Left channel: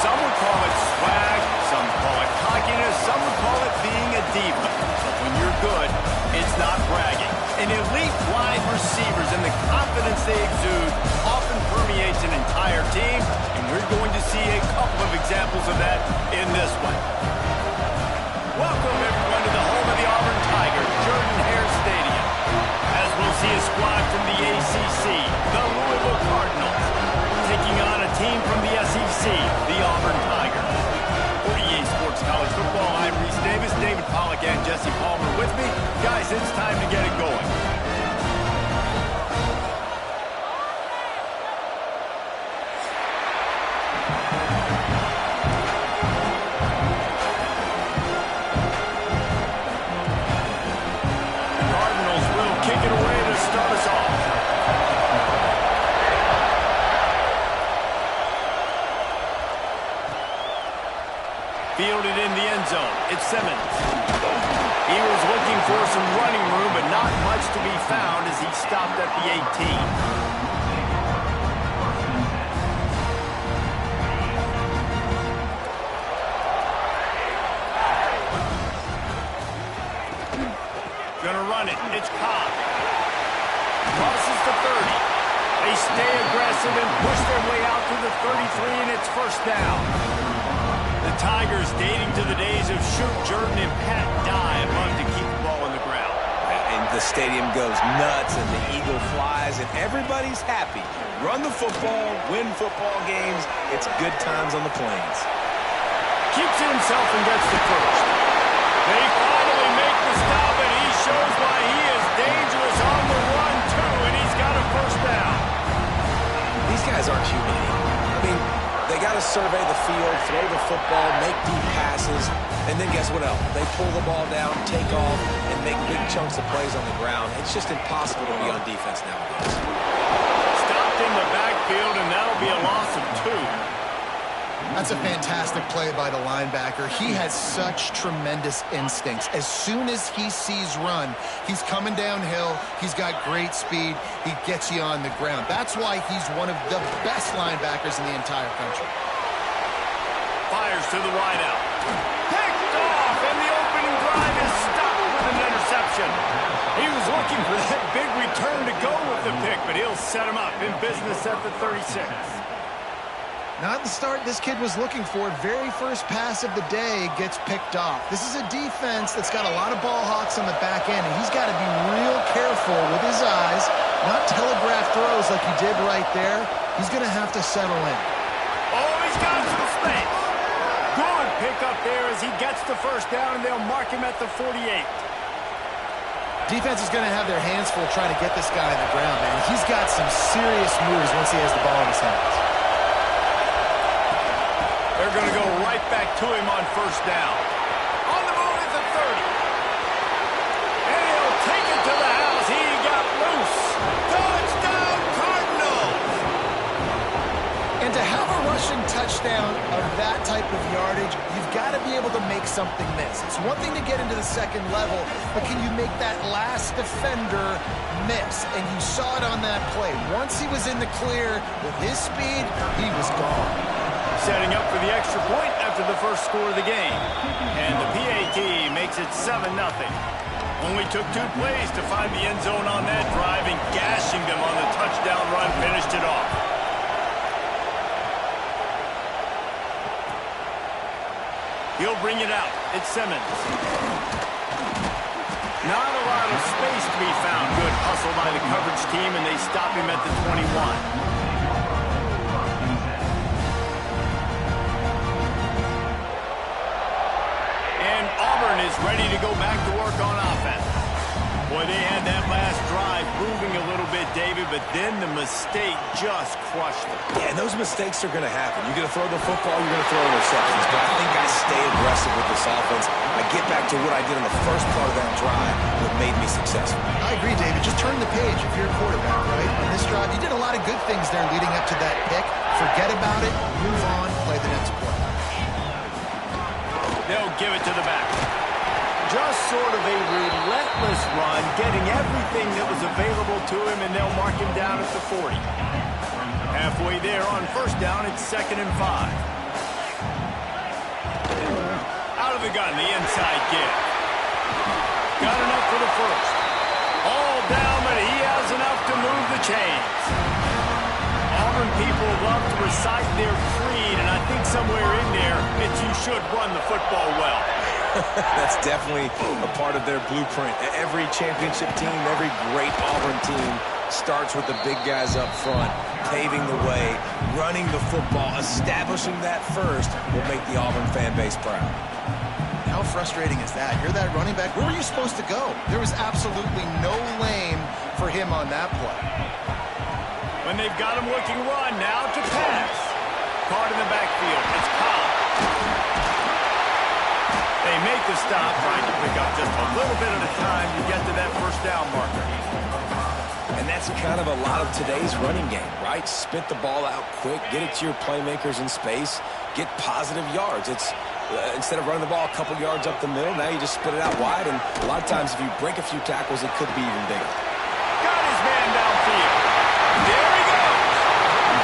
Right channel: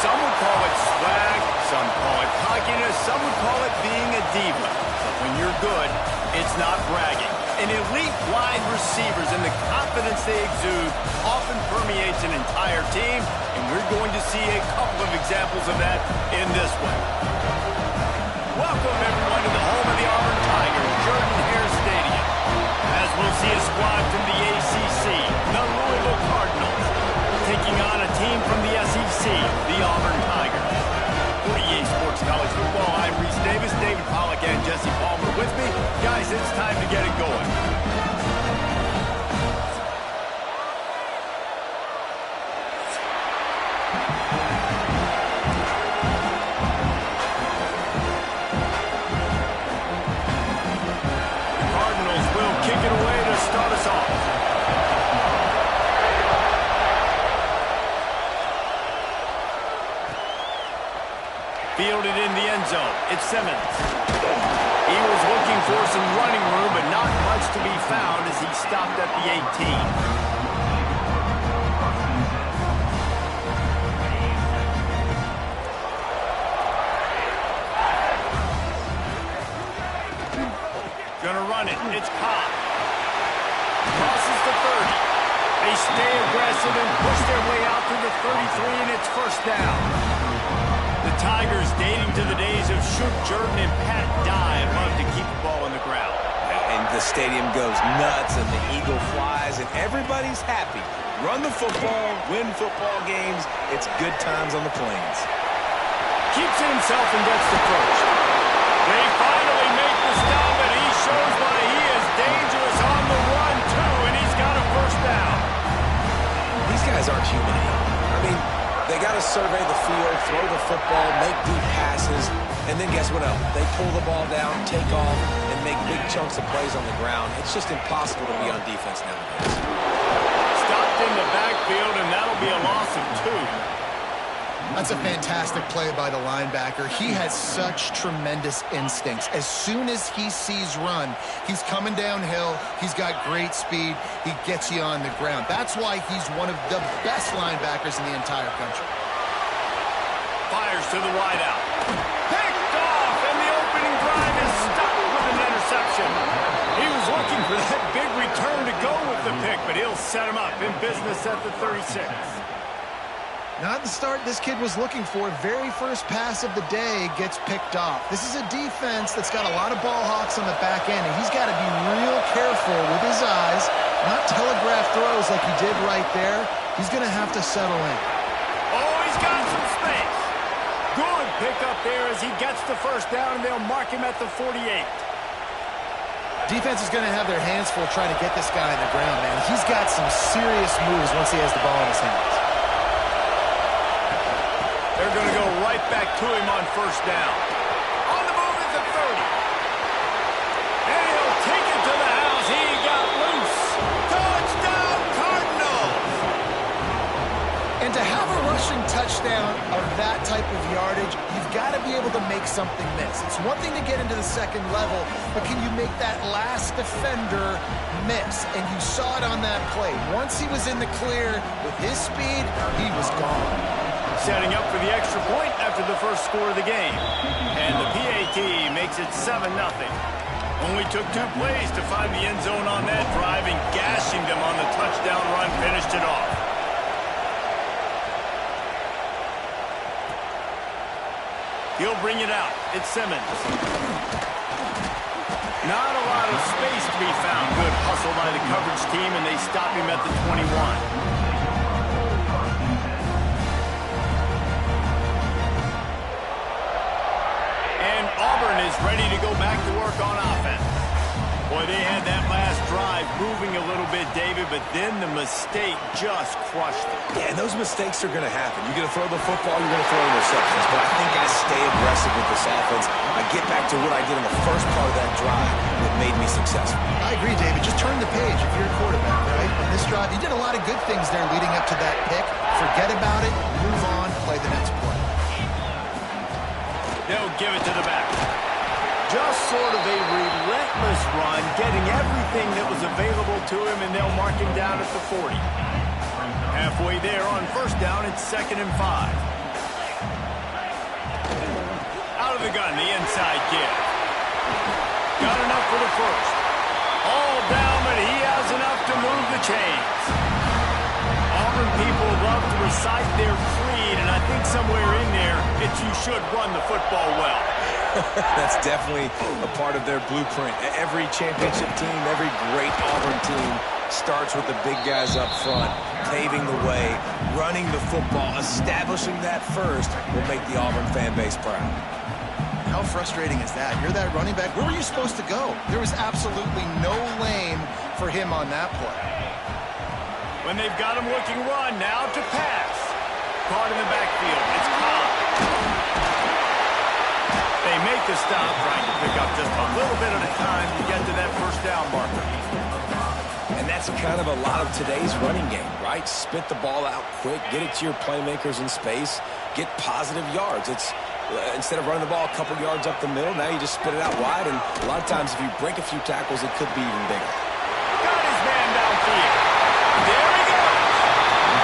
Some would call it swag, some call it cockiness, some would call it being a diva. But when you're good, it's not bragging. An elite wide receivers and the confidence they exude often permeates an entire team, and we're going to see a couple of examples of that in this one. Welcome, everyone, to the home of the Auburn Tigers, Jordan-Hare Stadium. As we'll see a squad from the ACC, the Louisville Cardinals, taking on a team from the SEC, the Auburn Tigers. For EA Sports College Football, I'm Reese Davis, David Pollack, and Jesse Palmer with me. Guys, it's time to get it going. The Cardinals will kick it away to start us off. Fielded in the end zone. It's Simmons. He was looking for some running room, but not much to be found as he stopped at the 18. Gonna run it. It's Ncaa. Crosses the 30. They stay aggressive and push their way out to the 33, and it's first down. The Tigers, dating to the days of Shoot Jordan and Pat Dye, love to keep the ball on the ground. And the stadium goes nuts, and the eagle flies, and everybody's happy. Run the football, win football games. It's good times on the plains. Keeps it himself and gets the first. They finally make the stop, and he shows why he is dangerous on the run, too, and he's got a first down. These guys aren't human. I mean, they got to survey the field, throw the football, make deep passes, and then guess what else? They pull the ball down, take off, and make big chunks of plays on the ground. It's just impossible to be on defense nowadays. Stopped in the backfield, and that'll be a loss of 2. That's a fantastic play by the linebacker. He has such tremendous instincts. As soon as he sees run, he's coming downhill. He's got great speed. He gets you on the ground. That's why he's one of the best linebackers in the entire country. Fires to the wideout. Picked off, and the opening drive is stopped with an interception. He was looking for that big return to go with the pick, but he'll set him up in business at the 36. Not the start this kid was looking for. Very first pass of the day gets picked off. This is a defense that's got a lot of ball hawks on the back end, and he's got to be real careful with his eyes, not telegraph throws like he did right there. He's going to have to settle in. Oh, he's got some space. Good pick up there as he gets the first down, and they'll mark him at the 48. Defense is going to have their hands full trying to get this guy on the ground, man. He's got some serious moves once he has the ball in his hands. They're going to go right back to him on first down. On the move is the 30. And he'll take it to the house. He got loose. Touchdown, Cardinals! And to have a rushing touchdown of that type of yardage, you've got to be able to make something miss. It's one thing to get into the second level, but can you make that last defender miss? And you saw it on that play. Once he was in the clear with his speed, he was gone. Setting up for the extra point after the first score of the game. And the PAT makes it 7-0. Only took 2 plays to find the end zone on that drive, and gashing them on the touchdown run finished it off. He'll bring it out. It's Simmons. Not a lot of space to be found. Good hustle by the coverage team, and they stop him at the 21. is ready to go back to work on offense. Boy, they had that last drive moving a little bit, David, but then the mistake just crushed them. Yeah, and those mistakes are going to happen. You're going to throw the football, you're going to throw interceptions. But I think I stay aggressive with this offense. I get back to what I did on the first part of that drive that made me successful. I agree, David. Just turn the page if you're a quarterback, right? On this drive, you did a lot of good things there leading up to that pick. Forget about it, move on, play the next play. They'll give it to the back. Just sort of a relentless run, getting everything that was available to him, and they'll mark him down at the 40. Halfway there on first down, it's 2nd and 5. Out of the gun, the inside give. Got enough for the first. All down, but he has enough to move the chains. Auburn people love to recite their creed, and I think somewhere in there, it's you should run the football well. That's definitely a part of their blueprint. Every championship team, every great Auburn team starts with the big guys up front, paving the way, running the football, establishing that first will make the Auburn fan base proud. How frustrating is that? You're that running back. Where were you supposed to go? There was absolutely no lane for him on that play. When they've got him looking run, now to pass. Caught in the backfield. It's Ncaa. They make the stop, trying to pick up just a little bit at a time to get to that first down marker. And that's kind of a lot of today's running game, right? Spit the ball out quick, get it to your playmakers in space, get positive yards. It's instead of running the ball a couple yards up the middle, now you just spit it out wide, and a lot of times if you break a few tackles, it could be even bigger. Got his man downfield. There he goes.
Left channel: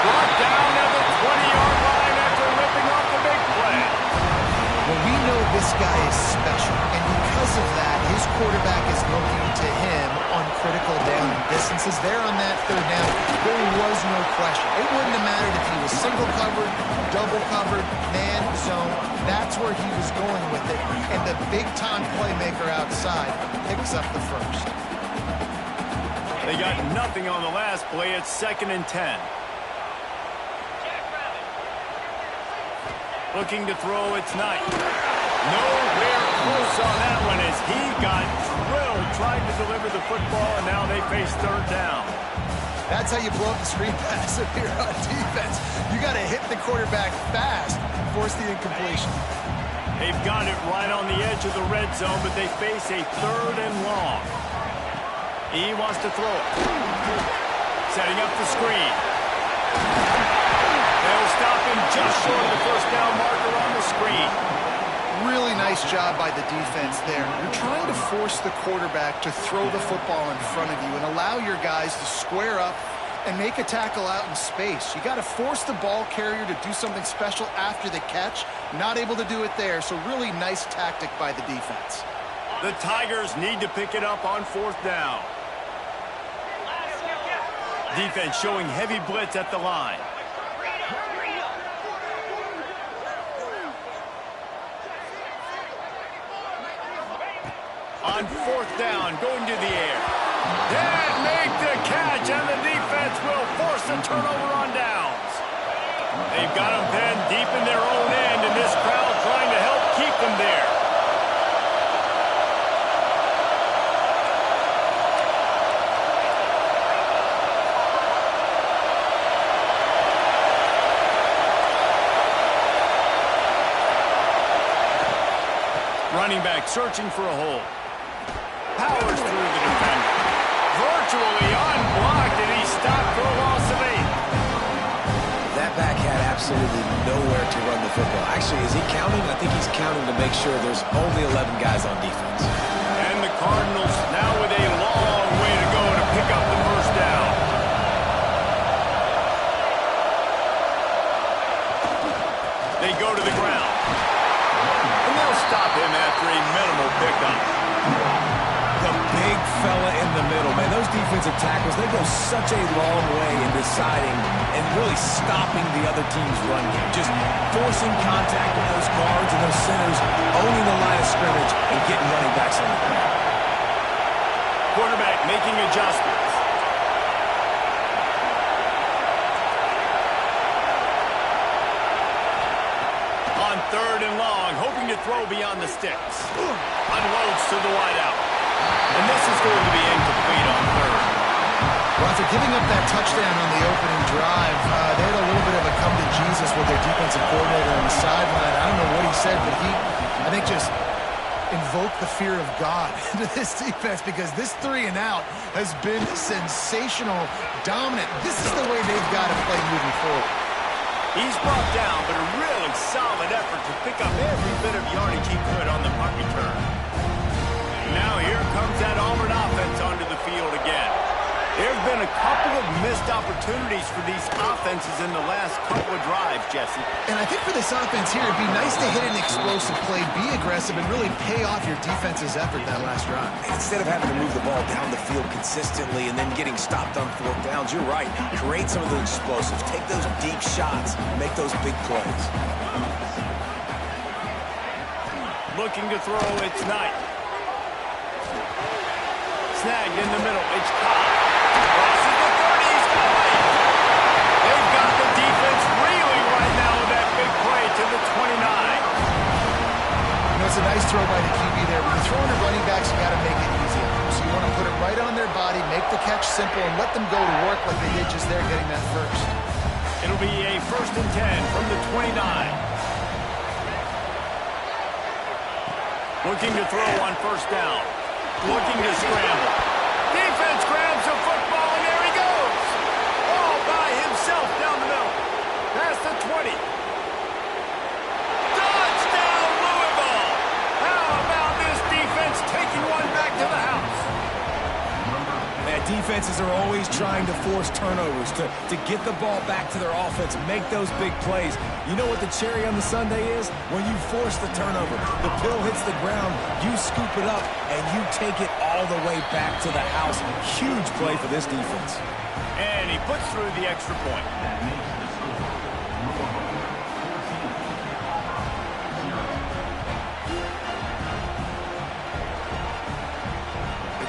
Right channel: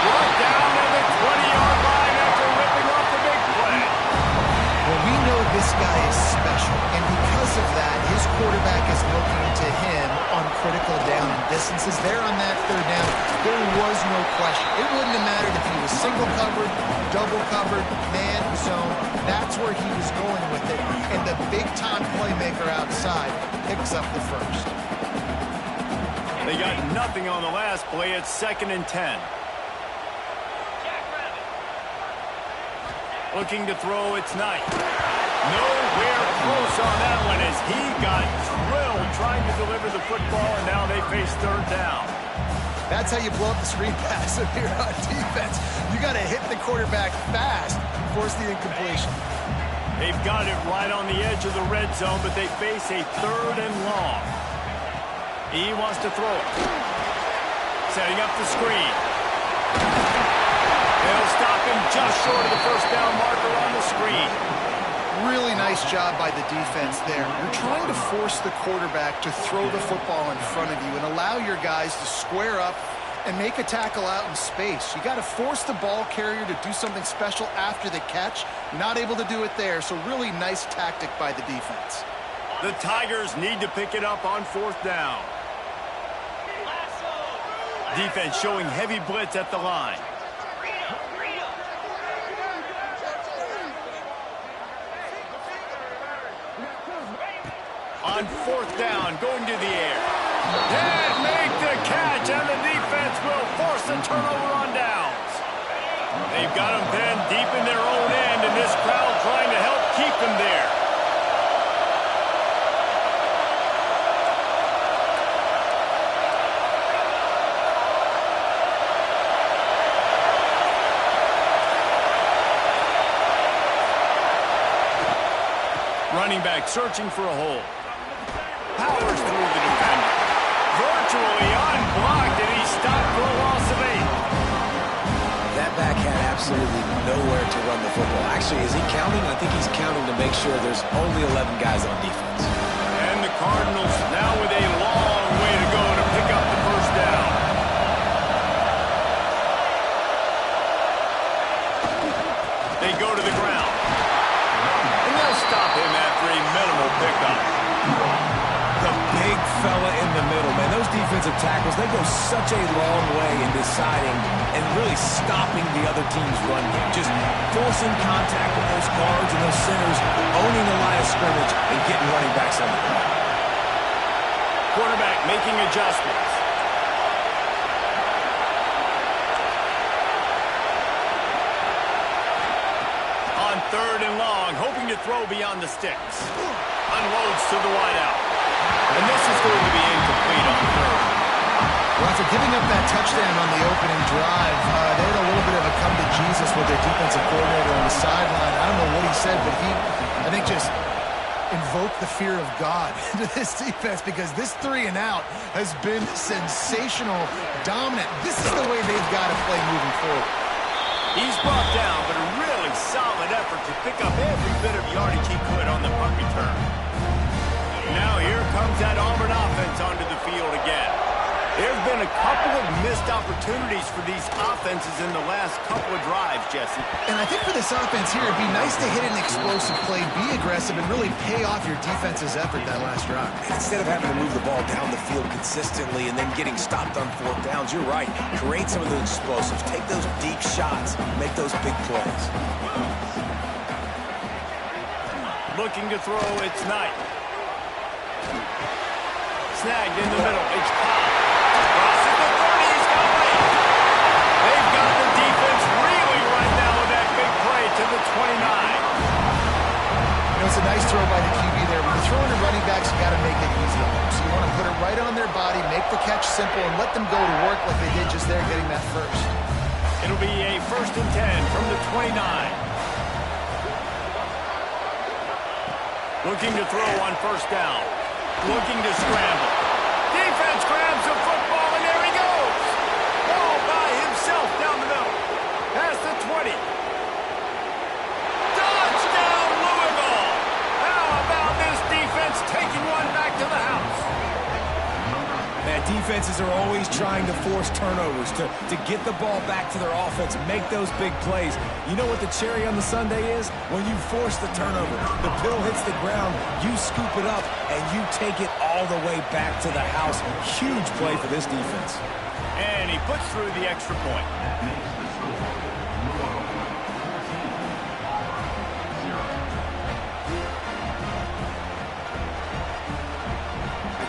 Brought down at the 20-yard line after ripping off the big play. Well, we know this guy is special, and because of that, his quarterback is looking to him on critical down and distances. There on that third down, there was no question. It wouldn't have mattered if he was single covered, double covered, man zone. That's where he was going with it, and the big-time playmaker outside picks up the first. They got nothing on the last play. It's 2nd and 10. Looking to throw, it's Knight. Nowhere close on that one as he got drilled trying to deliver the football, and now they face third down. That's how you blow up the screen pass if you're on defense. You got to hit the quarterback fast, force the incompletion. They've got it right on the edge of the red zone, but they face a 3rd and long. He wants to throw it. Setting up the screen. They'll stop him just short of the first down marker on the screen. Really nice job by the defense there. You're trying to force the quarterback to throw the football in front of you and allow your guys to square up and make a tackle out in space. You got to force the ball carrier to do something special after the catch. Not able to do it there, so really nice tactic by the defense. The Tigers need to pick it up on 4th down. Defense showing heavy blitz at the line. On 4th down, going to the air. Can't make the catch, and the defense will force a turnover on downs. They've got them pinned deep in their own end, and this crowd trying to help keep them there. Running back searching for a hole. Powers through the defender. Virtually unblocked, and he's stopped for a loss of 8. That back had absolutely nowhere to run the football. Actually, is he counting? I think he's counting to make sure there's only 11 guys on defense. And the Cardinals now with a long way to go to pick up the first down. They go to the ground. And they'll stop him after a minimal pickup. The big fella in the middle, man. Those defensive tackles, they go such a long way in deciding and really stopping the other team's run game. Just forcing contact with those guards and those centers, owning the line of scrimmage, and getting running backs on the ground. Quarterback making adjustments. On on 3rd and long, hoping to throw beyond the sticks. Unloads to the wideout. And this is going to be incomplete on 3rd. Well, after giving up that touchdown on the opening drive, they had a little bit of a come to Jesus with their defensive coordinator on the sideline. I don't know what he said, but he, I think, just invoked the fear of God into this defense, because this 3 and out has been sensational, dominant. This is the way they've got to play moving forward. He's brought down, but a really solid effort to pick up every bit of yardage he could on the punt return. Now here comes that Auburn offense onto the field again. There have been a couple of missed opportunities for these offenses in the last couple of drives, Jesse. And I think for this offense here, it'd be nice to hit an explosive play, be aggressive, and really pay off your defense's effort that last drive. And instead of having to move the ball down the field consistently and then getting stopped on 4th downs, you're right. Create some of those explosives. Take those deep shots. Make those big plays. Looking to throw, it's Knight. Snagged in the middle, it's Cobb. Crosses the 30, he's got away. They've got the defense reeling right now with that big play to the 29. You know, it's a nice throw by the QB there. When you're throwing to running backs, you got to make it easy on them. So you want to put it right on their body, make the catch simple, and let them go to work like they did just there getting that first. It'll be a 1st and 10 from the 29. Looking to throw on 1st down. Looking to scramble. Defense grabs the football, and there he goes. All by himself down the middle. Past the 20. Touchdown, Louisville. How about this defense taking one back to the house? Man, defenses are always trying to force turnovers, to get the ball back to their offense and make those big plays. You know what the cherry on the sundae is? When you force the turnover, the pill hits the ground, you scoop it up, and you take it all the way back to the house. Huge play for this defense. And he puts through the extra point.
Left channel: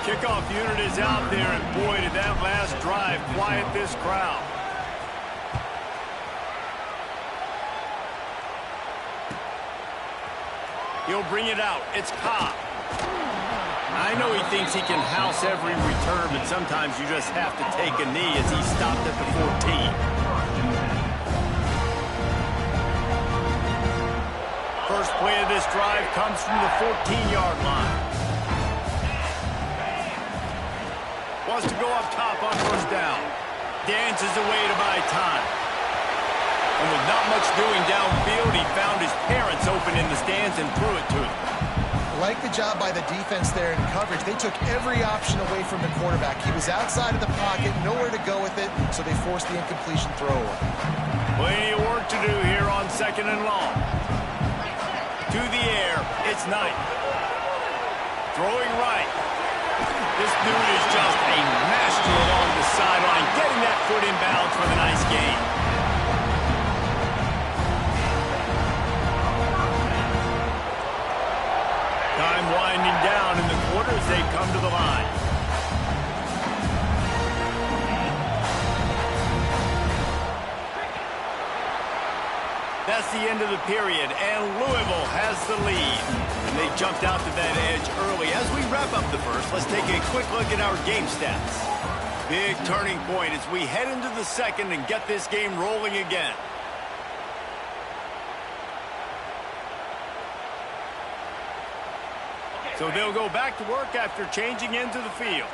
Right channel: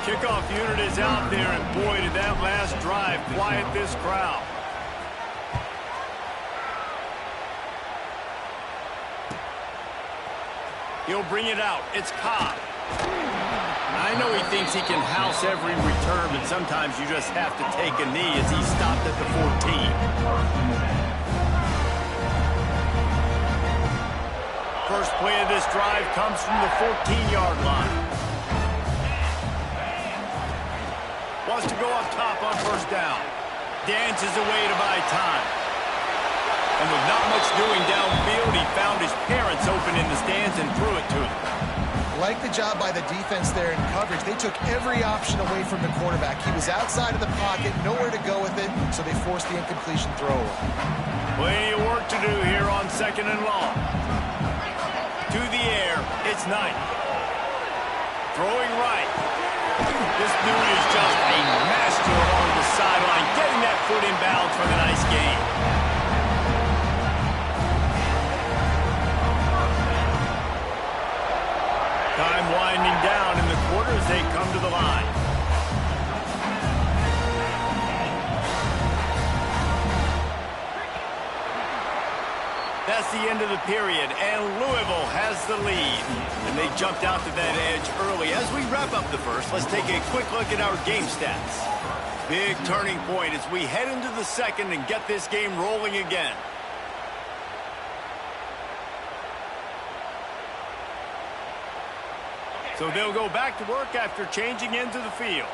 Kickoff unit is out there, and boy, did that last drive quiet this crowd. He'll bring it out. It's Cobb. I know he thinks he can house every return, but sometimes you just have to take a knee as he stopped at the 14. First play of this drive comes from the 14-yard line. Wants to go up top on 1st down. Dances away to buy time. And with not much doing downfield, he found his parents open in the stands and threw it to them. Like the job by the defense there in coverage. They took every option away from the quarterback. He was outside of the pocket, nowhere to go with it, so they forced the incompletion throw away. Plenty of work to do here on 2nd and long. To the air, it's Knight. Throwing right. This dude is just a master along the sideline, getting that foot in bounds for the nice gain. Time winding down in the quarter as they come to the line. That's the end of the period, and Louisville has the lead. And they jumped out to that edge early. As we wrap up the first, let's take a quick look at our game stats. Big turning point as we head into the second and get this game rolling again. So they'll go back to work after changing into the field.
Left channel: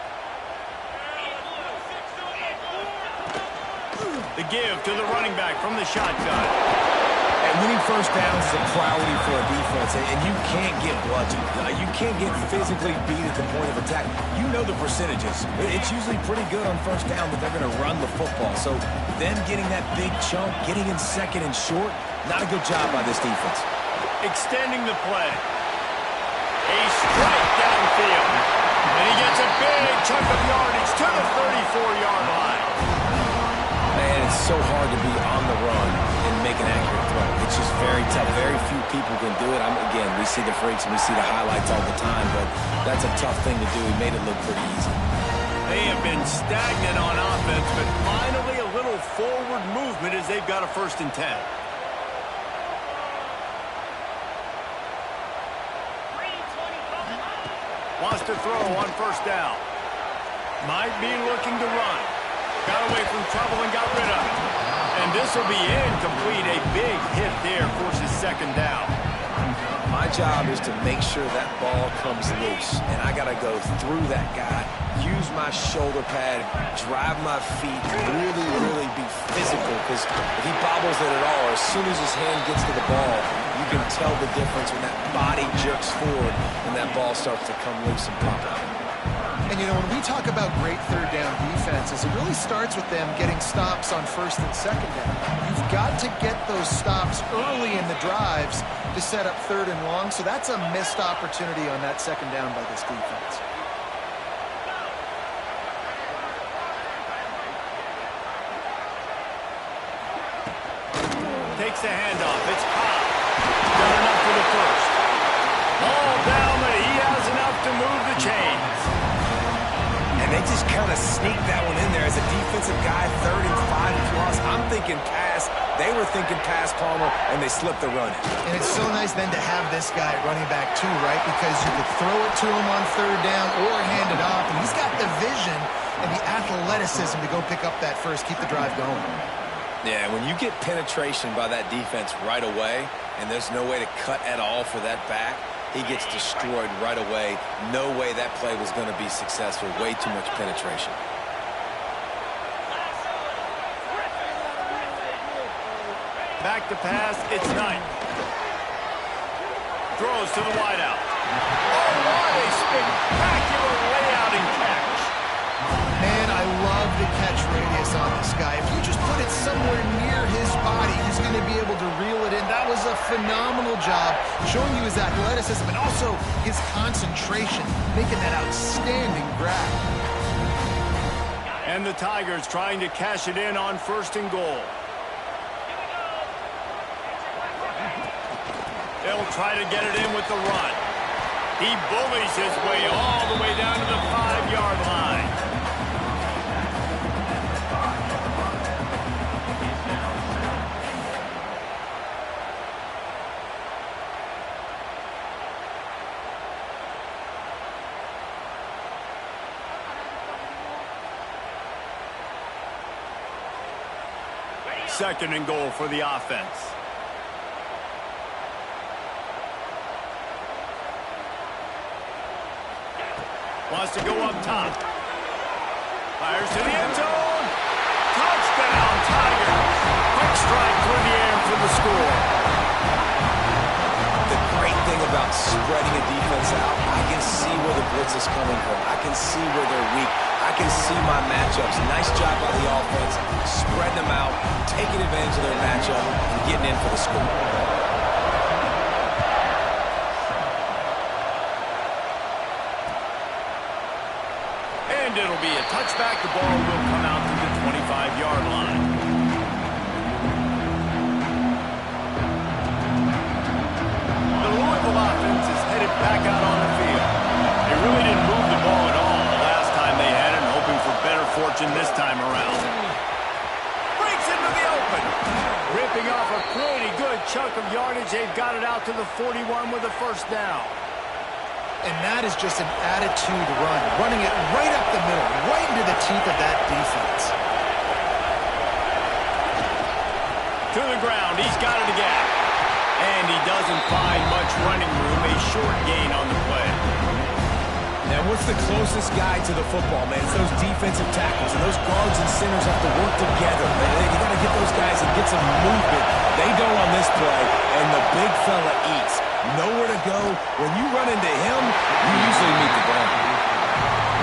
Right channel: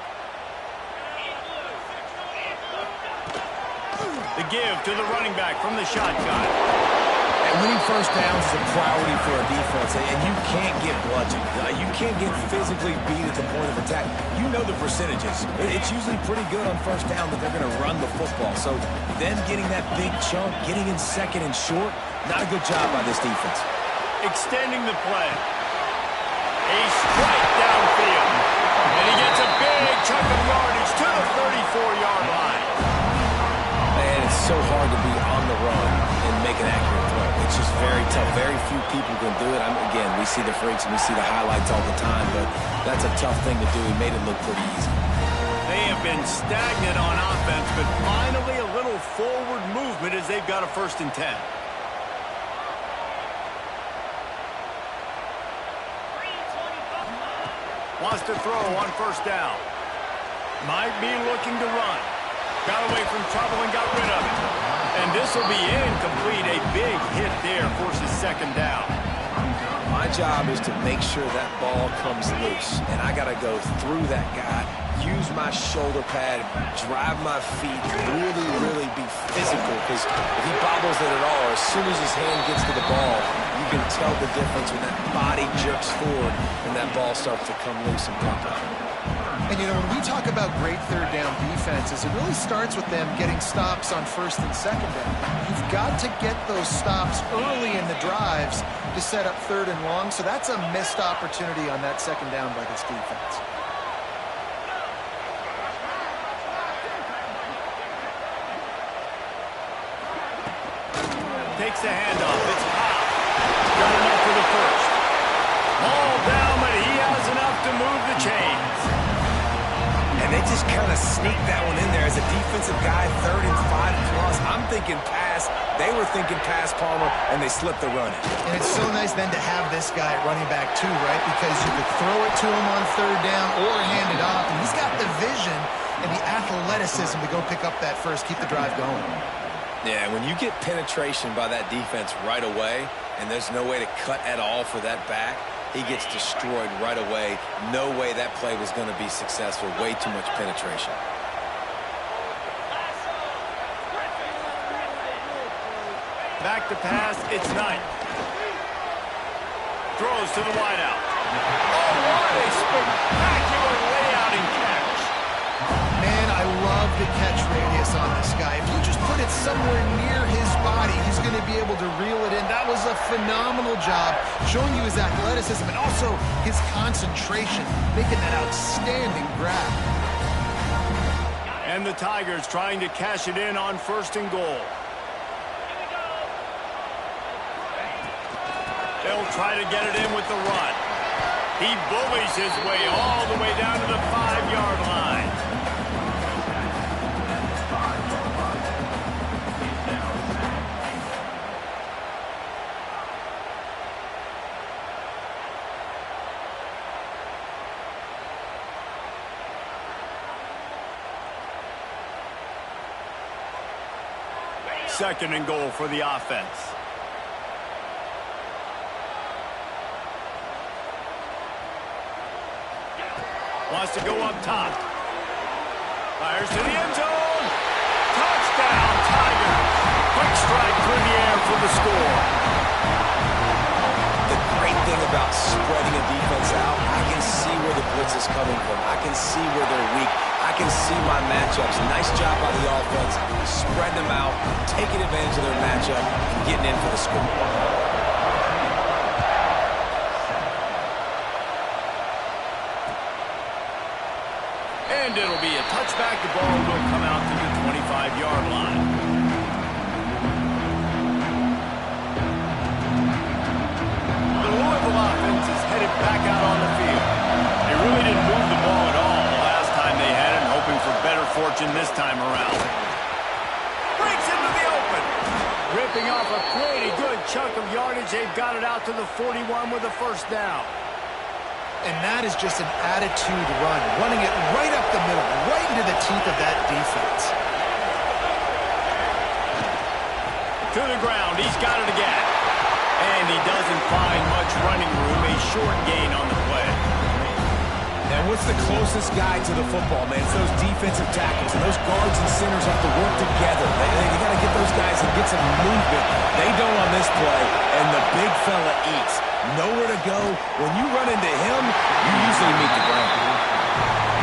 The give to the running back from the shotgun. And winning 1st downs is a priority for a defense, and you can't get bludgeoned. You can't get physically beat at the point of attack. You know the percentages. It's usually pretty good on 1st down that they're going to run the football. So them getting that big chunk, getting in 2nd and short, not a good job by this defense. Extending the play. A strike downfield. And he gets a big chunk of yardage to the 34-yard line. Man, it's so hard to be on the run and make an accurate throw. It's just very tough. Very few people can do it. Again, we see the freaks and we see the highlights all the time, but that's a tough thing to do. He made it look pretty easy. They have been stagnant on offense, but finally a little forward movement as they've got a 1st and 10. Wants to throw on first down. Might be looking to run. Got away from trouble and got rid of it. And this will be incomplete. A big hit there forces second down. My job is to make sure that ball comes loose. And I got to go through that guy, use my shoulder pad, drive my feet, really be physical. Because if he bobbles it at all, or as soon as his hand gets to the ball, you can tell the difference when that body jerks forward and that ball starts to come loose and pop out. And, you know, when we talk about great third down defenses, it really starts with them getting stops on first and second down. You've got to get those stops early in the drives to set up third and long, so that's a missed opportunity on that second down by this defense. Takes the handoff. It's Cobb. Got enough for the first. Ball down, but he has enough to move the chains. And they just kind of sneaked that one in there as a defensive guy, 3rd and 5+. I'm thinking pass. They were thinking pass, Palmer, and they slipped the run in. And it's so nice then to have this guy at running back too, right? Because you could throw it to him on third down or hand it off. And he's got the vision and the athleticism to go pick up that first, keep the drive going. Yeah, when you get penetration by that defense right away, and there's no way to cut at all for that back, he gets destroyed right away. No way that play was going to be successful. Way too much penetration. Back to pass. It's Knight. Throws to the wideout. Oh, what a spectacular layout and catch. Man, I love the catch radius on this guy. If you just put it somewhere near his body, he's going to be able to reel it in. That was a phenomenal job, showing you his athleticism and also his concentration, making that outstanding grab. And the Tigers trying to cash it in on 1st and goal. They'll try to get it in with the run. He bullies his way all the way down to the 5-yard line. Second and goal for the offense. Wants to go up top. Fires to the end zone. Touchdown, Tigers. Quick strike through the air for the score. The great thing about spreading a defense out, I can see where the blitz is coming from. I can see where they're weak. I can see my matchups. Nice job by the offense. Spreading them out, taking advantage of their matchup, and getting in for the score. And it'll be a touchback. The ball will come out to the 25-yard line. The Louisville offense is headed back out on the field. They really didn't move the ball at all the last time they had it, hoping for better fortune this time around. Breaks into the open. Ripping off a pretty good chunk of yardage. They've got it out to the 41 with a first down. And that is just an attitude run, running it right up the middle, right into the teeth of that defense. To the ground, he's got it again. And he doesn't find much running room, a short gain on the play. And what's the closest guy to the football, man? It's those defensive tackles, and those guards and centers have to work together. You got to get those guys and get some movement. They don't on this play, and the big fella eats. Nowhere to go. When you run into him, you usually meet the ground.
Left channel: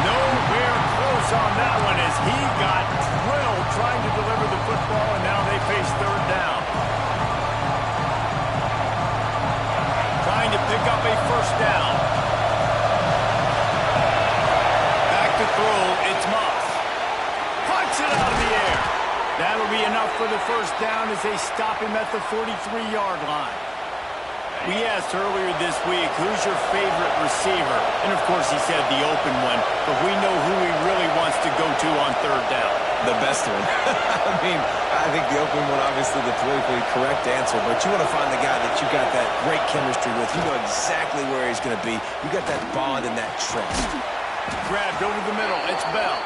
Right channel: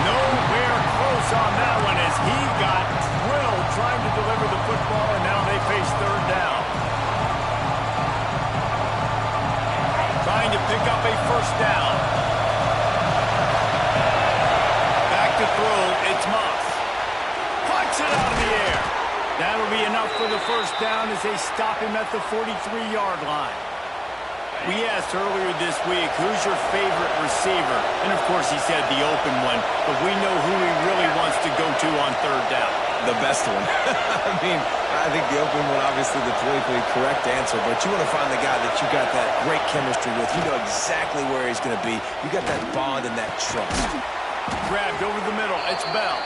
Nowhere close on that one as he got drilled trying to deliver the football, and now they face third down. Trying to pick up a first down. Back to throw, it's Moss. Puts it out of the air. That'll be enough for the first down as they stop him at the 43-yard line. We asked earlier this week, who's your favorite receiver? And, of course, he said the open one, but we know who he really wants to go to on third down. The best one. I mean, I think the open one, obviously the politically correct answer, but you want to find the guy that you got that great chemistry with. You know exactly where he's going to be. You got that bond and that trust. Grabbed over the middle. It's Bell.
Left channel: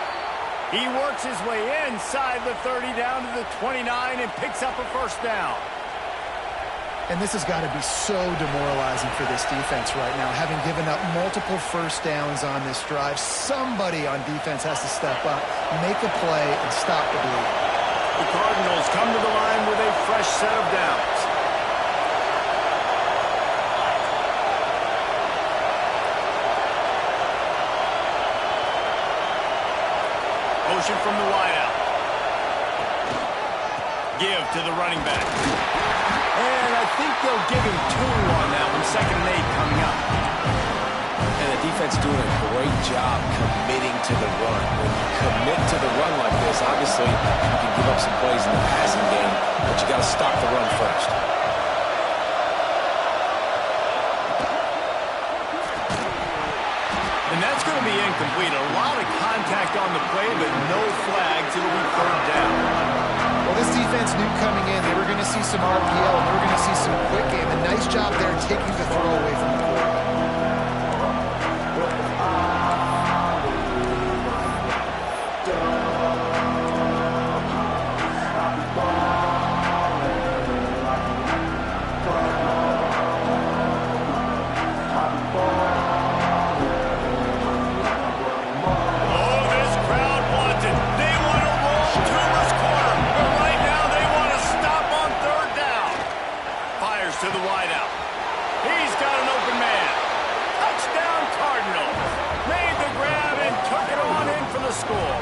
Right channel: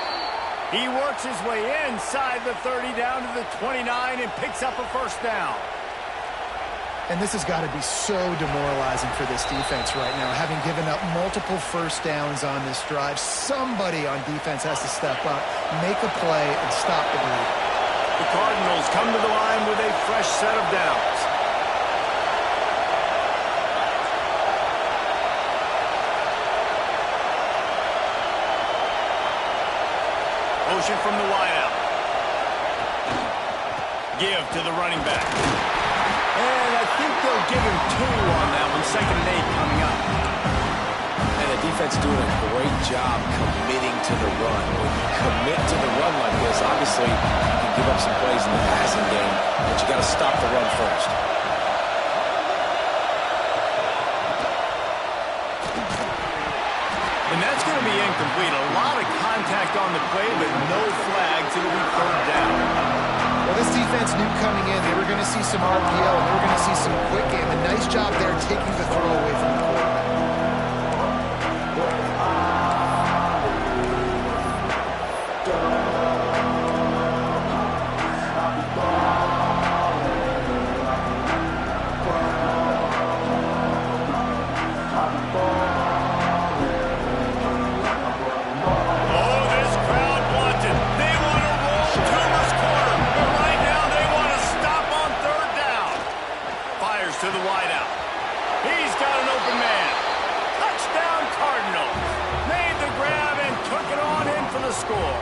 He works his way inside the 30 down to the 29 and picks up a first down. And this has got to be so demoralizing for this defense right now, having given up multiple first downs on this drive. Somebody on defense has to step up, make a play, and stop the bleed. The Cardinals come to the line with a fresh set of downs. Motion from the wideout. Give to the running back. And I think they'll give him 2 on that one. 2nd and 8 coming up. And the defense doing a great job committing to the run. When you commit to the run like this, obviously you can give up some plays in the passing game, but you got to stop the run first. And that's going to be incomplete. A lot of contact on the play, but no flags. It'll be 3rd down. Well, this defense knew coming in they were going to see some RPO and they were going to see some quick game. A nice job there taking the throw away from the quarterback. To the wideout. He's got an open man. Touchdown Cardinals. Made the grab and took it on in for the score.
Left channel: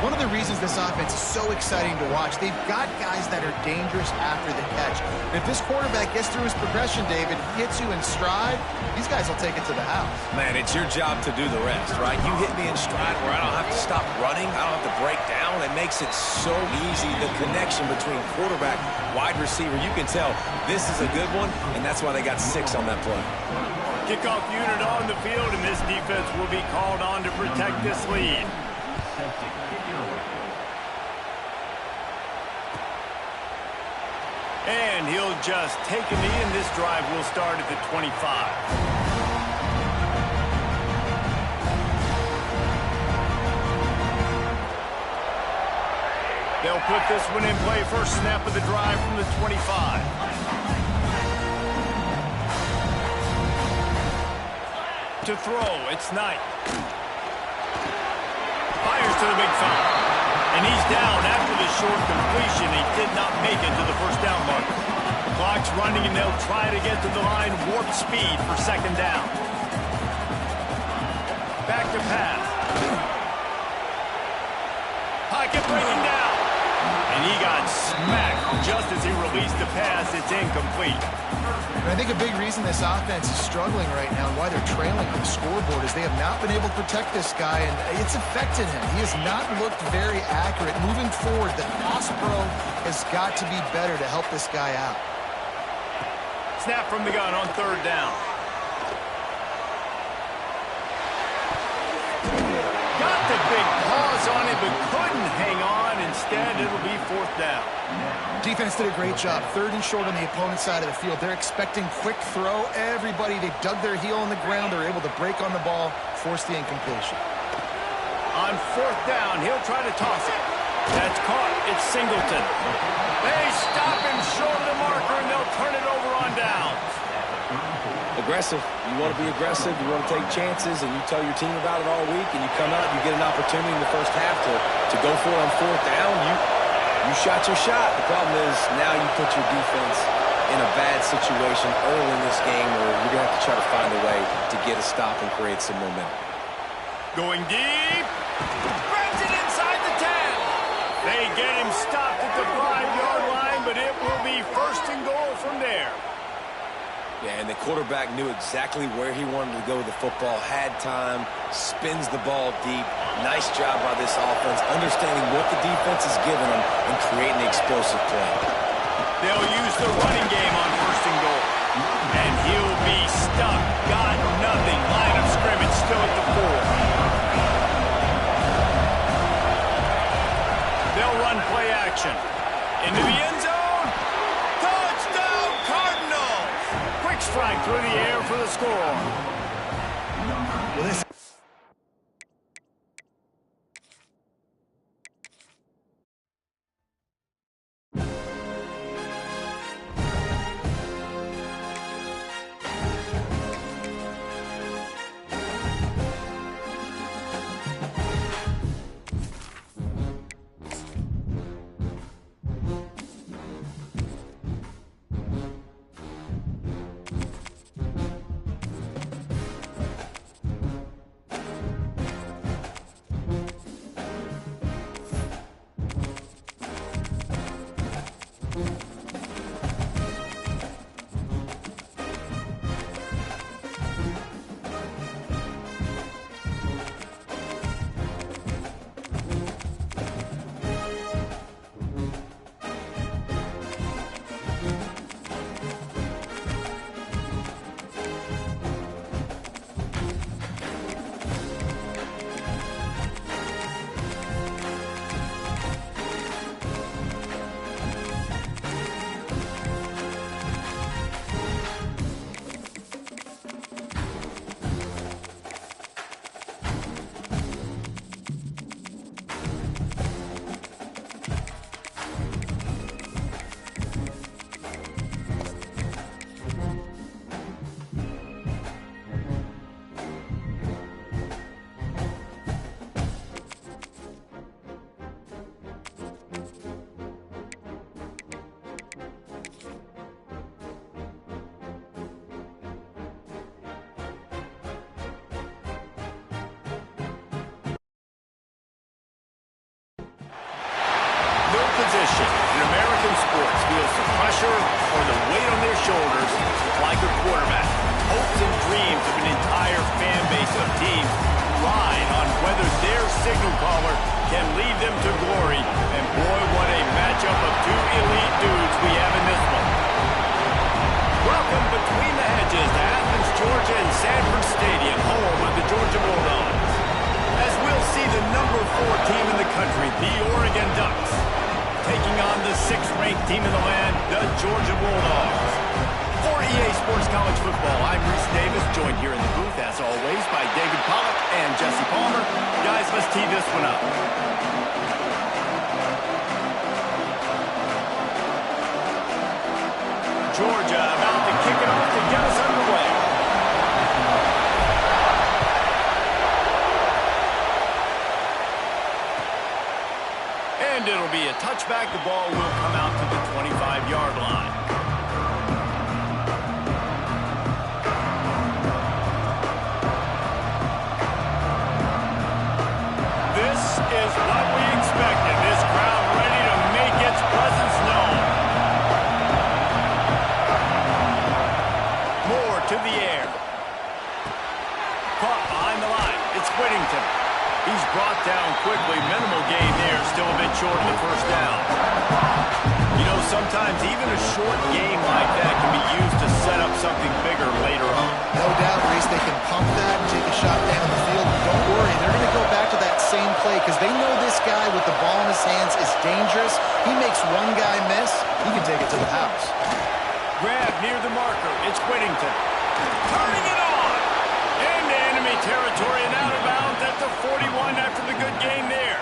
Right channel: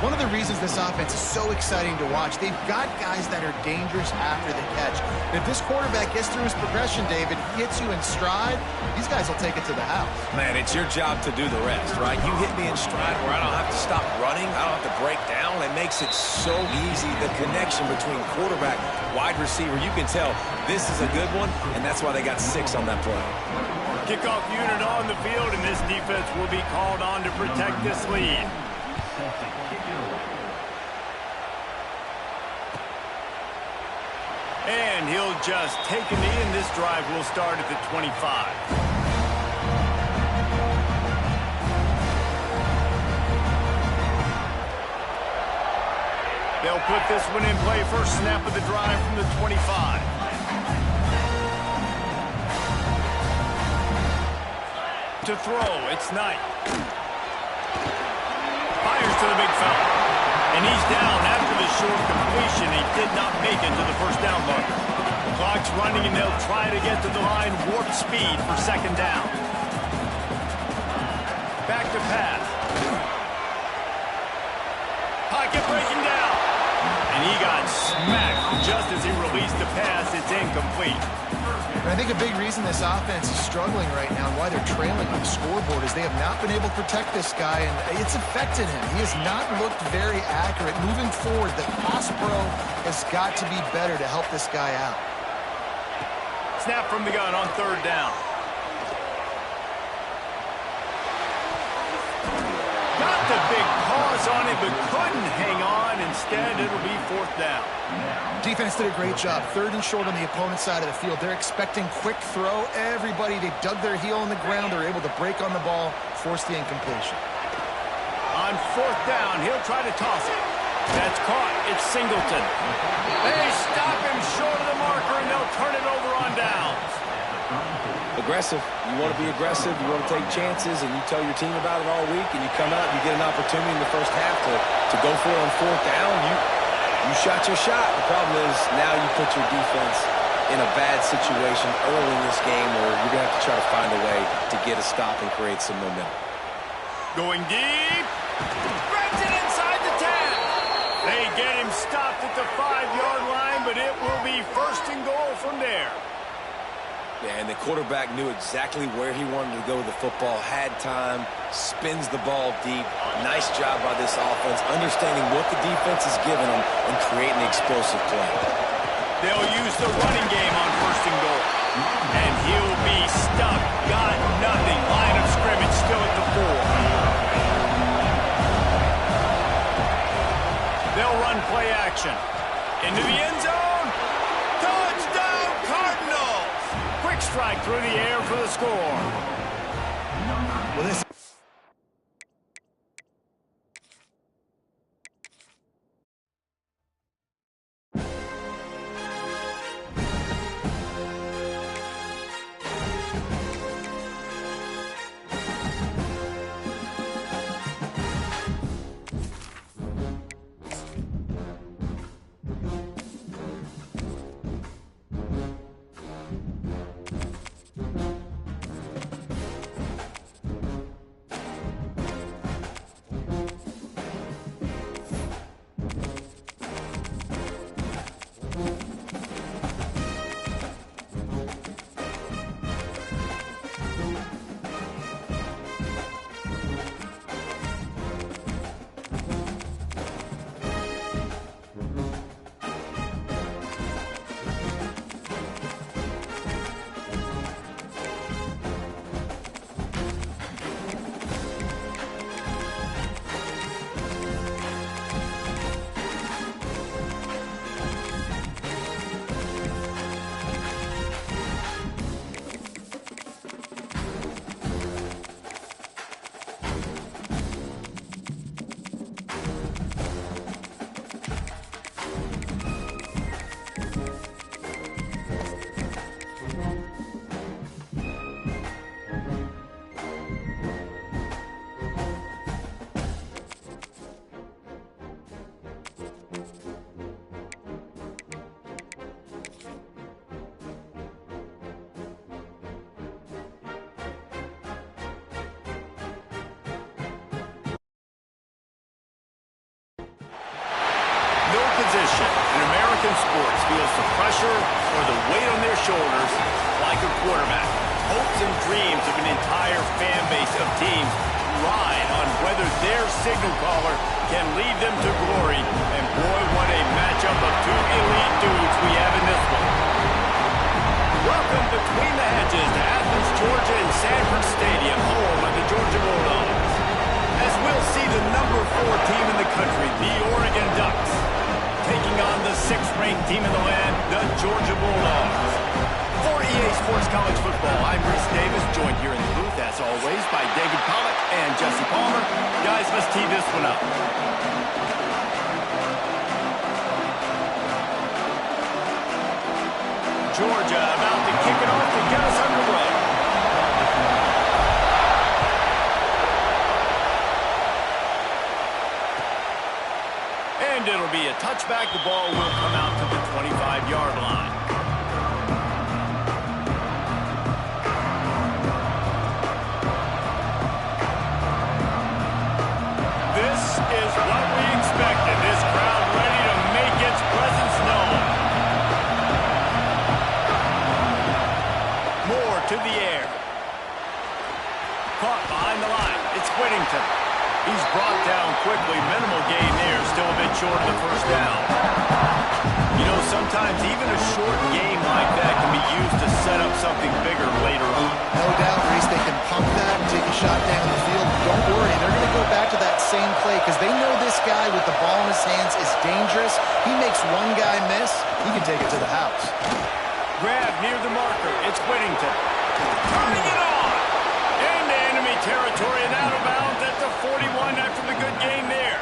One of the reasons this offense is so exciting to watch, they've got guys that are dangerous after the catch. And if this quarterback gets through his progression, David, hits you in stride, these guys will take it to the house. Man, it's your job to do the rest, right? You hit me in stride where I don't have to stop running. I don't have to break down. It makes it so easy. The connection between quarterback, wide receiver, you can tell this is a good one, and that's why they got 6 on that play. Kickoff unit on the field, and this defense will be called on to protect this lead. And he'll just take a knee, and this drive will start at the 25. They'll put this one in play. First snap of the drive from the 25. To throw, it's Knight. Fires to the big fella. And he's down after the short completion. He did not make it to the first down marker. The clock's running, and they'll try to get to the line warp speed for 2nd down. Back to pass. Pocket breaking down. And he got smacked just as he released the pass. It's incomplete. And I think a big reason this offense is struggling right now and why they're trailing on the scoreboard is they have not been able to protect this guy, and it's affected him. He has not looked very accurate. Moving forward, the pass pro has got to be better to help this guy out. Snap from the gun on 3rd down. Got the big paws on it, but couldn't hang on. Instead, it'll be 4th down. Defense did a great job. 3rd and short on the opponent's side of the field. They're expecting quick throw. Everybody, they dug their heel in the ground. They're able to break on the ball, force the incompletion. On 4th down, he'll try to toss it. That's caught. It's Singleton. They stop him short of the marker, and they'll turn it over on downs. Aggressive. You want to be aggressive. You want to take chances, and you tell your team about it all week, and you come out and you get an opportunity in the first half to go for it on 4th down. You shot your shot. The problem is now you put your defense in a bad situation early in this game where you're going to have to try to find a way to get a stop and create some momentum. Going deep. Grabs it inside the 10. They get him stopped at the 5-yard line, but it will be 1st and goal from there. Yeah, and the quarterback knew exactly where he wanted to go with the football, had time, spins the ball deep. Nice job by this offense, understanding what the defense is giving them and creating the explosive play. They'll use the running game on 1st and goal. And he'll be stuck. Got nothing. Line of scrimmage still at the 4. play action. Into the end zone. Touchdown, Cardinals! Quick strike through the air for the score. Well, this No position in American sports feels the pressure or the weight on their shoulders like a quarterback. Hopes and dreams of an entire fan base of teams ride on whether their signal caller can lead them to glory. And boy, what a matchup of two elite dudes we have in this one. Welcome between the hedges to Athens, Georgia and Sanford Stadium, home of the Georgia Bulldogs. As we'll see the number 4 team in the country, the Oregon Ducks, taking on the 6th-ranked team in the land, the Georgia Bulldogs. For EA Sports College Football, I'm Reese Davis, joined here in the booth, as always, by David Pollack and Jesse Palmer. Guys, let's tee this one up. Georgia about to kick it off to get us underway. And it'll be a touchback. The ball will come out to the 25-yard line. This is what we expected. This crowd ready to make its presence known. Moore to the air. Caught behind the line. It's Whittington. He's brought down quickly. Minimal gain there. Still a bit short of the first down. You know, sometimes even a short game like that can be used to set up something bigger later on. No doubt, Reese, they can pump that and take a shot down the field. Don't worry, they're going to go back to that same play because they know this guy with the ball in his hands is dangerous. He makes one guy miss, he can take it to the house. Grab near the marker. It's Whittington. Turning it on. Into enemy territory and out of bounds at the 41 after the good gain there.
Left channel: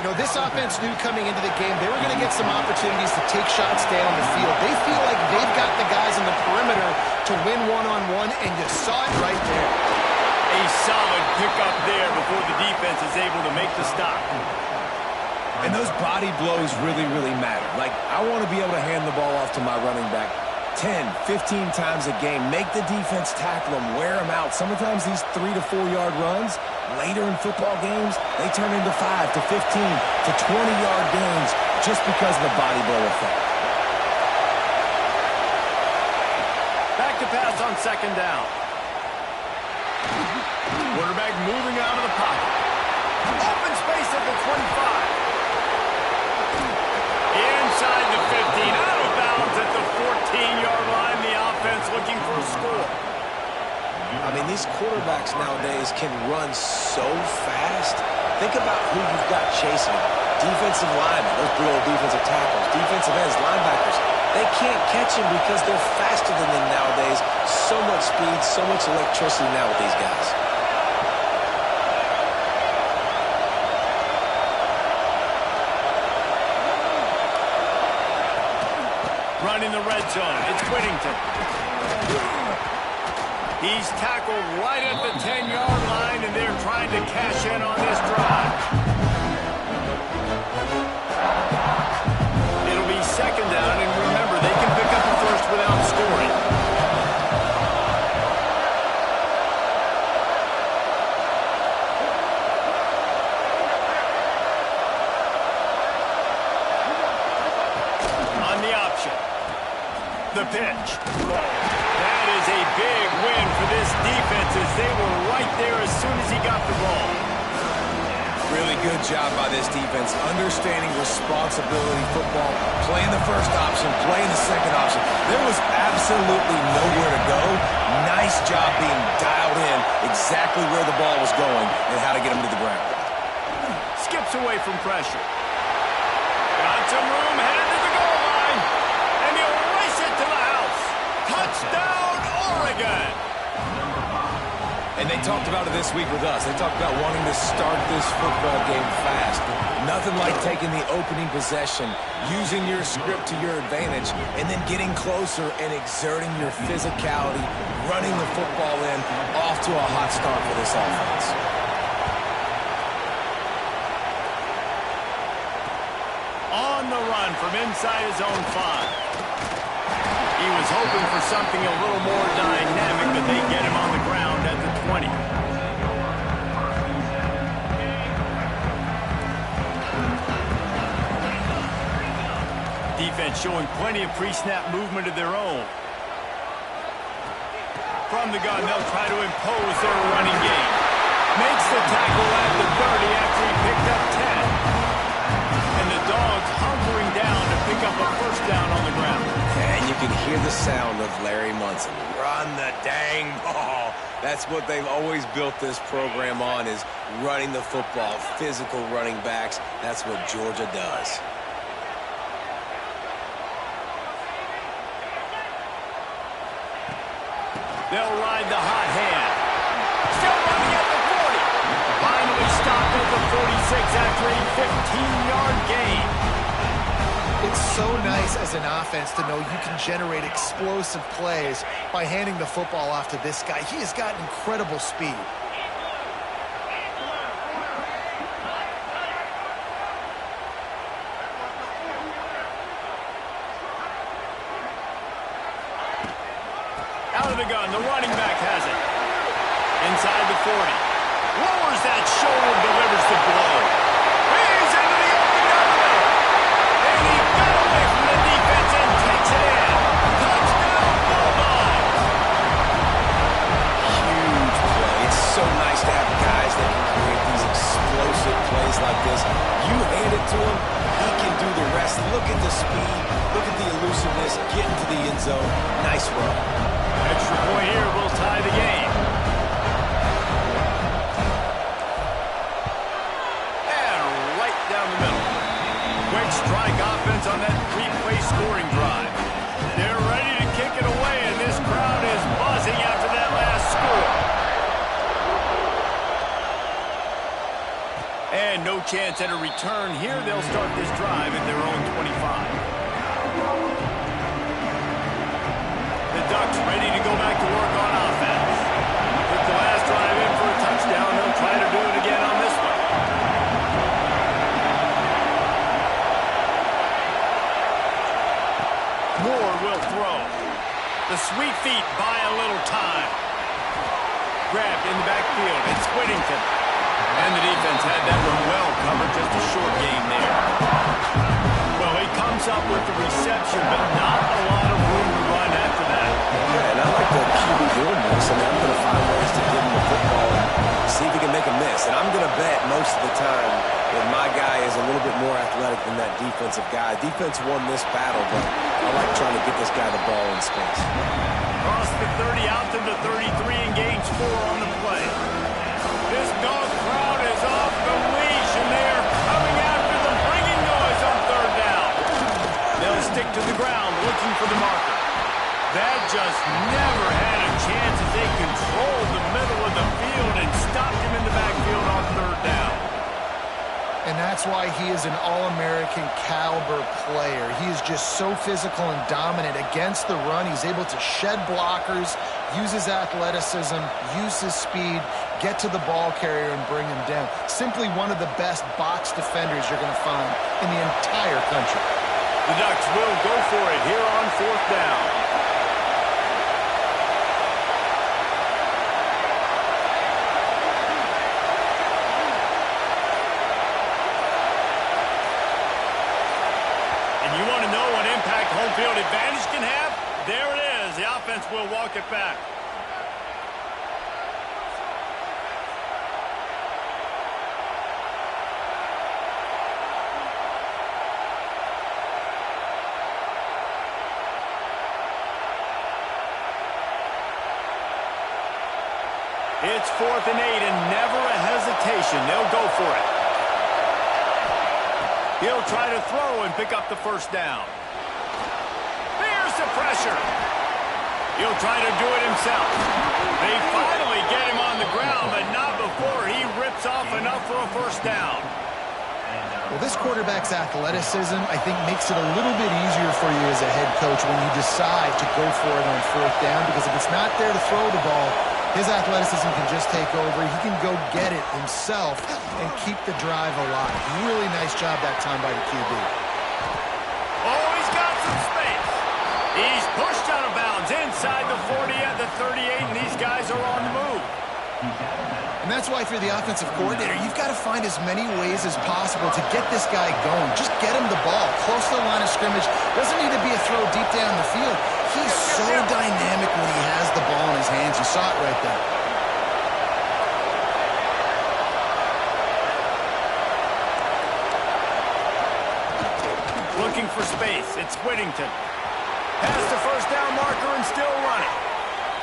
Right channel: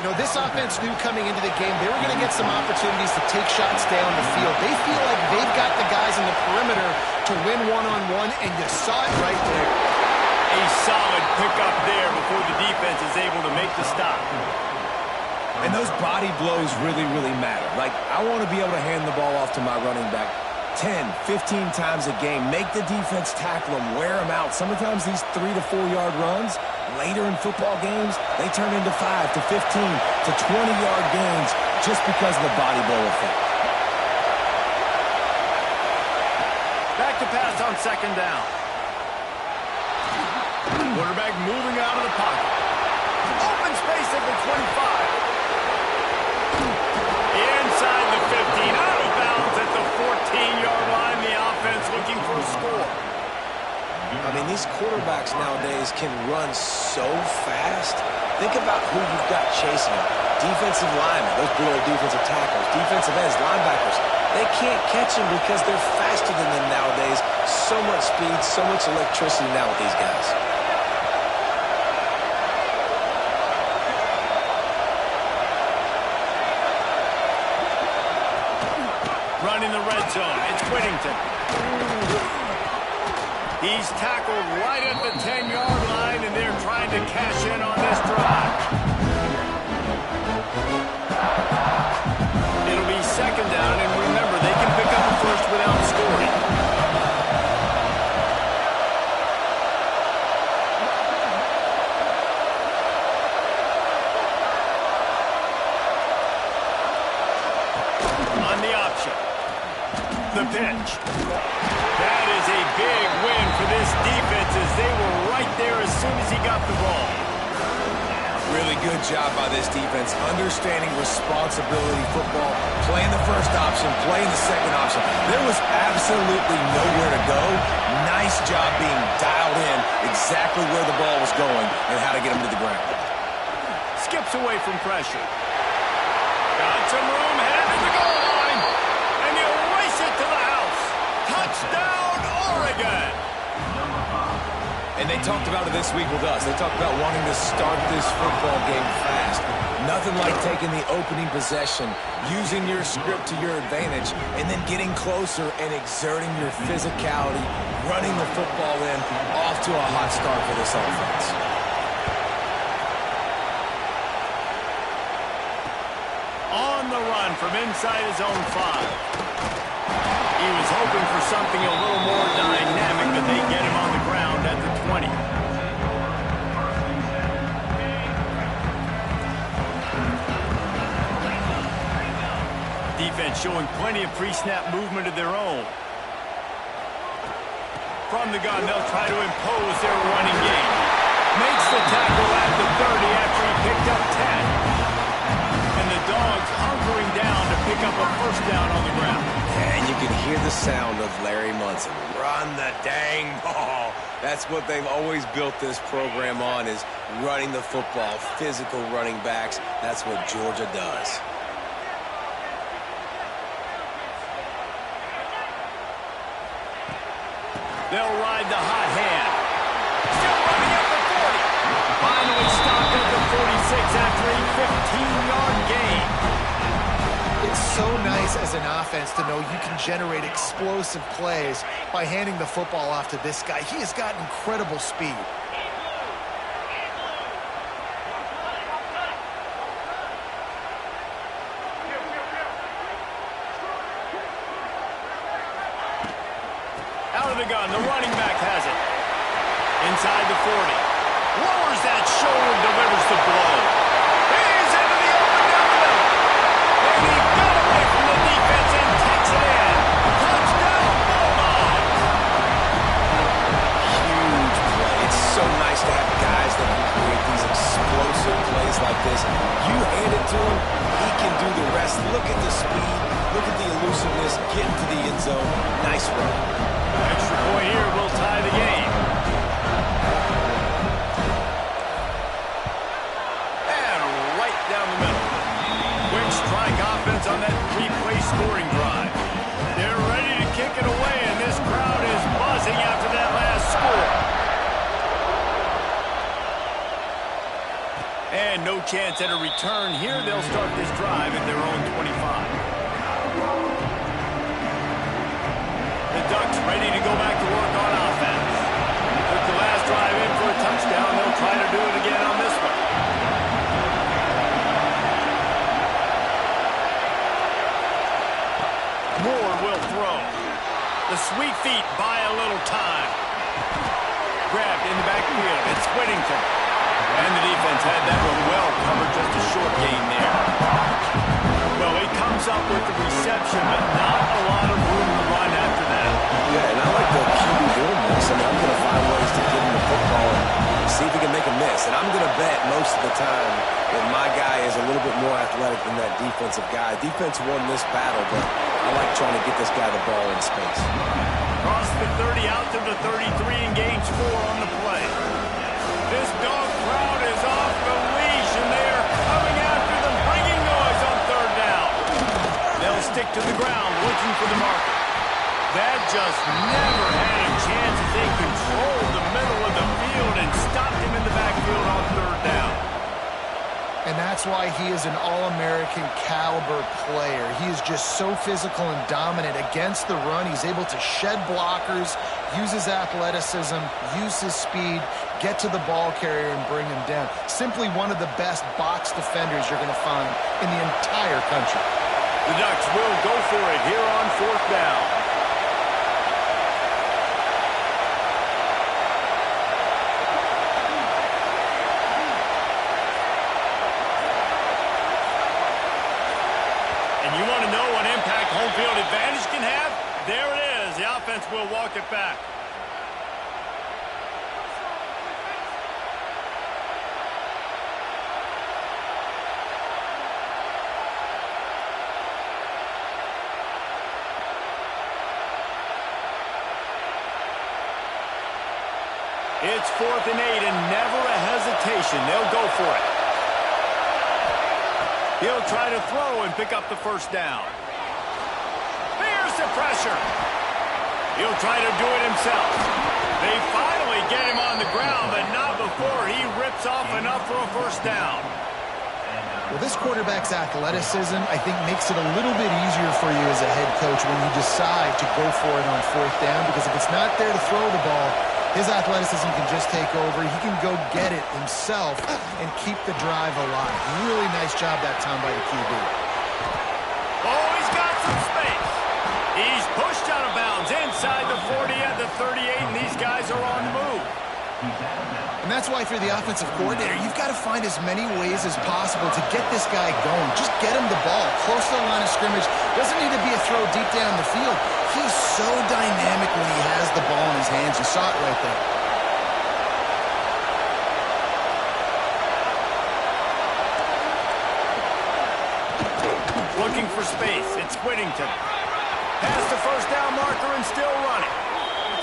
You know, this offense knew coming into the game they were going to get some opportunities to take shots down the field. They feel like they've got the guys in the perimeter to win one-on-one, and you saw it right there. A solid pickup there before the defense is able to make the stop. And those body blows really, really matter. Like, I want to be able to hand the ball off to my running back 10, 15 times a game. Make the defense tackle them, wear them out. Sometimes these 3 to 4 yard runs, later in football games, they turn into 5 to 15 to 20-yard gains just because of the body blow effect. Back to pass on second down. Quarterback moving out of the pocket. Open space at the 25. Inside the 15, out of bounds at the 14-yard line. The offense looking for a score. I mean, these quarterbacks nowadays can run so fast. Think about who you've got chasing them. Defensive linemen, those big old defensive tackles, defensive ends, linebackers, they can't catch him because they're faster than them nowadays. So much speed, so much electricity now with these guys. Running the red zone, it's Whittington. He's tackled right at the 10-yard line, and they're trying to cash in on this drive. It'll be second down, and remember, they can pick up a first without scoring. On the option. The pitch. That is a big win for this defense as they were right there as soon as he got the ball. Really good job by this defense, understanding responsibility football, playing the first option, playing the second option. There was absolutely nowhere to go. Nice job being dialed in exactly where the ball was going and how to get him to the ground. Skips away from pressure. Got some room, headed to the goal line, and he'll race it to the house. Touchdown, Oregon! And they talked about it this week with us. They talked about wanting to start this football game fast. Nothing like taking the opening possession, using your script to your advantage, and then getting closer and exerting your physicality, running the football in, off to a hot start for this offense. On the run from inside his own 5. He was hoping for something a little more dynamic, but they get him on the ground at the 20. Defense showing plenty of pre-snap movement of their own. From the gun, they'll try to impose their running game. Makes the tackle at the 30 after he picked up 10. And the Dogs hunkering down to pick up a first down on the ground. And you can hear the sound of Larry Munson. Run the dang ball. That's what they've always built this program on, is running the football, physical running backs. That's what Georgia does. They'll ride the hot hand. Still running at the 40. Finally stopped at the 46 after a 15-yard gain. It's so nice as an offense to know you can generate explosive plays by handing the football off to this guy. He has got incredible speed. Out of the gun, the running back has it. Inside the 40. Lowers that shoulder, delivers the blow. He's into the open down the middle. And he got away from the defense and takes it in. Touchdown, Bulldogs! Huge play. It's so nice to have guys that can create these explosive plays like this. You hand it to him, he can do the rest. Look at the speed. Look at the elusiveness. Get into the end zone. Nice run. Extra point here will tie the game. Down the middle. Quick strike offense on that 3-play scoring drive. They're ready to kick it away, and this crowd is buzzing after that last score. And no chance at a return here. They'll start this drive at their own 25. The Ducks ready to go back to work on offense. Took the last drive in for a touchdown. They'll try to do it again on this one. Moore will throw. The sweet feet buy a little time. Grabbed in the backfield. It's Whittington. And the defense had that one well covered. Just a short gain there. Well, he comes up with the reception, but not a lot of room to run after that. Yeah, and I like the QB doing this. I mean, I'm going to find ways to give him the football and see if he can make a miss. And I'm going to bet most of the time that my guy is a little bit more athletic than that defensive guy. Defense won this battle, but I like trying to get this guy the ball in space. Cross the 30 out to the 33 and gains 4 on the play. This dog crowd is off the leash, and they are coming after them. stick to the ground, looking for the marker. That just never had a chance as they controlled the middle of the field and stopped him in the backfield on third down. And that's why he is an All-American caliber player. He is just so physical and dominant against the run. He's able to shed blockers, use his athleticism, use his speed, get to the ball carrier and bring him down. Simply one of the best box defenders you're going to find in the entire country. The Ducks will go for it here on fourth down. You want to know what impact home field advantage can have? There it is. The offense will walk it back. It's 4th and 8 and never a hesitation. They'll go for it. He'll try to throw and pick up the first down. Here's the pressure. He'll try to do it himself. They finally get him on the ground, but not before he rips off enough for a first down. Well, this quarterback's athleticism, I think, makes it a little bit easier for you as a head coach when you decide to go for it on fourth down, because if it's not there to throw the ball, his athleticism can just take over. He can go get it himself and keep the drive alive. Really nice job that time by the QB. Oh, he's got some space. He's pushed out of bounds inside the 40 at the 38, and these guys are on the move. And that's why, through the offensive coordinator, you've got to find as many ways as possible to get this guy going. Just get him the ball close to the line of scrimmage. Doesn't need to be a throw deep down the field. He's so dynamic when he has the ball in his hands. You saw it right there. Looking for space. It's Whittington. Past the first down marker and still running.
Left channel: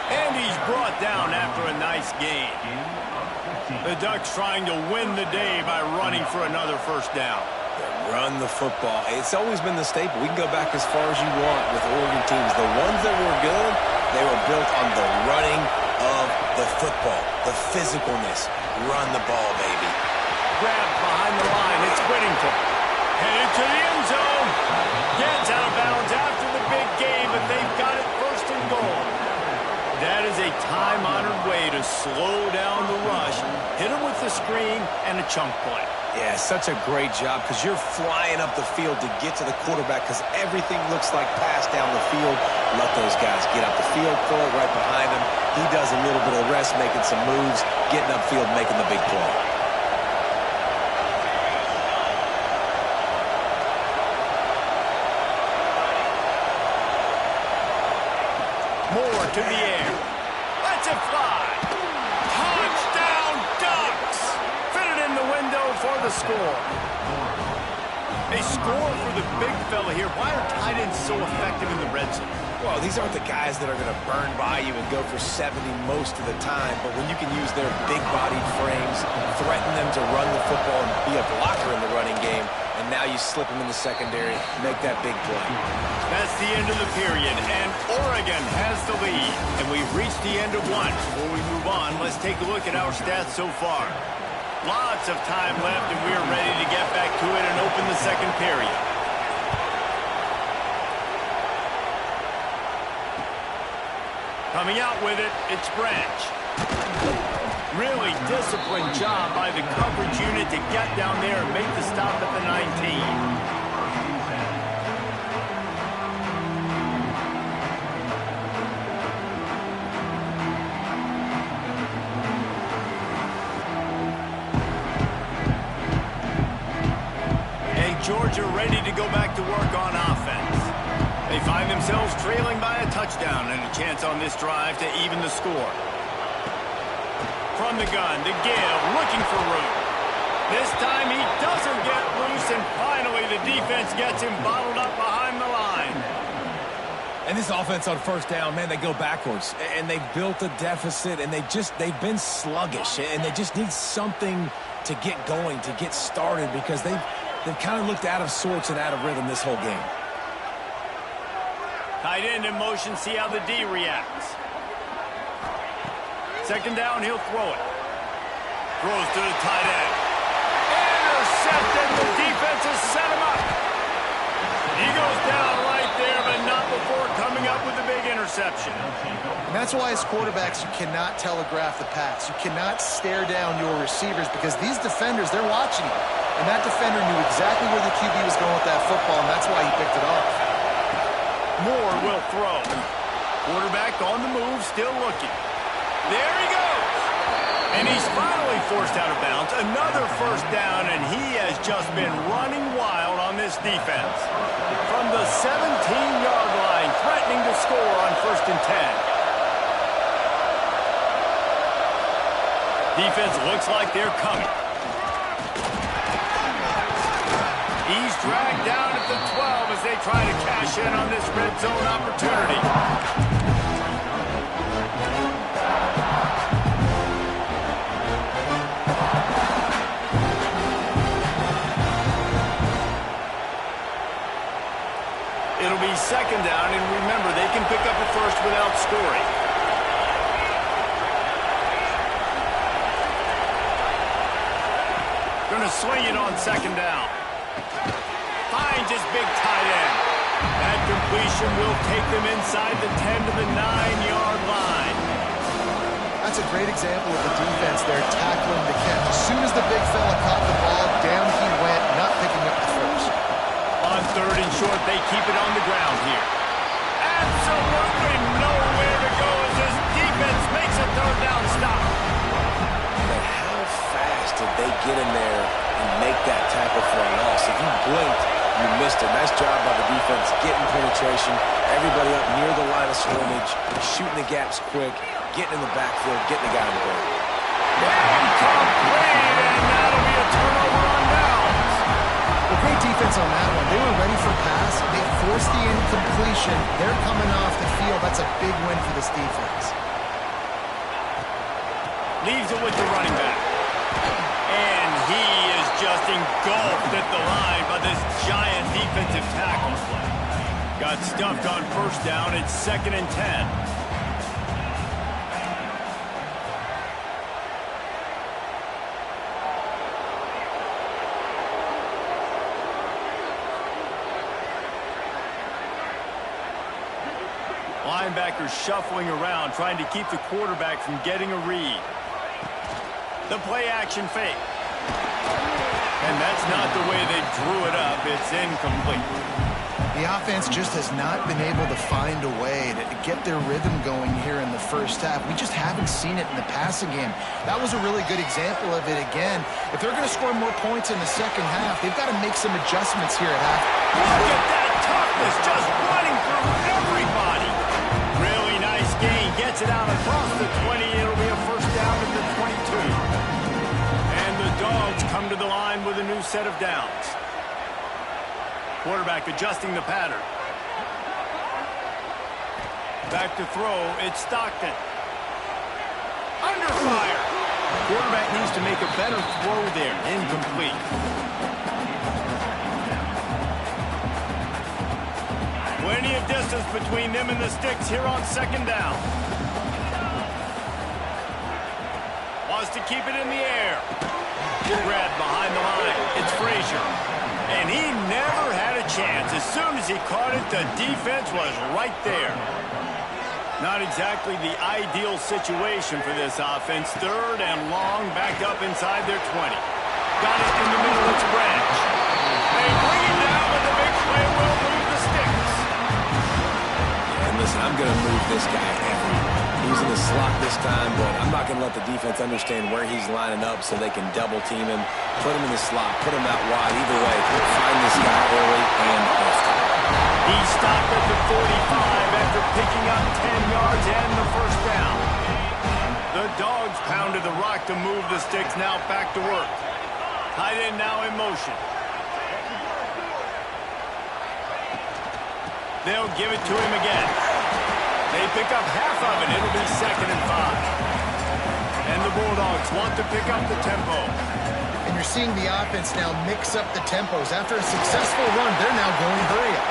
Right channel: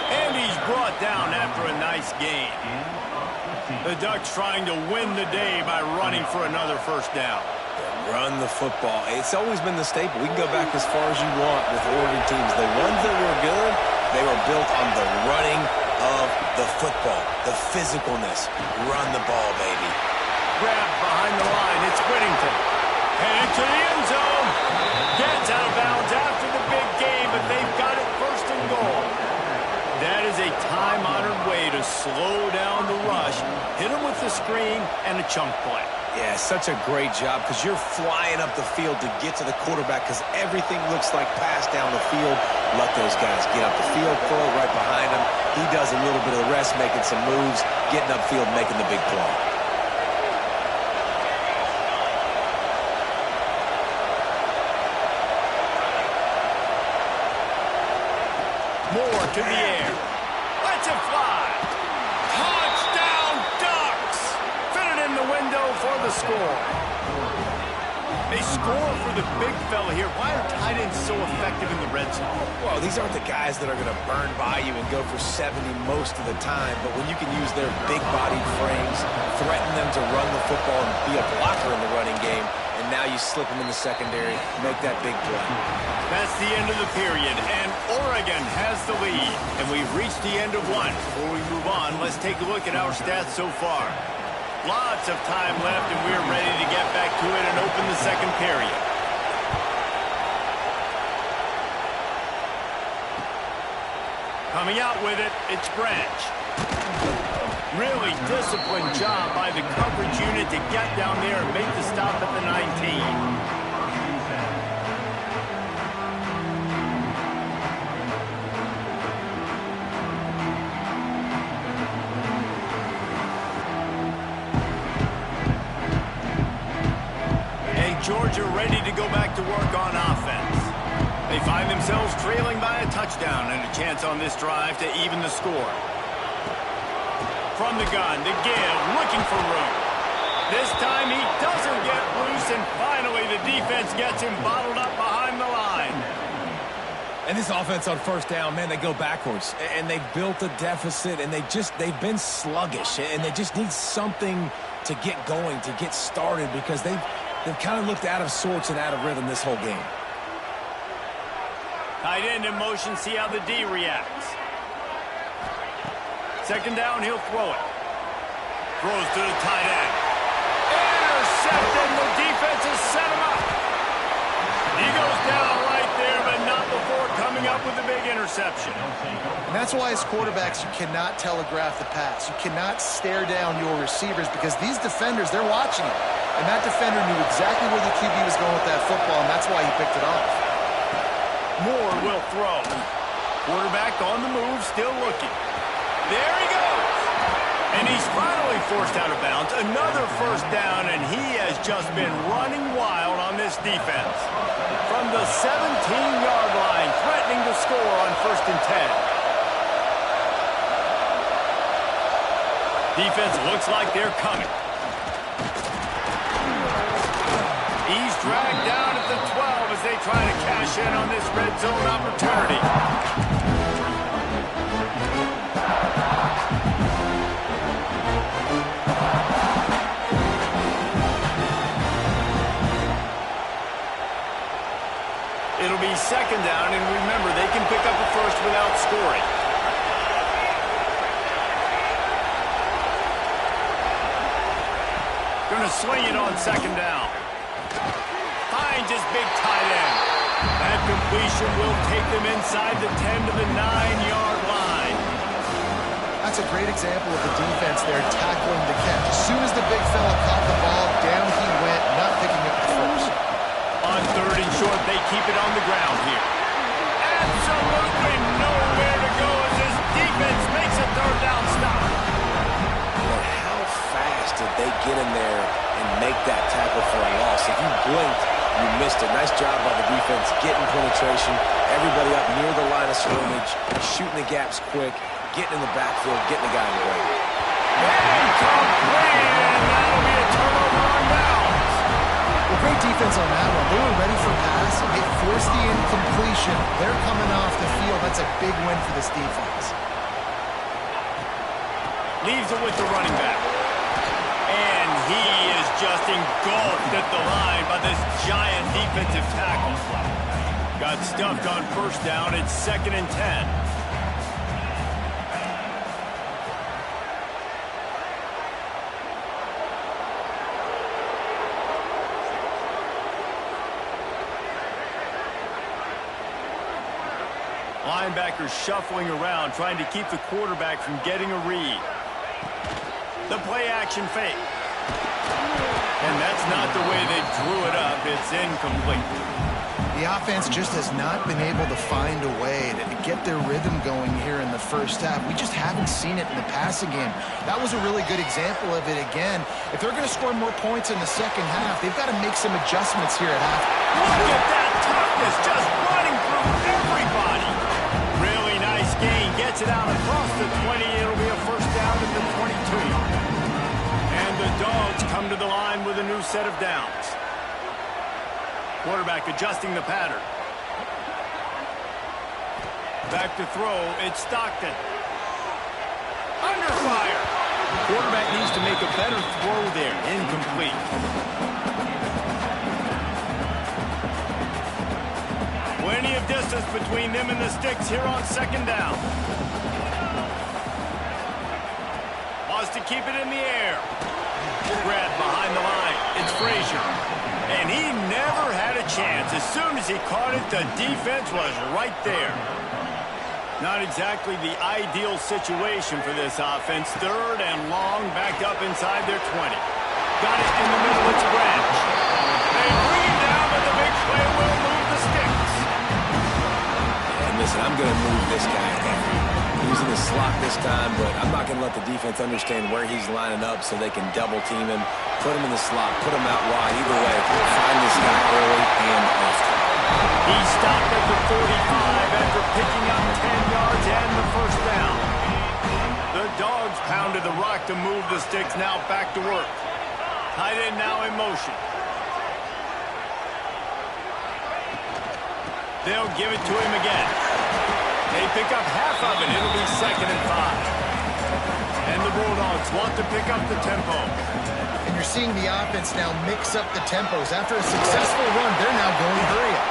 And he's brought down after a nice gain. The Ducks trying to win the day by running for another first down. Run the football. It's always been the staple. We can go back as far as you want with Oregon teams. The ones that were good, they were built on the running of the football, the physicalness. Run the ball, baby. Grabbed behind the line. It's Whittington. Headed to the end zone. Gets out of bounds after the big game, but they've got it first and goal. That is a time-honored way to slow down the rush, hit him with the screen, and a chunk play. Yeah, such a great job, because you're flying up the field to get to the quarterback, because everything looks like pass down the field. Let those guys get up the field, throw it right behind him. He does a little bit of the rest, making some moves, getting upfield, making the big play. Moore to the air. Lets it fly. Touchdown, Ducks! Fitted in the window for the score. A score for the big fella here. Why are tight ends so effective in the red zone? Well, these aren't the guys that are going to burn by you and go for 70 most of the time, but when you can use their big-bodied frames, threaten them to run the football and be a blocker in the running game, and now you slip them in the secondary, make that big play. That's the end of the period, and Oregon has the lead. And we've reached the end of one. Before we move on, let's take a look at our stats so far. Lots of time left, and we're ready to get back to it and open the second period. Coming out with it, it's Branch. Really disciplined job by the coverage unit to get down there and make the stop at the 19. Georgia ready to go back to work on offense. They find themselves trailing by a touchdown and a chance on this drive to even the score. From the gun to give, looking for room. This time he doesn't get loose, and finally the defense gets him bottled up behind the line. And this offense on first down, man, they go backwards. And they've built a deficit, and they've been sluggish. And they just need something to get going, to get started, because they've kind of looked out of sorts and out of rhythm this whole game. Tight end in motion, see how the D reacts. Second down, he'll throw it. Throws to the tight end. Intercepted, the defense has set him up. He goes down right there, but not before coming up with a big interception. And that's why as quarterbacks, you cannot telegraph the pass. You cannot stare down your receivers because these defenders, they're watching it. And that defender knew exactly where the QB was going with that football, and that's why he picked it off. Moore will throw. Quarterback on the move, still looking. There he goes. And he's finally forced out of bounds. Another first down, and he has just been running wild on this defense. From the 17-yard line, threatening to score on 1st and 10. Defense looks like they're coming. He's dragged down at the 12 as they try to cash in on this red zone opportunity. It'll be second down, and remember, they can pick up a first without scoring. Going to swing it on second down. Finds his big tight end. That completion will take them inside the 10 to the 9-yard line. That's a great example of the defense there tackling the catch. As soon as the big fella caught the ball, down he went, not picking up the first. On 3rd and short, they keep it on the ground here. Absolutely nowhere to go as this defense makes a 3rd down stop. But how fast did they get in there and make that tackle for a loss? If you blinked, you missed it. Nice job by the defense getting penetration. Everybody up near the line of scrimmage, shooting the gaps quick, getting in the backfield, getting the guy in the goal. Incomplete, and that'll be a turnover on downs. Well, great defense on that one. They were ready for pass. They forced the incompletion. They're coming off the field. That's a big win for this defense. Leaves it with the running back. And he is just engulfed at the line by this giant defensive tackle. Got stuffed on 1st down. It's 2nd and 10. Linebackers shuffling around, trying to keep the quarterback from getting a read. The play-action fake. And that's not the way they drew it up. It's incomplete. The offense just has not been able to find a way to get their rhythm going here in the first half. We just haven't seen it in the passing game. That was a really good example of it again. If they're going to score more points in the second half, they've got to make some adjustments here at half. Look at that toughness, just running through everybody. Really nice gain. Gets it out across the 20. It'll be a first down at the 22. And the Dogs come to the line with a new set of downs. Quarterback adjusting the pattern. Back to throw. It's Stockton. Under fire. Quarterback needs to make a better throw there. Incomplete. Plenty of distance between them and the sticks here on second down. Wants to keep it in the air. Grab behind the line. It's Frazier. And he never had a chance. As soon as he caught it, the defense was right there. Not exactly the ideal situation for this offense. 3rd and long, backed up inside their 20. Got it in the middle. It's Branch. They bring him down, but the big play will move the sticks. Yeah, and listen, I'm going to move this guy He's in the slot this time, but I'm not going to let the defense understand where he's lining up so they can double team him, put him in the slot, put him out wide. Either way, find this guy early and often. He stopped at the 45 after picking up 10 yards and the first down. The Dogs pounded the rock to move the sticks, now back to work. Tight end now in motion. They'll give it to him again. They pick up half of it. It'll be 2nd and 5. And the Bulldogs want to pick up the tempo. And you're seeing the offense now mix up the tempos. After a successful run, they're now going hurry up.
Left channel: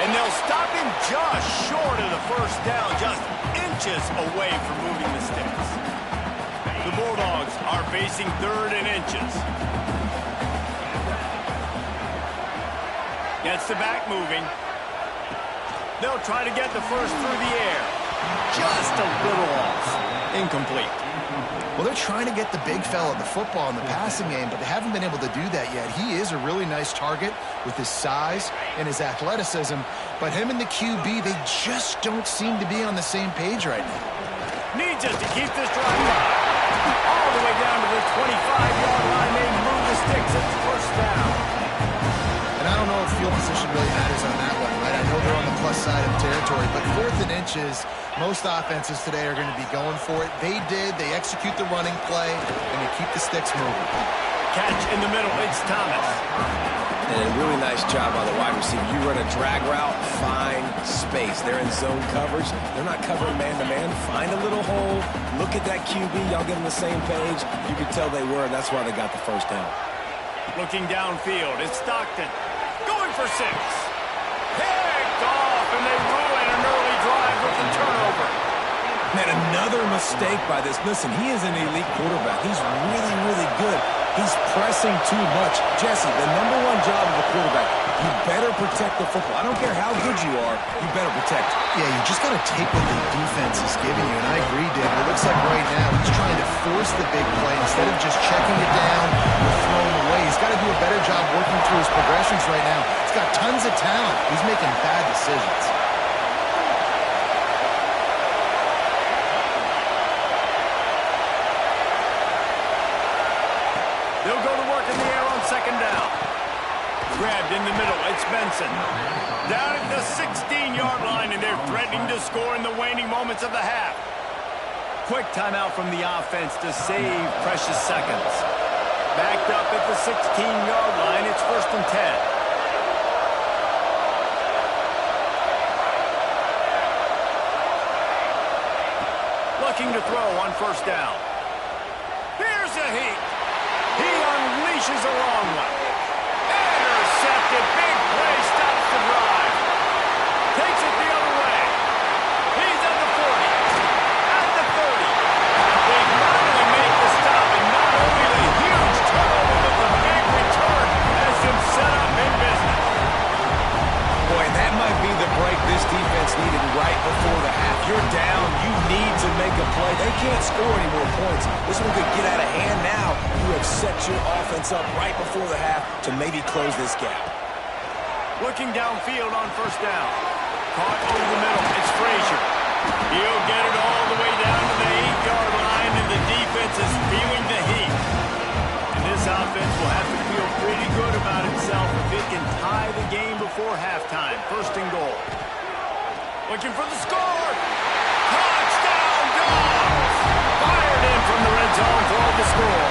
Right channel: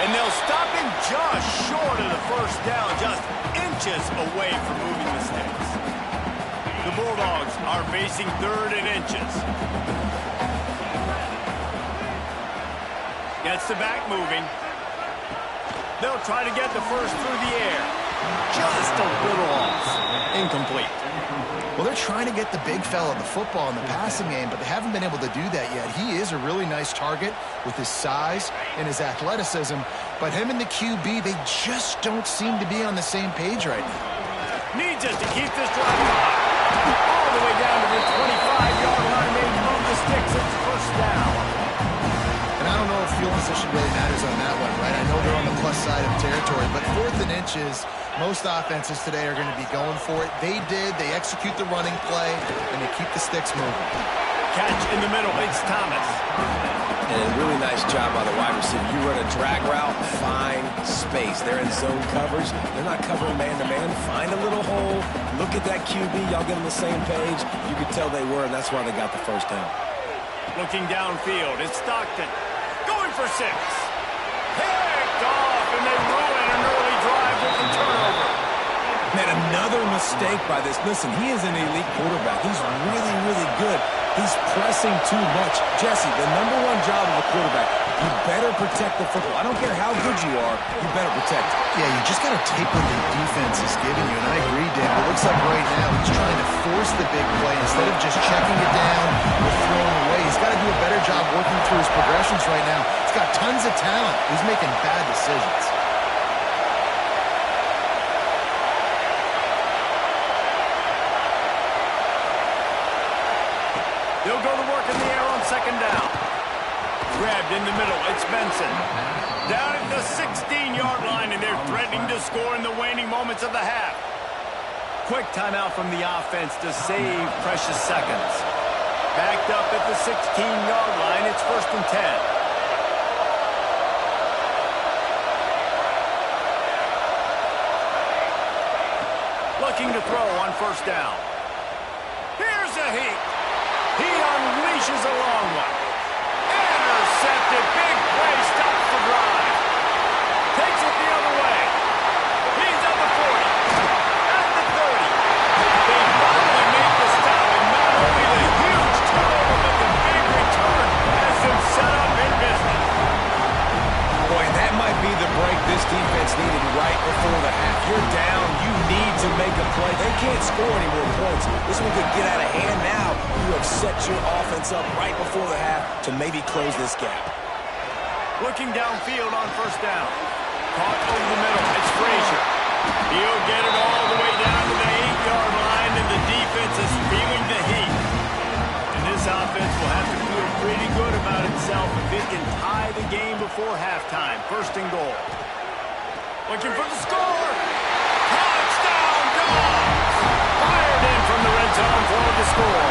And they'll stop him just short of the first down, just inches away from moving the sticks. The Bulldogs are facing 3rd and inches. Gets the back moving. They'll try to get the first through the air. Just a little off. Incomplete. Well, they're trying to get the big fella the football in the passing game, but they haven't been able to do that yet. He is a really nice target with his size and his athleticism, but him and the QB, they just don't seem to be on the same page right now. Needs it to keep this drive alive. All the way down to the 25-yard line. They move the sticks. It's first down. And I don't know if field position really matters on that one, right? I know they're on the plus side of territory, but 4th and inches, most offenses today are going to be going for it. They did. They execute the running play, and they keep the sticks moving. Catch in the middle. It's Thomas. And a really nice job by the wide receiver. You run a drag route, find space. They're in zone coverage. They're not covering man-to-man. Find a little hole. Look at that QB. Y'all get on the same page. You could tell they were, and that's why they got the first down. Looking downfield, it's Stockton. Going for 6. Picked off, and they ruin an early drive with the turnover. Man, another mistake by this. Listen, he is an elite quarterback. He's really, really good. He's pressing too much. Jesse, the #1 job of a quarterback, you better protect the football. I don't care how good you are, you better protect it. Yeah, you just got to take what the defense is giving you, and I agree, David. It looks like right now he's trying to force the big play instead of just checking it down or throwing away. He's got to do a better job working through his progressions right now. He's got tons of talent. He's making bad decisions. They'll go to work in the air on 2nd down. Grabbed in the middle. It's Benson. Down at the 16-yard line, and they're threatening to score in the waning moments of the half. Quick timeout from the offense to save precious seconds. Backed up at the 16-yard line. It's 1st and 10. Looking to throw on 1st down. Here's a heat. He unleashes a long one. Intercepted. Big play stops the drive. Takes it the other way. He's at the 40. At the 30. They finally make the stop, and not only the huge turnover, but the big return has them set up in business. Boy, that might be the break this defense needed right before the half. You're down. You need to make a play. They can't score any more points. This one could get out of hand now. You have set your offense up right before the half to maybe close this gap. Looking downfield on 1st down. Caught over the middle. It's Frazier. He'll get it all the way down to the 8-yard line, and the defense is feeling the heat. And this offense will have to feel pretty good about itself if it can tie the game before halftime. 1st and goal. Looking for the score. Touchdown, Dogs! Fired in from the red zone for the score.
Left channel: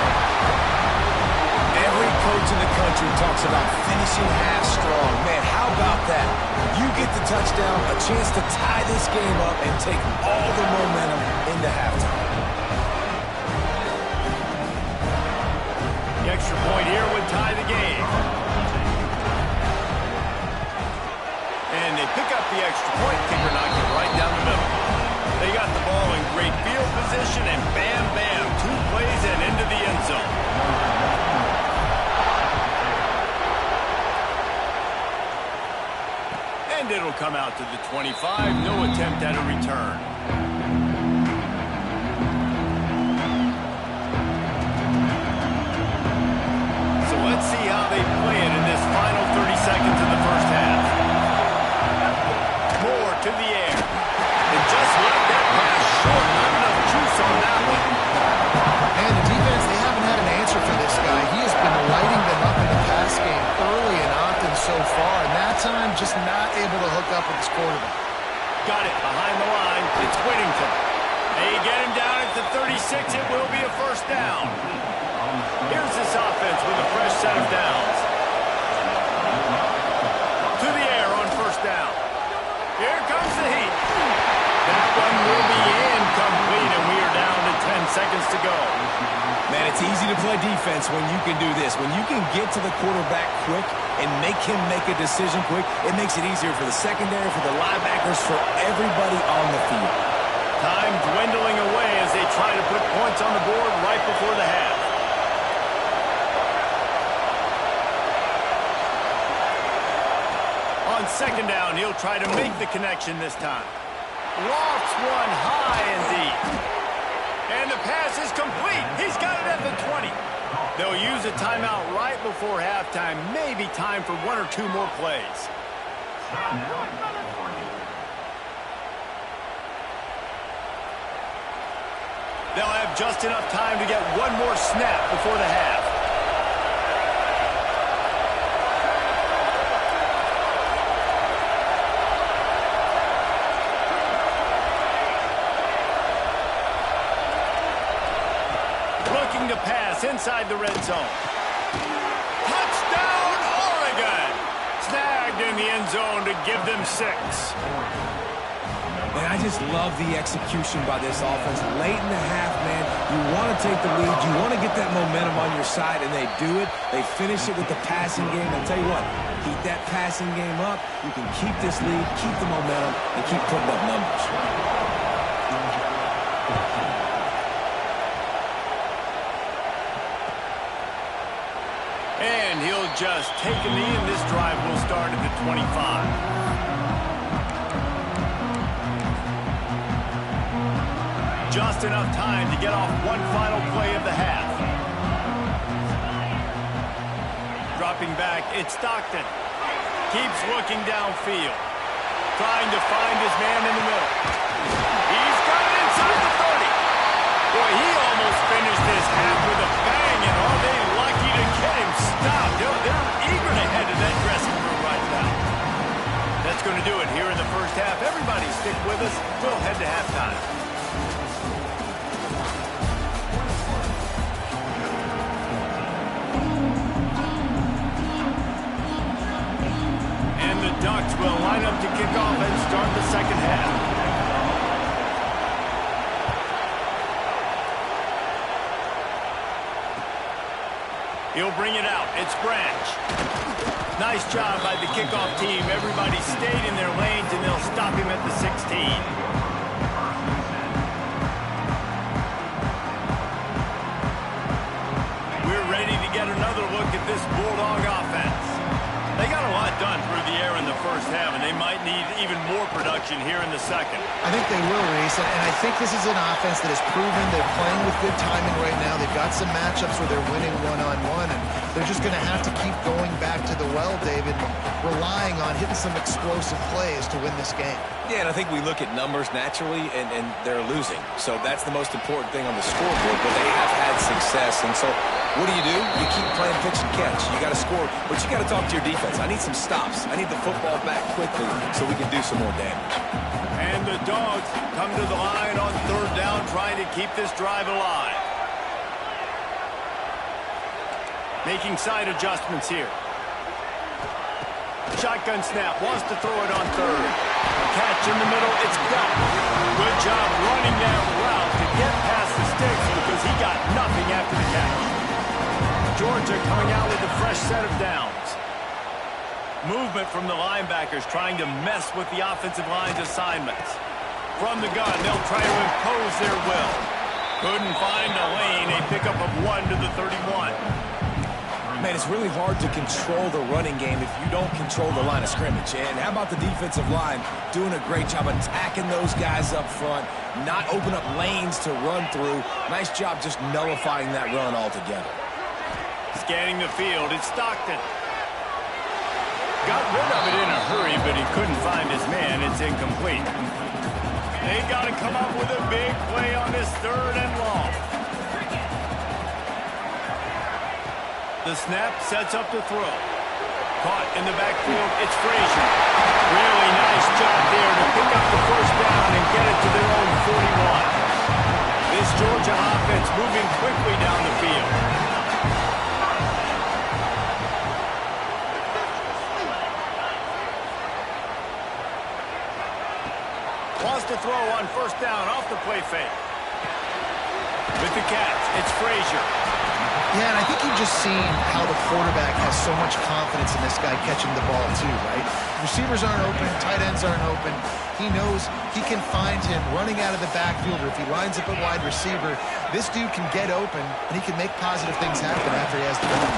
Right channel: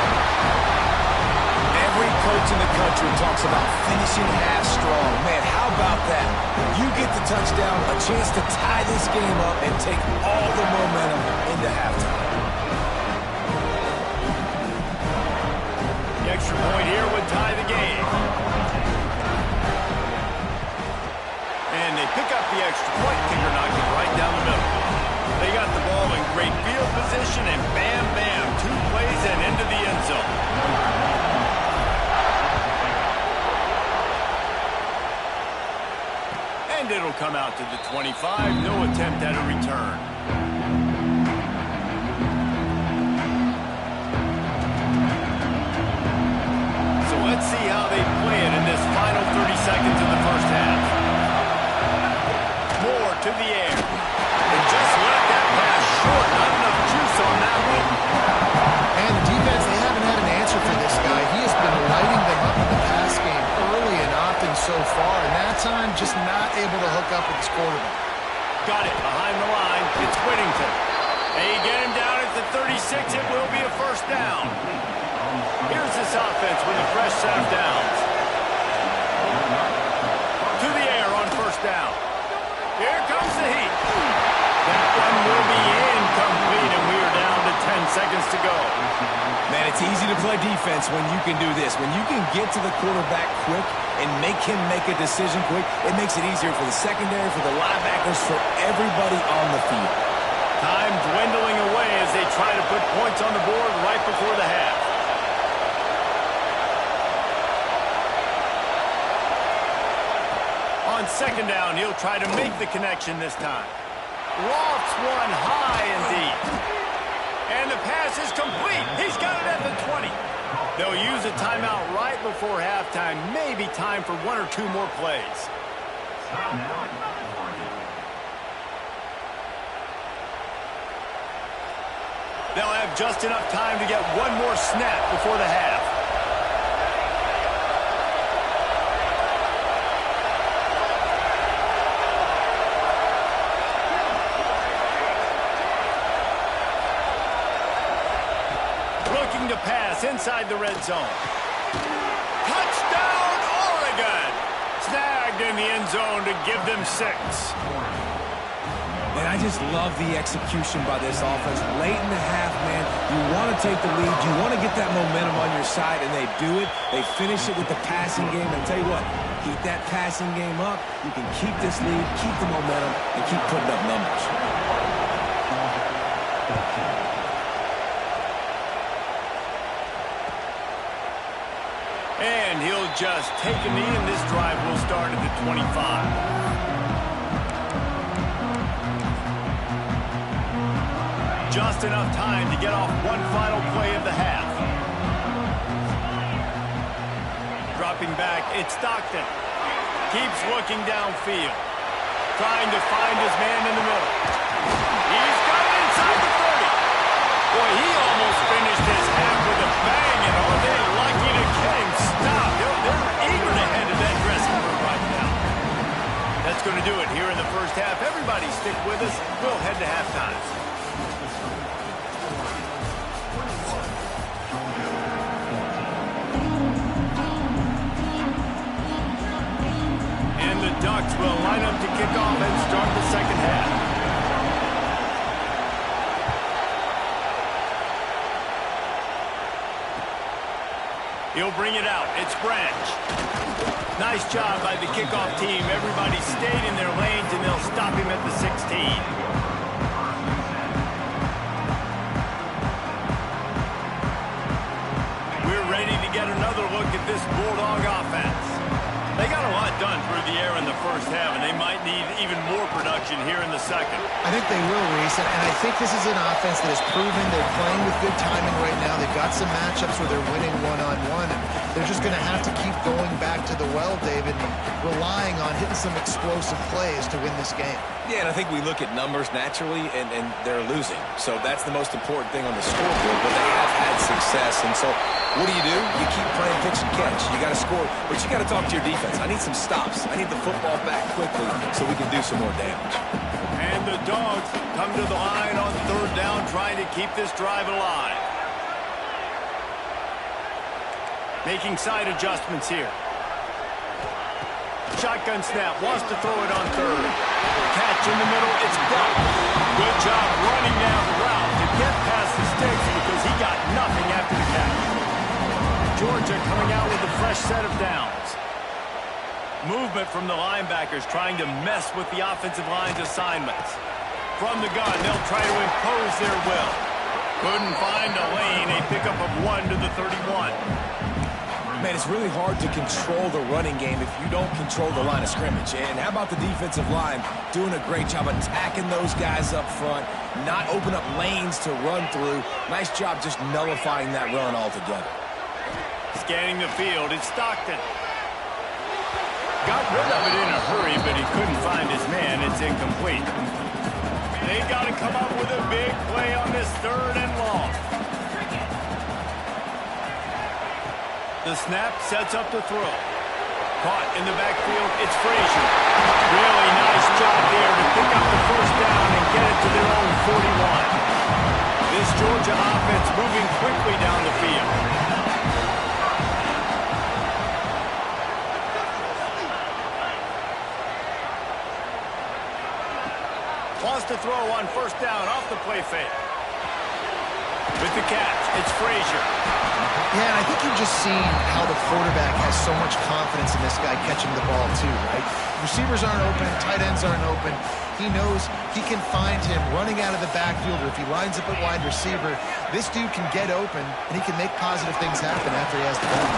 Every coach in the country talks about finishing half strong. Man, how about that? You get the touchdown, a chance to tie this game up and take all the momentum into halftime. The extra point here would tie the game. And they pick up the extra point. Kicker knocked it right down the middle. They got the ball in great field position, and bam, bam, 2 plays and into the end zone. And it'll come out to the 25. No attempt at a return. So let's see how they play it in this final 30 seconds of the first half. Moore to the air. And just left that pass short. Not enough juice on that one. And the defense, they haven't had an answer for this guy. He has been lighting them up in the pass game early and often so far, and that time just not able to hook up with his quarterback. Got it behind the line. It's Whittington. They get him down at the 36. It will be a 1st down. Here's this offense with a fresh set of downs. To the air on 1st down. Here comes the heat. That one will be incomplete, and we are down to 10 seconds to go. Man, it's easy to play defense when you can do this. When you can get to the quarterback quick and make him make a decision quick, it makes it easier for the secondary, for the linebackers, for everybody on the field. Time dwindling away as they try to put points on the board right before the half. On second down, he'll try to make the connection this time. Lofts one high and deep. And the pass is complete. He's got it at the 20. They'll use a timeout right before halftime. Maybe time for one or two more plays. They'll have just enough time to get one more snap before the half. Looking to pass inside the red zone. Touchdown, Oregon! Snagged in the end zone to give them 6. And I just love the execution by this offense. Late in the half, man, you want to take the lead. You want to get that momentum on your side, and they do it. They finish it with the passing game. And I'll tell you what, keep that passing game up. You can keep this lead, keep the momentum, and keep putting up numbers. And he'll just take a knee, and this drive will start at the 25. Just enough time to get off one final play of the half. Dropping back, it's Stockton. Keeps looking downfield. Trying to find his man in the middle. He's got it inside the 30. Boy, he almost finished this half with a bang, and are they lucky to get him stopped. They're eager to head to that dressing room right now. That's going to do it here in the first half. Everybody stick with us. We'll head to halftime. And the Ducks will line up to kick off and start the second half. He'll bring it out. It's Branch. Nice job by the kickoff team. Everybody stayed in their lanes, and they'll stop him at the 16. We're ready to get another look at this Bulldog offense. They got a lot done through the air in the first half, and they might need even more production here in the second. I think they will, Reese, and I think this is an offense that has proven they're playing with good timing right now. They've got some matchups where they're winning one-on-one, and they're just going to have to keep going back to the well, David, and relying on hitting some explosive plays to win this game. Yeah, and I think we look at numbers naturally, and they're losing. So that's the most important thing on the scoreboard, but they have had success. And so what do? You keep playing pitch and catch. You got to score, but you got to talk to your defense. I need some stops. I need the football back quickly so we can do some more damage. And the Dogs come to the line on third down, trying to keep this drive alive. Making side adjustments here. Shotgun snap, wants to throw it on third. Catch in the middle, it's Belt. Good job running that route to get past the sticks because he got nothing after the catch. Georgia coming out with a fresh set of downs. Movement from the linebackers trying to mess with the offensive line's assignments. From the gun, they'll try to impose their will. Couldn't find a lane, a pickup of 1 to the 31. Man, it's really hard to control the running game if you don't control the line of scrimmage. And how about the defensive line doing a great job attacking those guys up front, not open up lanes to run through. Nice job just nullifying that run altogether. Scanning the field, it's Stockton. Got rid of it in a hurry, but he couldn't find his man. It's incomplete. They've got to come up with a big play on this third and long. The snap sets up the throw. Caught in the backfield, it's Frazier. Really nice job there to pick up the first down and get it to their own 41. This Georgia offense moving quickly down the field. Wants to throw on first down off the play fake. With the catch, it's Frazier. Yeah, and I think you've just seen how the quarterback has so much confidence in this guy catching the ball too, right? Receivers aren't open, tight ends aren't open. He knows he can find him running out of the backfield, or if he lines up at wide receiver, this dude can get open, and he can make positive things happen after he has the ball.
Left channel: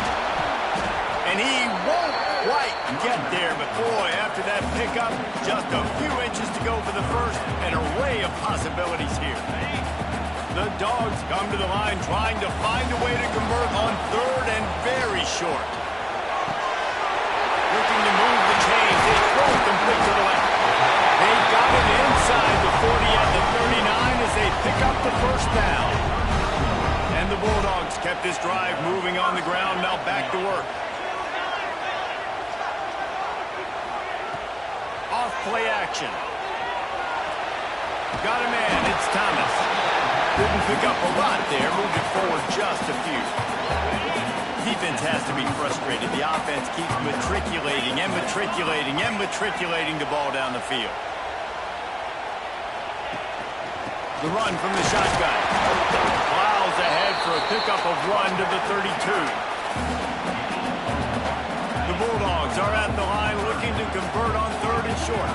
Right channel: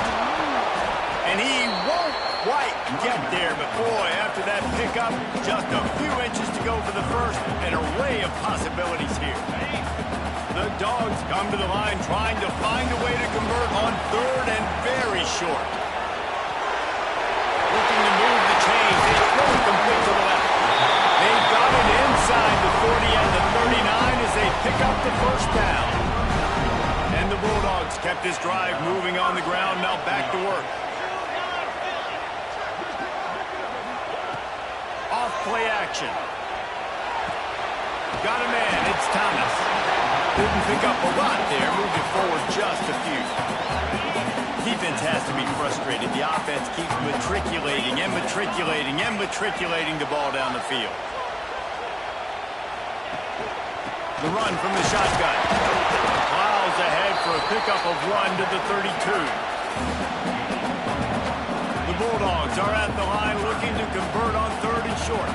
And he won't quite get there, but boy, after that pickup, just a few inches to go for the first. An array of possibilities here. The Dogs come to the line trying to find a way to convert on third and very short. Looking to move the chains. They throw it complete to the left. They've got it inside the 40 and the 39 as they pick up the first down. And the Bulldogs kept this drive moving on the ground. Now back to work. Off play action. Got a man. It's Thomas. Didn't pick up a lot there. Moved it forward just a few. Defense has to be frustrated. The offense keeps matriculating and matriculating and matriculating the ball down the field. The run from the shotgun. Plows ahead for a pickup of 1 to the 32. The Bulldogs are at the line looking to convert on third and short.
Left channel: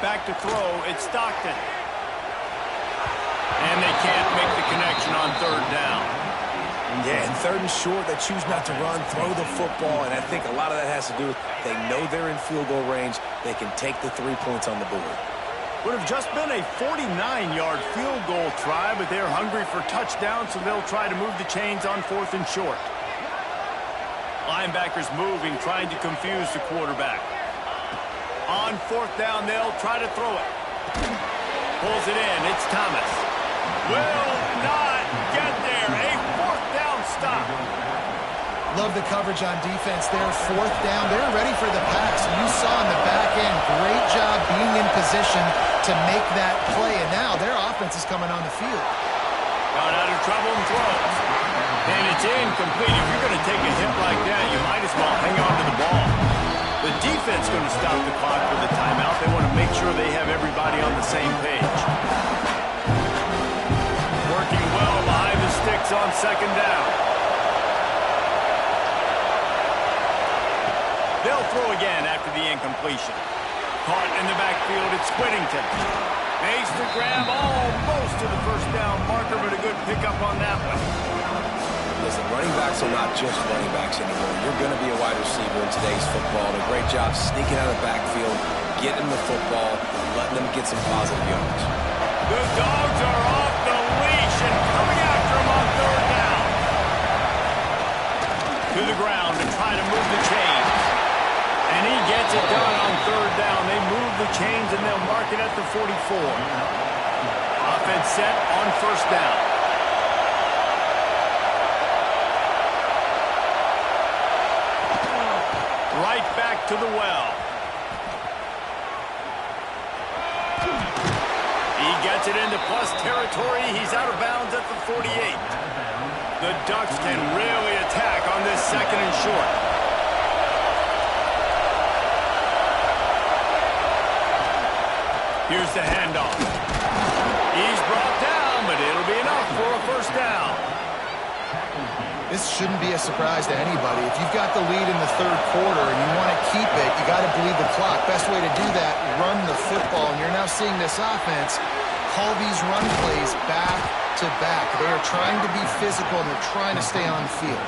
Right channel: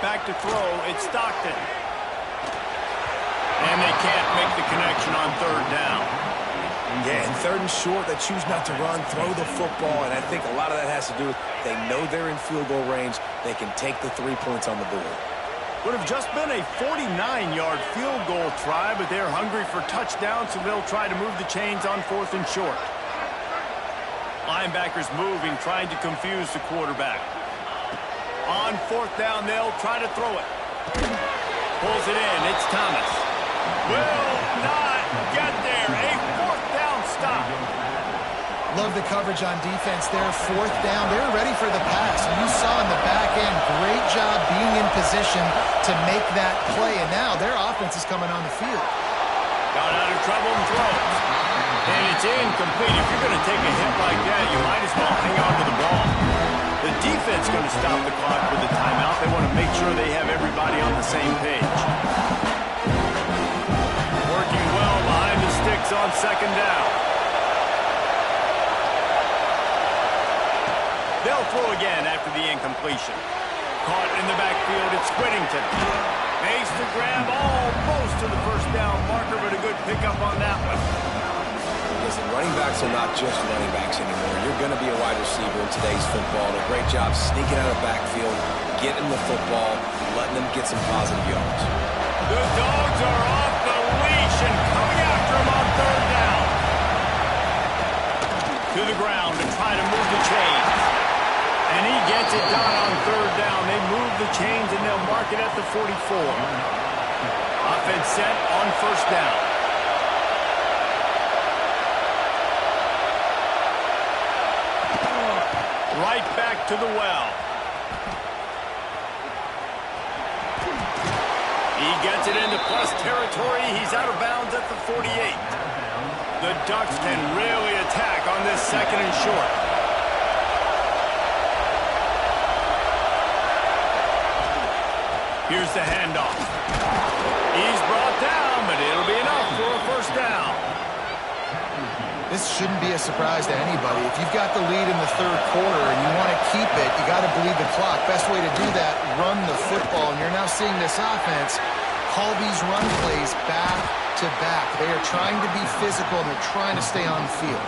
Back to throw, it's Stockton. And they can't make the connection on third down. Yeah, and third and short, they choose not to run, throw the football, and I think a lot of that has to do with they know they're in field goal range. They can take the 3 points on the board. Would have just been a 49-yard field goal try, but they're hungry for touchdown, so they'll try to move the chains on fourth and short. Linebackers moving, trying to confuse the quarterback. On fourth down, they'll try to throw it. Pulls it in. It's Thomas. Will not get there. A fourth down stop. Love the coverage on defense there. Fourth down. They're ready for the pass. And you saw in the back end, great job being in position to make that play. And now their offense is coming on the field. Got out of trouble and throws. And it's incomplete. If you're going to take a hit like that, you might as well hang on to the ball. The defense going to stop the clock with a timeout. They want to make sure they have everybody on the same page. Working well behind the sticks on second down. They'll throw again after the incompletion. Caught in the backfield, it's Whittington. Makes the grab almost to the first down marker, but a good pickup on that one. Listen, running backs are not just running backs anymore. You're going to be a wide receiver in today's football. And a great job sneaking out of the backfield, getting the football, letting them get some positive yards. The Dogs are off the leash and coming after him on third down. To the ground to try to move the chains. And he gets it done on third down. They move the chains and they'll mark it at the 44. Offense set on first down. Right back to the well. He gets it into plus territory. He's out of bounds at the 48. The Ducks can really attack on this second and short. Here's the handoff. He's brought down, but it'll be enough for a first down. This shouldn't be a surprise to anybody. If you've got the lead in the third quarter and you want to keep it, you got to bleed the clock. Best way to do that, run the football. And you're now seeing this offense call these run plays back to back. They are trying to be physical, and they're trying to stay on the field.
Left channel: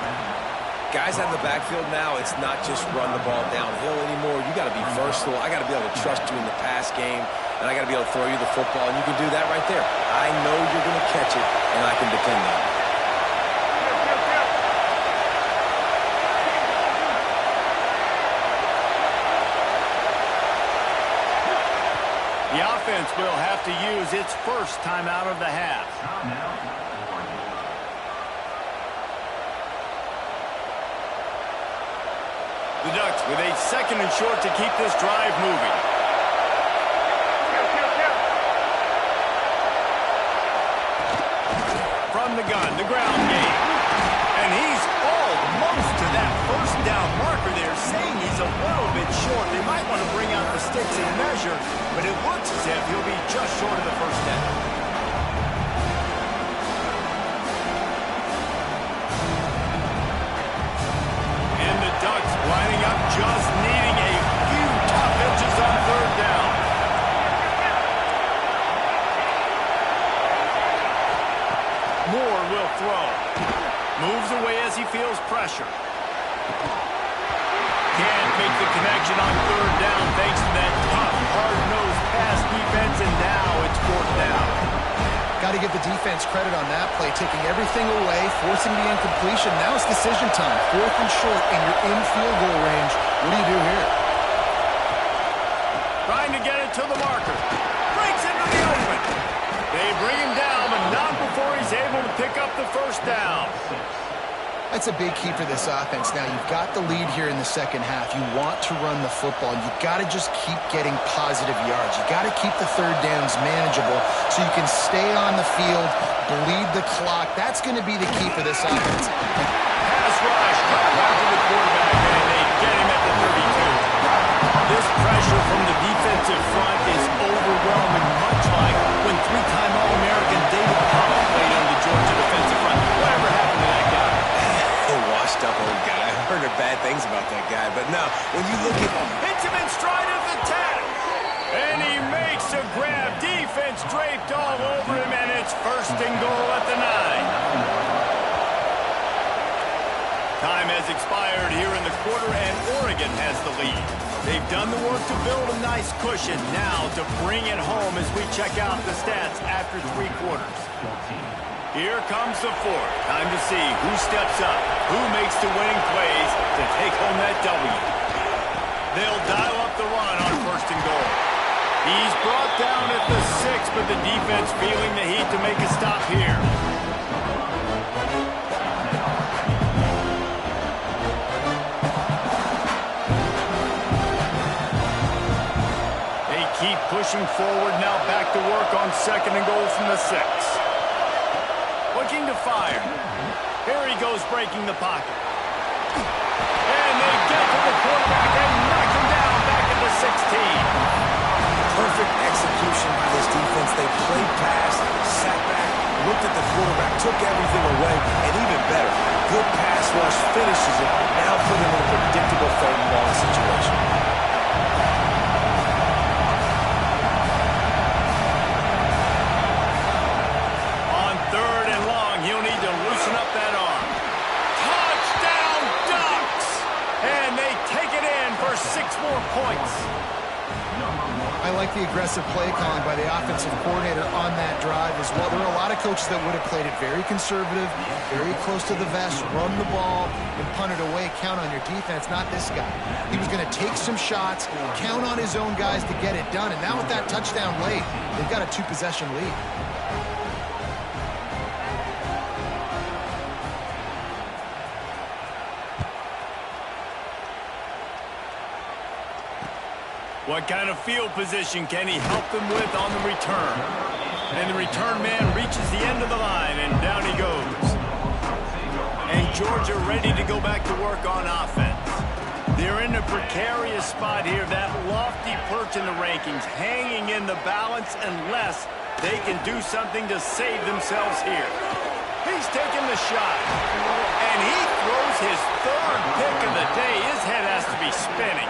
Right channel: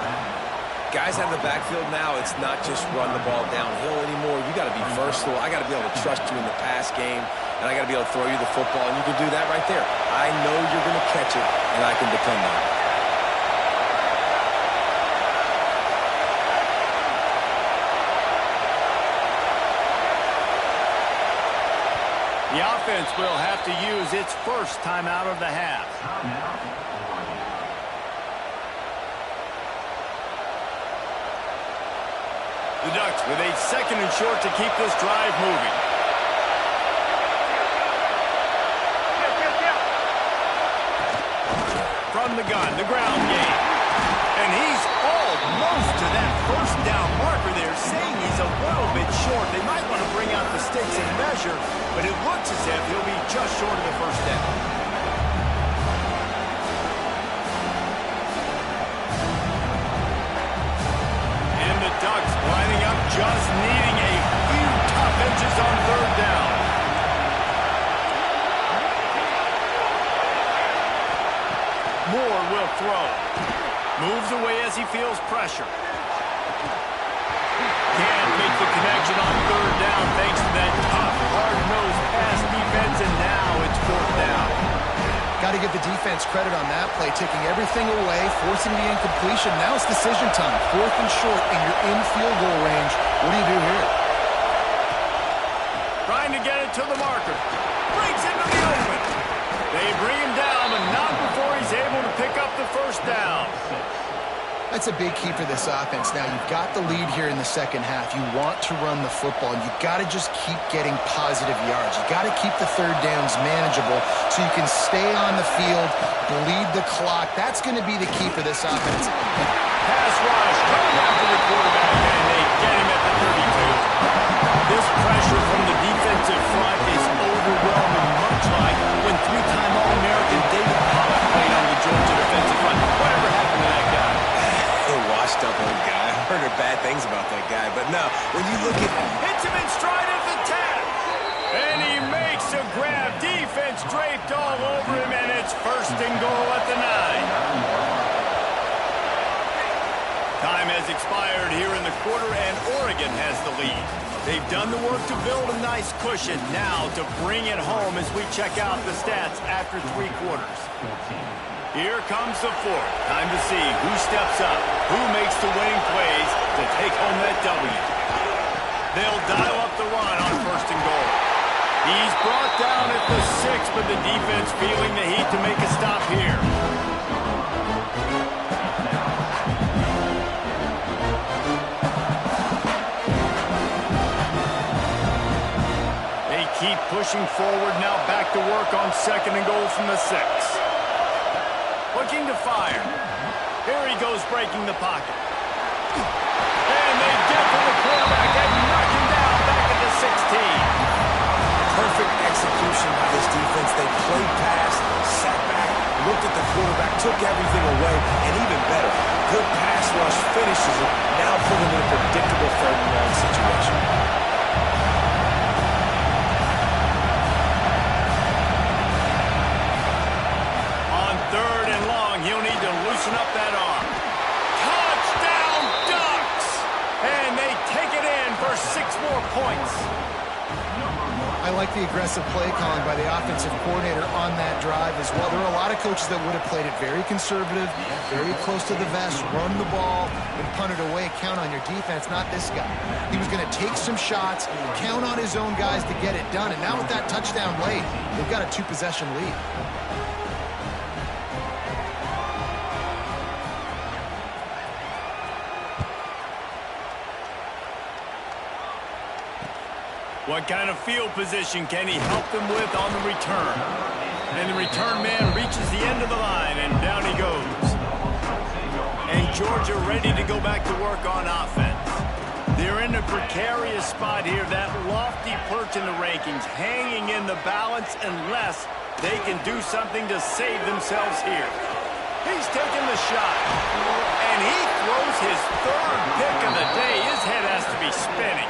Guys out of the backfield now, it's not just run the ball downhill anymore. You got to be versatile. I got to be able to trust you in the pass game, and I got to be able to throw you the football, and you can do that right there. I know you're going to catch it, and I can depend on it. The offense will have to use its first timeout of the half. The Ducks with a second and short to keep this drive moving. From the gun, the ground game. And he's almost to that first down marker there, saying he's a little bit short. They might want to bring out the sticks and measure, but it looks as if he'll be just short of the first down. Lining up, just needing a few tough inches on third down. Moore will throw. Moves away as he feels pressure. Can't make the connection on third down thanks to that tough, hard-nosed pass defense, and now it's fourth down. Got to give the defense credit on that play, taking everything away, forcing the incompletion. Now it's decision time. Fourth and short, and you're in field goal range. What do you do here? Trying to get it to the marker. Breaks into the open. They bring him down, but not before he's able to pick up the first down. That's a big key for this offense. Now, you've got the lead here in the second half. You want to run the football. You've got to just keep getting positive yards. You've got to keep the third downs manageable so you can stay on the field, bleed the clock. That's going to be the key for this offense. Pass rush coming after the quarterback, and they get him at the 32. This pressure from the defensive front is overwhelming, much like when three-time All-American David Pollock played on the Georgia defensive front. Whatever happened to that guy? Washed-up old guy. I've heard bad things about that guy. But no, when you look at... Hits him in stride of the 10. And he makes a grab. Defense draped all over him, and it's first and goal at the 9. Time has expired here in the quarter, and Oregon has the lead. They've done the work to build a nice cushion. Now to bring it home as we check out the stats after 3 quarters. Here comes the fourth. Time to see who steps up, who makes the winning plays to take home that W. They'll dial up the run on first and goal. He's brought down at the 6, but the defense feeling the heat to make a stop here. They keep pushing forward, now back to work on second and goal from the 6. Looking to fire. Here he goes, breaking the pocket. And they get to the quarterback and knock him down back at the 16. Perfect execution by this defense. They played pass, sat back, looked at the quarterback, took everything away, and even better, good pass rush finishes it, now put him in a predictable third and long situation. Third and long, he'll need to loosen up that arm. Touchdown Ducks! And they take it in for 6 more points. I like the aggressive play calling by the offensive coordinator on that drive as well. There are a lot of coaches that would have played it very conservative, very close to the vest, run the ball, and punt it away. Count on your defense, not this guy. He was going to take some shots, count on his own guys to get it done. And now with that touchdown late, they've got a 2-possession lead. What kind of field position can he help them with on the return? And the return man reaches the end of the line, and down he goes. And Georgia ready to go back to work on offense. They're in a precarious spot here, that lofty perch in the rankings, hanging in the balance unless they can do something to save themselves here. He's taking the shot, and he throws his 3rd pick of the day. His head has to be spinning.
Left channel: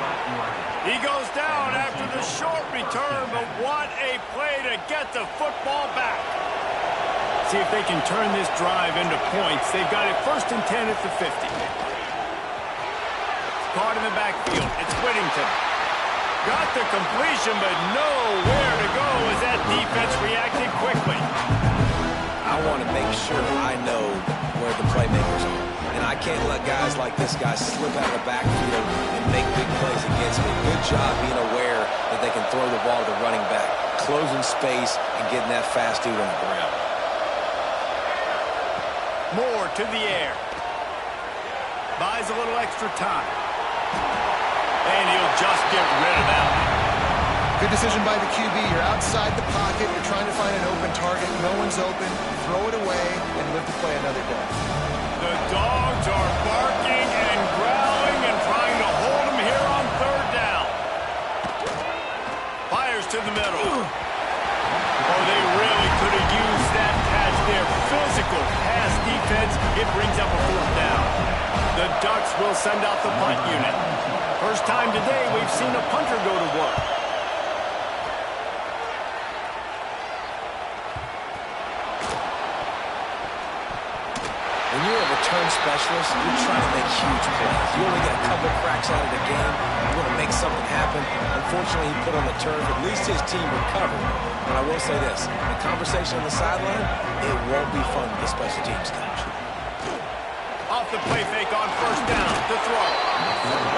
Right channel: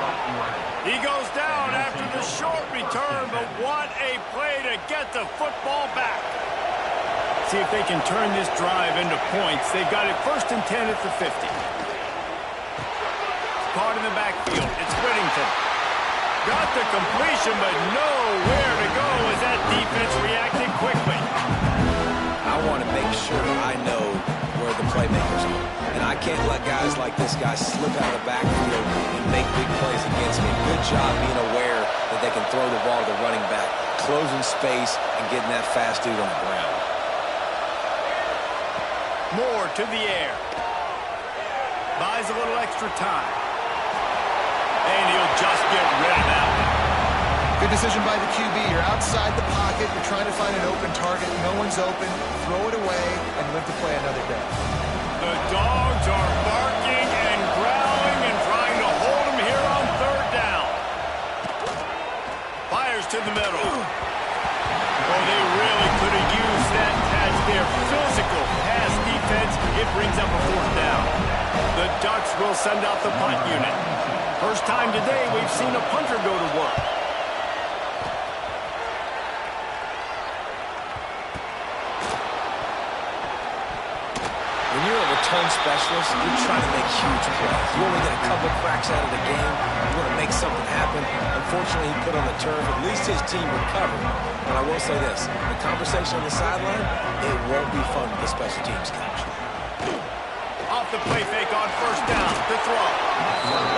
He goes down after the short return, but what a play to get the football back. See if they can turn this drive into points. They've got it 1st and 10 at the 50. Caught in the backfield. It's Whittington. Got the completion, but nowhere to go as that defense reacted quickly. I want to make sure I know where the playmakers are. And I can't let guys like this guy slip out of the backfield and make big plays against me. Good job being aware that they can throw the ball to the running back, closing space, and getting that fast dude on the ground. Moore to the air. Buys a little extra time. And he'll just get rid of that one. Good decision by the QB. You're outside the pocket. You're trying to find an open target. No one's open. Throw it away and live to play another day. The dogs are barking and growling and trying to hold him here on 3rd down. Fires to the middle. Oh, they really could have used that catch there. Physical pass defense. It brings up a 4th down. The Ducks will send out the punt unit. First time today we've seen a punter go to work. When you're a return specialist, you're trying to make huge plays. You only get a couple cracks out of the game. You want to make something happen. Unfortunately, he put on the turf. At least his team recovered. But I will say this. The conversation on the sideline, it won't be fun with the special teams coach. Off the play fake on first down. The throw.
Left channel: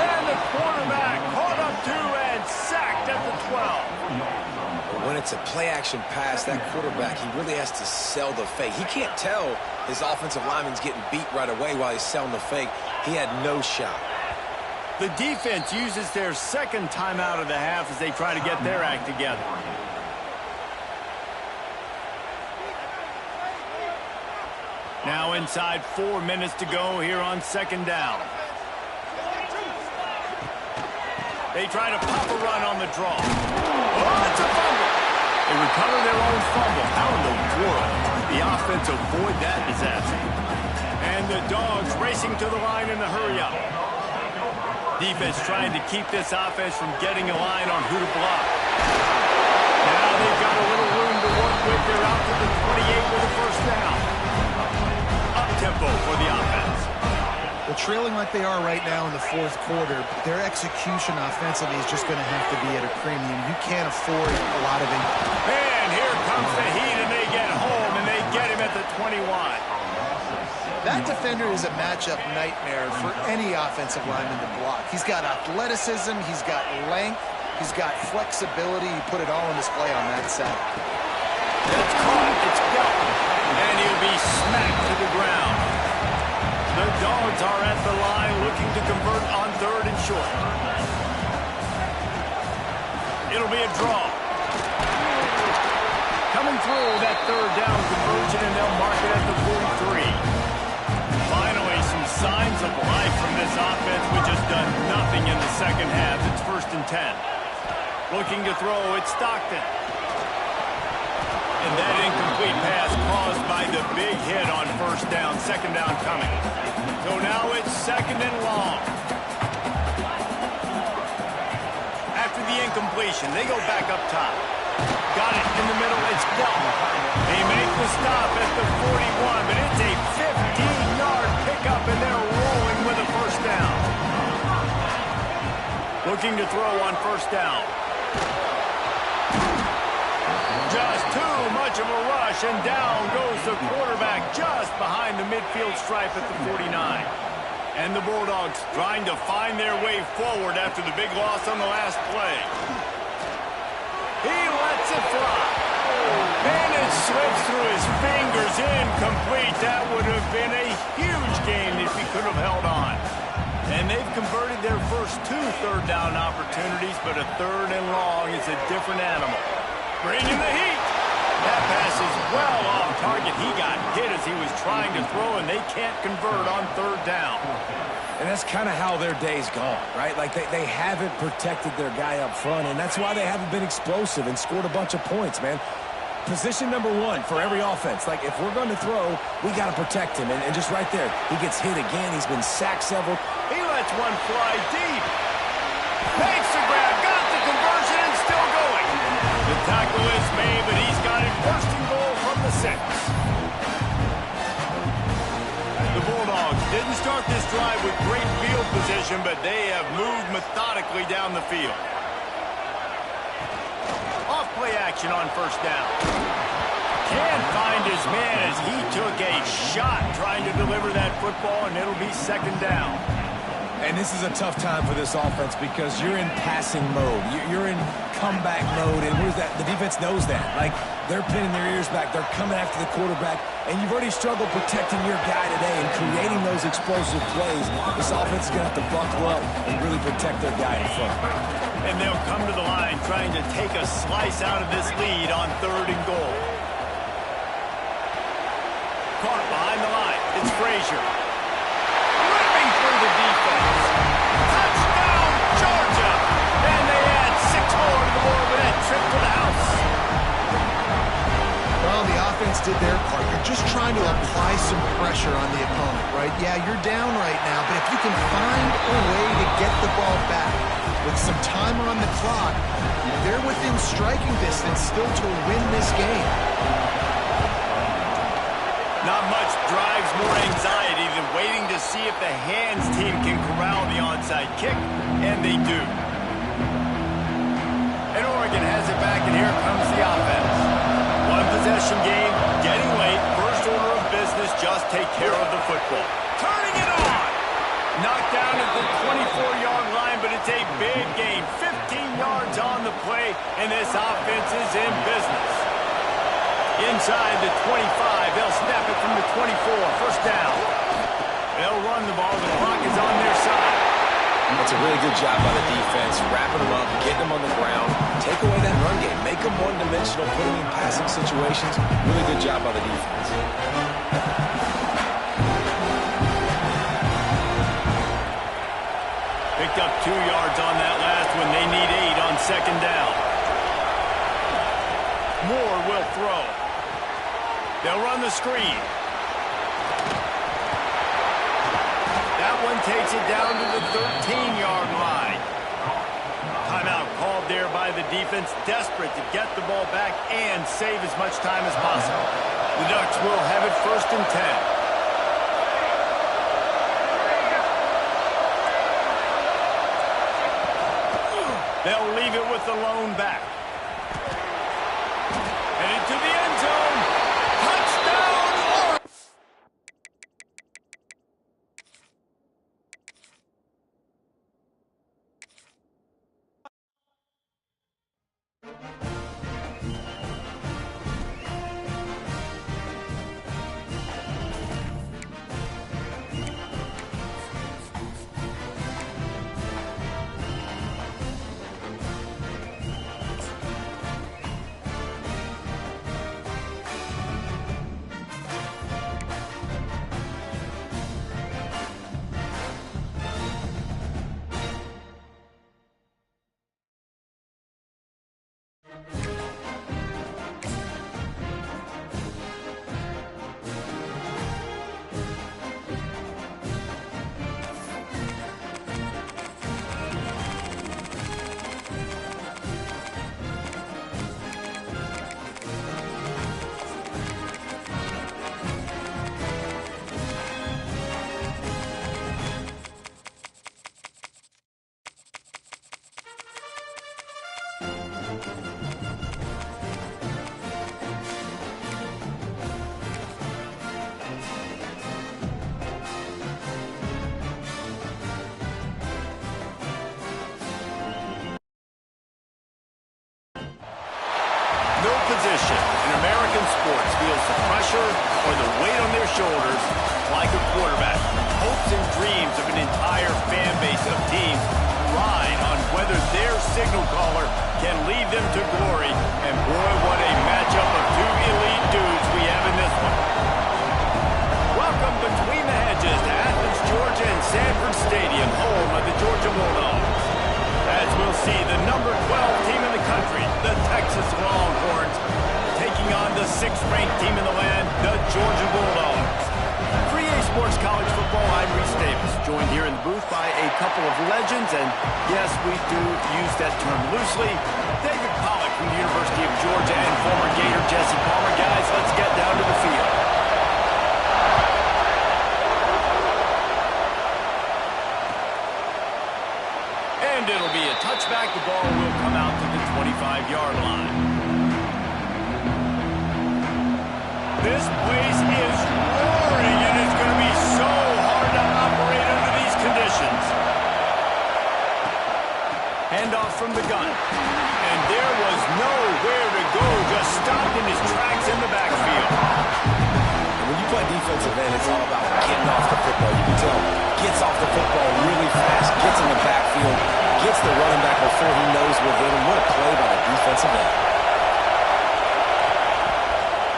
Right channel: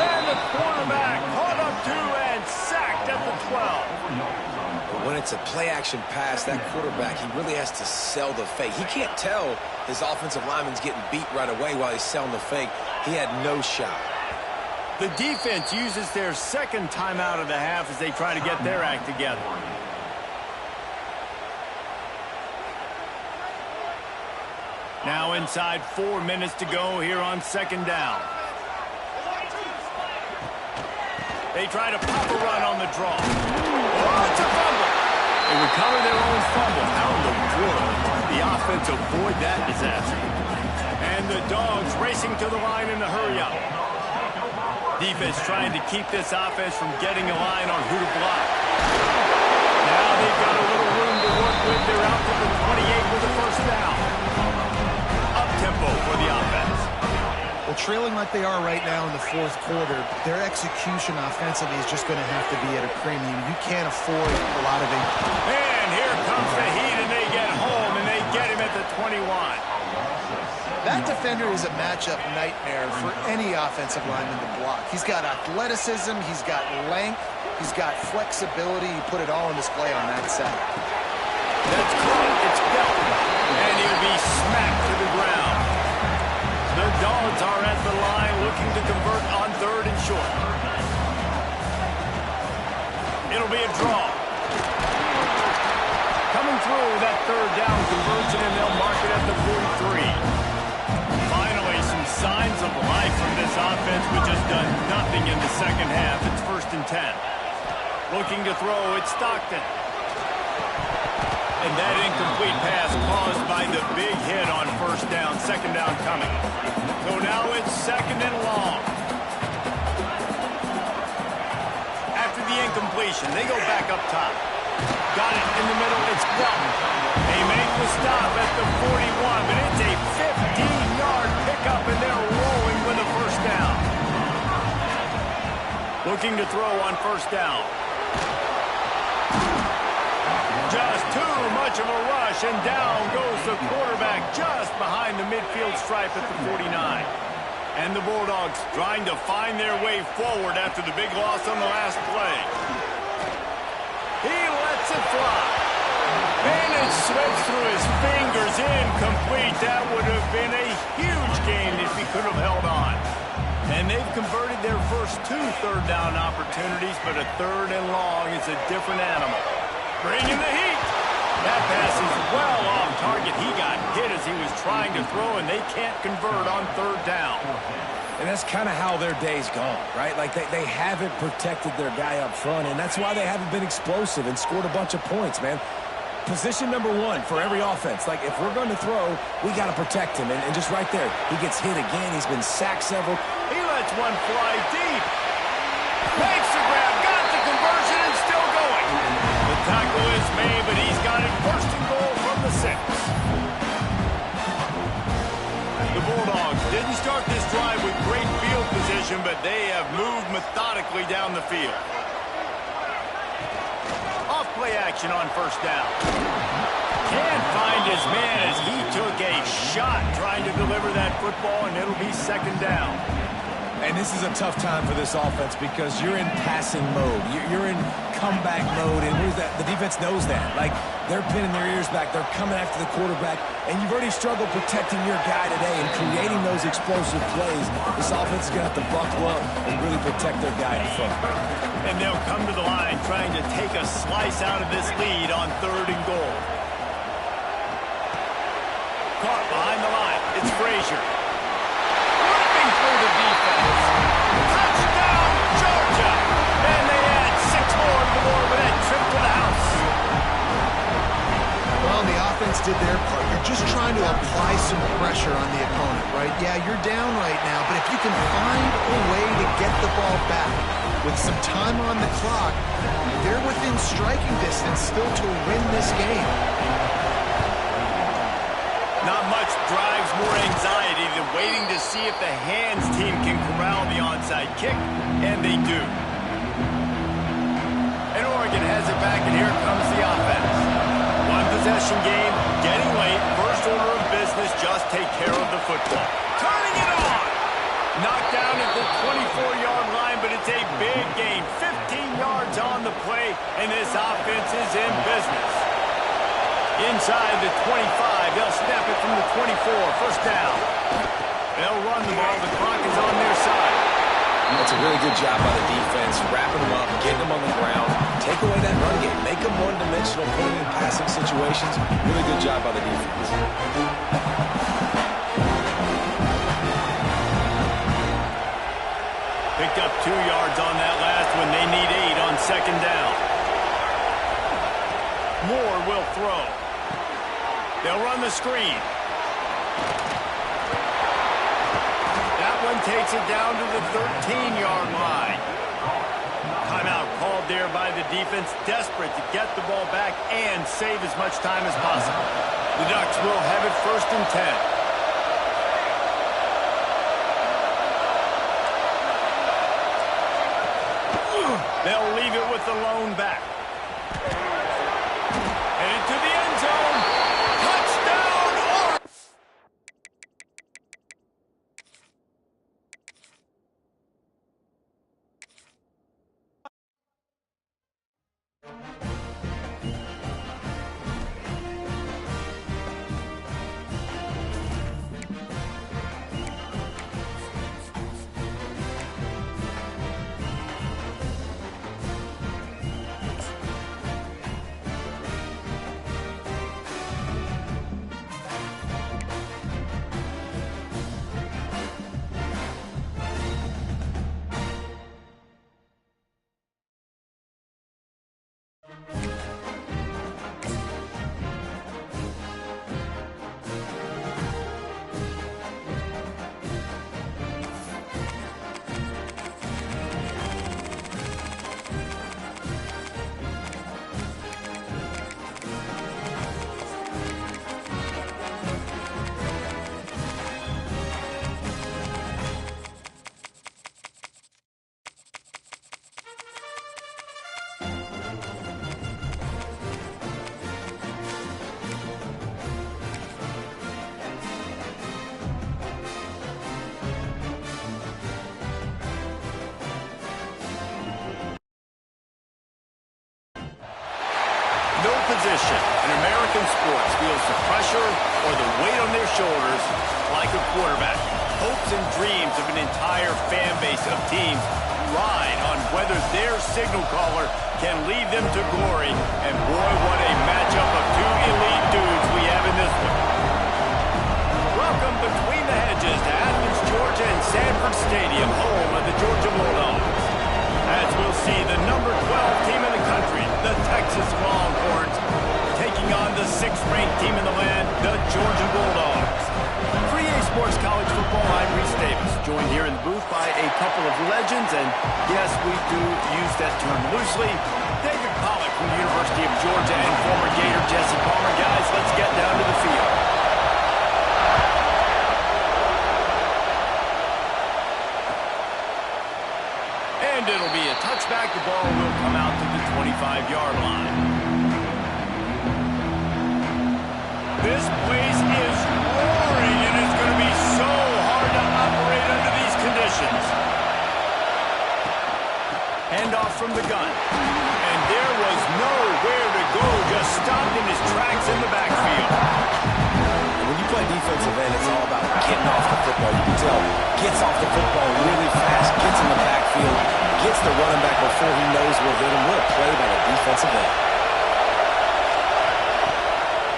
And the quarterback caught up to and sacked at the 12. But when it's a play-action pass, that quarterback, he really has to sell the fake. He can't tell his offensive lineman's getting beat right away while he's selling the fake. He had no shot. The defense uses their second timeout of the half as they try to get their act together. Now inside 4 minutes to go here on second down. They try to pop a run on the draw. Oh, it's a fumble. They recover their own fumble. How in the world the offense avoid that disaster? And the Dogs racing to the line in the hurry-up. Defense trying to keep this offense from getting a line on who to block. Now they've got a little room to work with. They're out to the 28 with a first down. Up-tempo for the offense. Well, trailing like they are right now in the fourth quarter, their execution offensively is just going to have to be at a premium. You can't afford a lot of it. And here comes the heat, and they get home, and they get him at the 21. That defender is a matchup nightmare for any offensive lineman to block. He's got athleticism, he's got length, he's got flexibility. He put it all on display on that sack. That's caught. It's dealt. And he'll be smacked to the ground. The Dogs are at the line looking to convert on third and short. It'll be a draw. Coming through that third down conversion, and they'll mark it at the 43. Finally, some signs of life from this offense, which has done nothing in the second half. It's 1st and 10. Looking to throw, it's Stockton. And that incomplete pass caused by the big hit on first down. Second down coming. So now it's second and long. After the incompletion, they go back up top. Got it in the middle. It's Delton. They make the stop at the 41, but it's a 15-yard pickup, and they're rolling with a first down. Looking to throw on first down. Just too much of a rush, and down goes the quarterback just behind the midfield stripe at the 49. And the Bulldogs trying to find their way forward after the big loss on the last play. He lets it fly. And it slips through his fingers, incomplete. That would have been a huge gain if he could have held on. And they've converted their first 2 third down opportunities, but a third and long is a different animal. Bringing the heat. That pass is well off target. He got hit as he was trying to throw, and they can't convert on third down. And that's kind of how their day's gone, right? Like they haven't protected their guy up front, and that's why they haven't been explosive and scored a bunch of points, man. Position number 1 for every offense. Like, if we're going to throw, we got to protect him. And just right there, he gets hit again. He's been sacked several. He lets one fly deep. Makes the grab, got the conversion, and still going. The tackle is made, but he's got it first and goal from the 6. The Bulldogs didn't start this drive with great field position, but they have moved methodically down the field. Off play action on first down. Can't find his man as he took a shot trying to deliver that football, and it'll be second down. And this is a tough time for this offense because you're in passing mode. You're in comeback mode, and what is that? The defense knows that. Like, they're pinning their ears back. They're coming after the quarterback, and you've already struggled protecting your guy today and creating those explosive plays. This offense is going to have to buckle up and really protect their guy in front. And they'll come to the line trying to take a slice out of this lead on third and goal. Caught behind the line. It's Frazier. Ripping through the defense. Touchdown, Georgia! And they add 6 more to the board with that trip to the house. Well, the offense did their part. You're just trying to apply some pressure on the opponent, right? Yeah, you're down right now, but if you can find a way to get the ball back with some time on the clock, they're within striking distance still to win this game. Not much drives more anxiety than waiting to see if the hands team can corral the onside kick, and they do. And Oregon has it back, and here comes the offense. One possession game, getting late. First order of business, just take care of the football. Turning it on! Knocked down at the 24-yard line, but it's a big gain. 15 yards on the play, and this offense is in business. Inside the 25, they'll snap it from the 24. First down. They'll run the ball. The clock is on their side. That's a really good job by the defense, wrapping them up, getting them on the ground. Take away that run game. Make them one-dimensional, put them in passing situations. Really good job by the defense. Picked up 2 yards on that last one. They need 8 on second down. Moore will throw. They'll run the screen. That one takes it down to the 13-yard line. Timeout called there by the defense, desperate to get the ball back and save as much time as possible. The Ducks will have it first and 10. They'll leave it with the lone back. Headed to the end zone. Touchdown, Oregon! No position in American sports feels the pressure or the weight on their shoulders like a quarterback. Hopes and dreams of an entire fan base of teams ride on whether their signal caller can lead them to glory. And boy, what a matchup of two elite dudes we have in this one. Welcome between the hedges to Athens, Georgia and Sanford Stadium, home of the Georgia Bulldogs. As we'll see the number 12 team in the country, the Texas Longhorns, taking on the 6th-ranked team in the land, the Georgia Bulldogs. For EA Sports College Football, I'm Reese Davis, joined here in the booth by a couple of legends, and yes, we do use that term loosely. David Pollack from the University of Georgia and former Gator Jesse Palmer. Guys, let's get down to the field. And it'll be a touchback. The ball will come out to the 25-yard line. This place is roaring, and it's going to be so hard to operate under these conditions. Handoff from the gun. And there was nowhere to go, just stopped in his tracks in the backfield. When you play defensive end, it's all about getting off the football. You can tell, gets off the football really fast, gets in the backfield, gets the running back before he knows what hit him. What a play by the defensive end.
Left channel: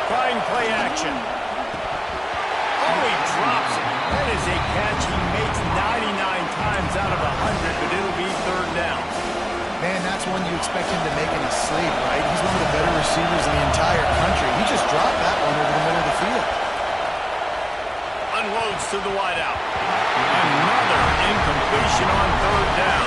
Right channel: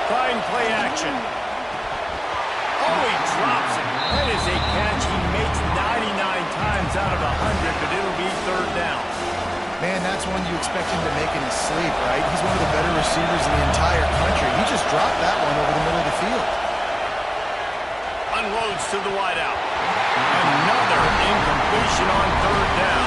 Trying play action. Oh, he drops it. That is a catch he makes 99 times out of 100, but it'll be third down. Man, that's one you expect him to make in his sleep, right? He's one of the better receivers in the entire country. He just dropped that one over the middle of the field. Unloads to the wideout. Another incompletion on third down.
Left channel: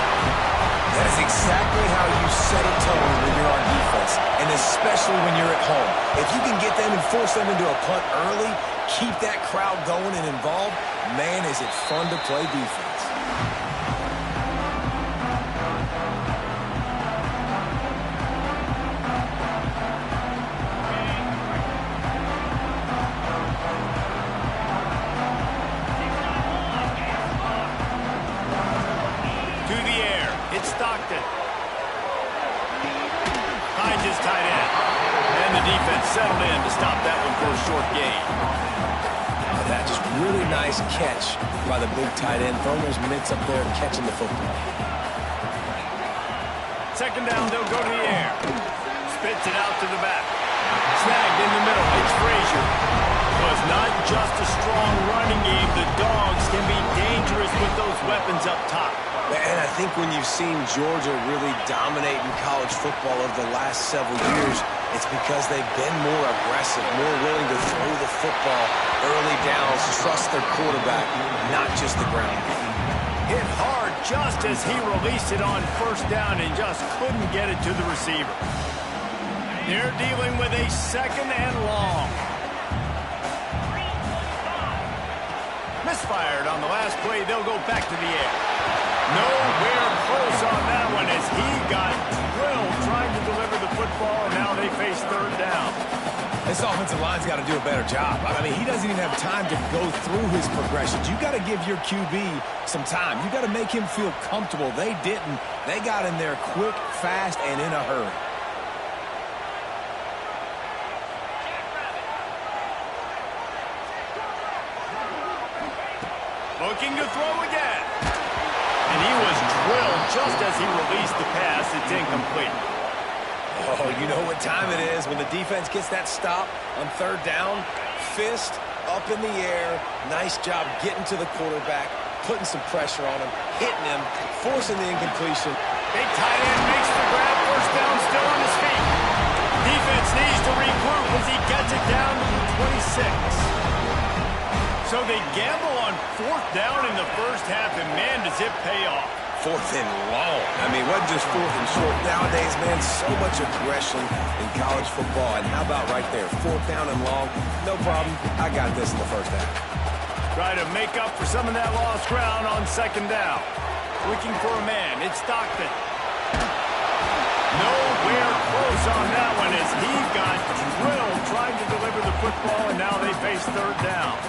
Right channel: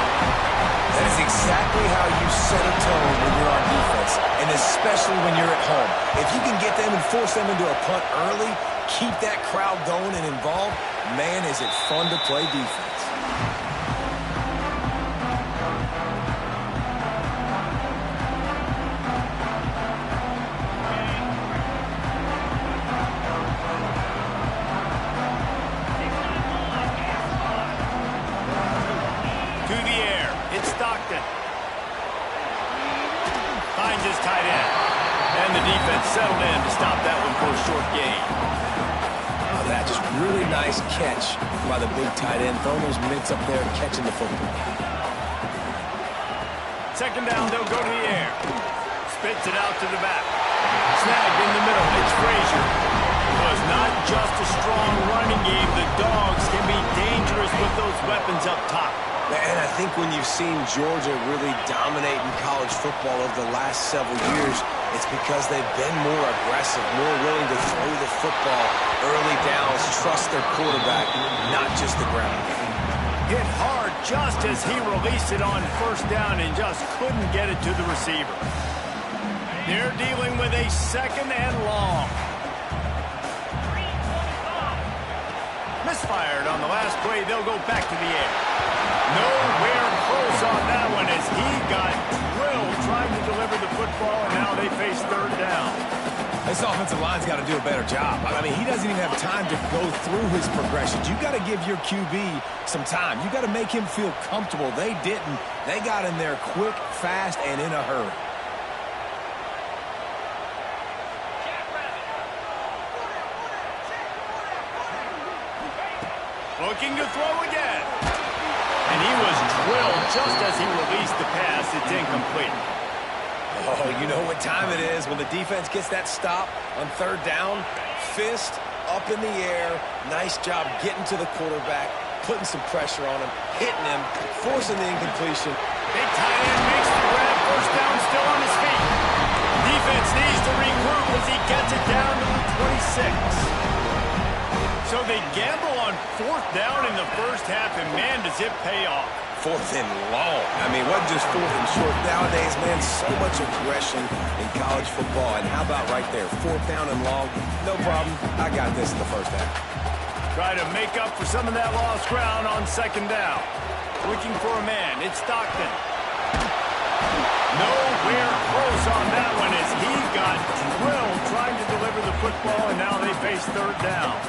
That is exactly how you set a tone when you're on defense, and especially when you're at home. If you can get them and force them into a punt early, keep that crowd going and involved, man, is it fun to play defense. Finds his tight end. And the defense settled in to stop that one for a short gain. Oh, that just really nice catch by the big tight end. Throwing his mitts up there and catching the football. Second down, they'll go to the air. Spits it out to the back. Snagged in the middle. It's Frazier. So it's not just a strong running game. The Dogs can be dangerous with those weapons up top. And I think when you've seen Georgia really dominate in college football over the last several years, it's because they've been more aggressive, more willing to throw the football early downs, trust their quarterback, not just the ground game. Hit hard just as he released it on first down and just couldn't get it to the receiver. They're dealing with a second and long. Misfired on the last play. They'll go back to the air. Nowhere close on that one as he got drilled trying to deliver the football, and now they face third down. This offensive line's got to do a better job. I mean, he doesn't even have time to go through his progressions. You got to give your QB some time. You got to make him feel comfortable. They didn't. They got in there quick, fast, and in a hurry. Looking to throw again. And he was drilled just as he released the pass. It's incomplete. Oh, you know what time it is when the defense gets that stop on third down. Fist up in the air. Nice job getting to the quarterback, putting some pressure on him, hitting him, forcing the incompletion. Big tight end makes the grab. First down, still on his feet. Defense needs to regroup as he gets it down to the 26. So they gamble on fourth down in the first half, and man, does it pay off. Fourth and long. I mean, what just fourth and short? Nowadays, man, so much aggression in college football. And how about right there, fourth down and long? No problem. I got this in the first half. Try to make up for some of that lost ground on second down. Looking for a man. It's Stockton. Nowhere close on that one as he got drilled trying to deliver the football, and now they face third down.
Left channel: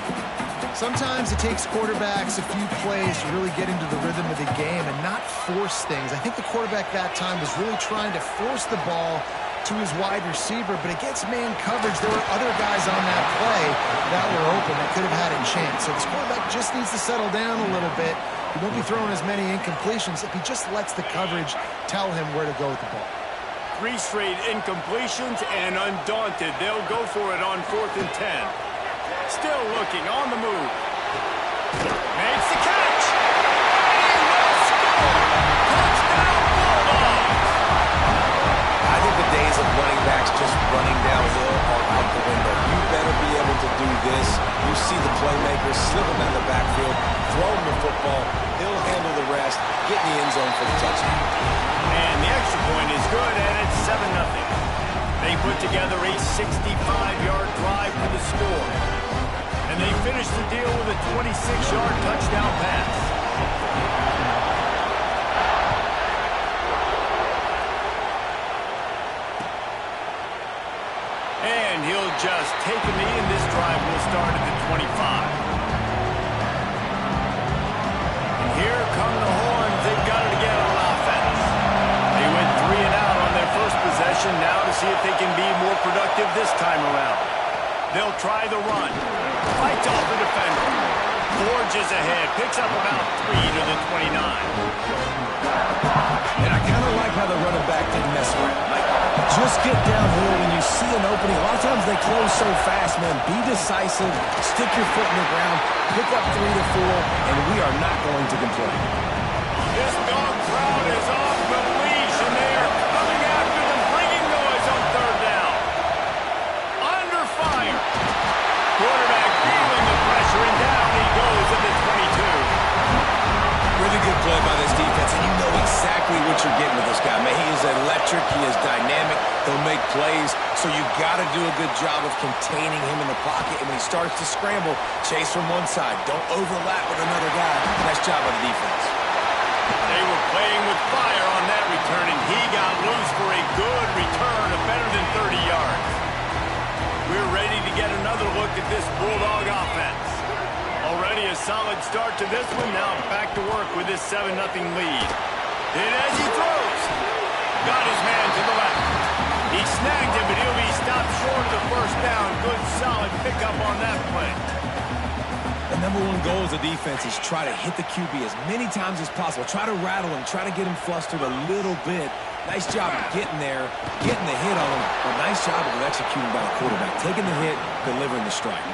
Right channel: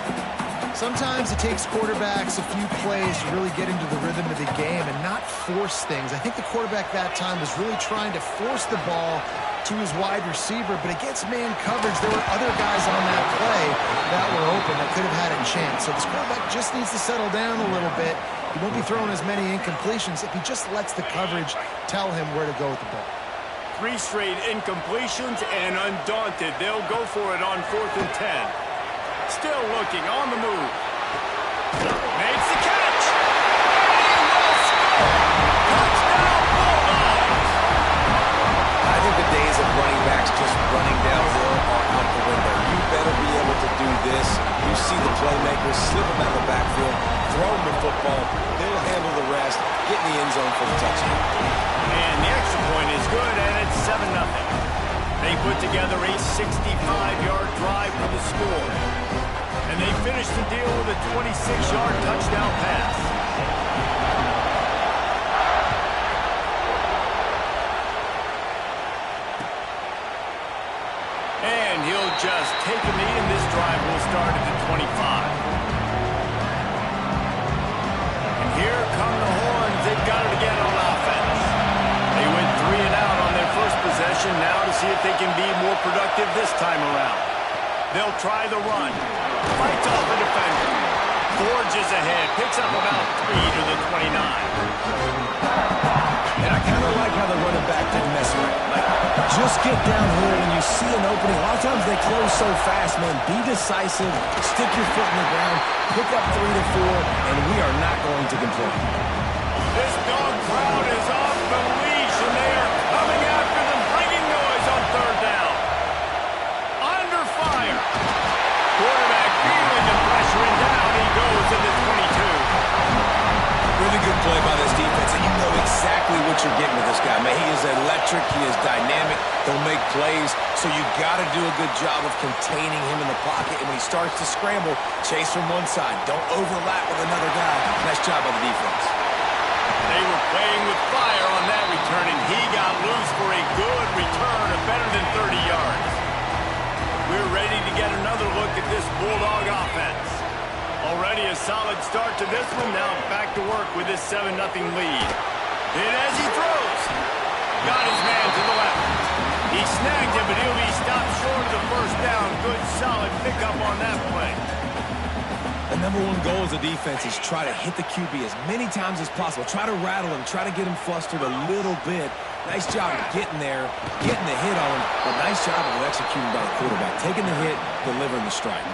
Sometimes it takes quarterbacks a few plays to really get into the rhythm of the game and not force things. I think the quarterback that time was really trying to force the ball to his wide receiver, but against man coverage, there were other guys on that play that were open that could have had a chance. So this quarterback just needs to settle down a little bit. He won't be throwing as many incompletions if he just lets the coverage tell him where to go with the ball. 3 straight incompletions, and undaunted, they'll go for it on 4th and 10. Still looking, on the move. Makes the catch. And he will score. Touchdown, Bulldogs. I think the days of running backs just running downhill are out the window. You better be able to do this. You see the playmakers slip him out of the backfield, throw him the football. He'll handle the rest, get in the end zone for the touchdown. And the extra point is good, and it's 7-0. They put together a 65-yard drive for the score. And they finished the deal with a 26-yard touchdown pass. And he'll just take a knee, and this drive will start at the 25. And here come the horns. They've got it again on offense. They went 3 and out on their first possession. Now to see if they can be more productive this time around. They'll try the run. Fights off a defender. Forges ahead. Picks up about 3 to the 29. And I kind of like how the running back didn't mess around. Like, just get downhill when you see an opening. A lot of times they close so fast, man. Be decisive. Stick your foot in the ground. Pick up 3 to 4, and we are not going to complain. This dog crowd is off the leash, and exactly what you're getting with this guy, man. He is electric. He is dynamic. He'll make plays. So you got to do a good job of containing him in the pocket. And when he starts to scramble, chase from one side. Don't overlap with another guy. Nice job by the defense. They were playing with fire on that return, and he got loose for a good return of better than 30 yards. We're ready to get another look at this Bulldog offense. Already a solid start to this one. Now back to work with this 7-0 lead. And as he throws, got his man to the left. He snagged him, but he'll be stopped short of the first down. Good, solid pickup on that play. The number one goal as a defense is try to hit the QB as many times as possible. Try to rattle him, try to get him flustered a little bit. Nice job of getting there, getting the hit on him, but nice job of executing by the quarterback. Taking the hit, delivering the strike.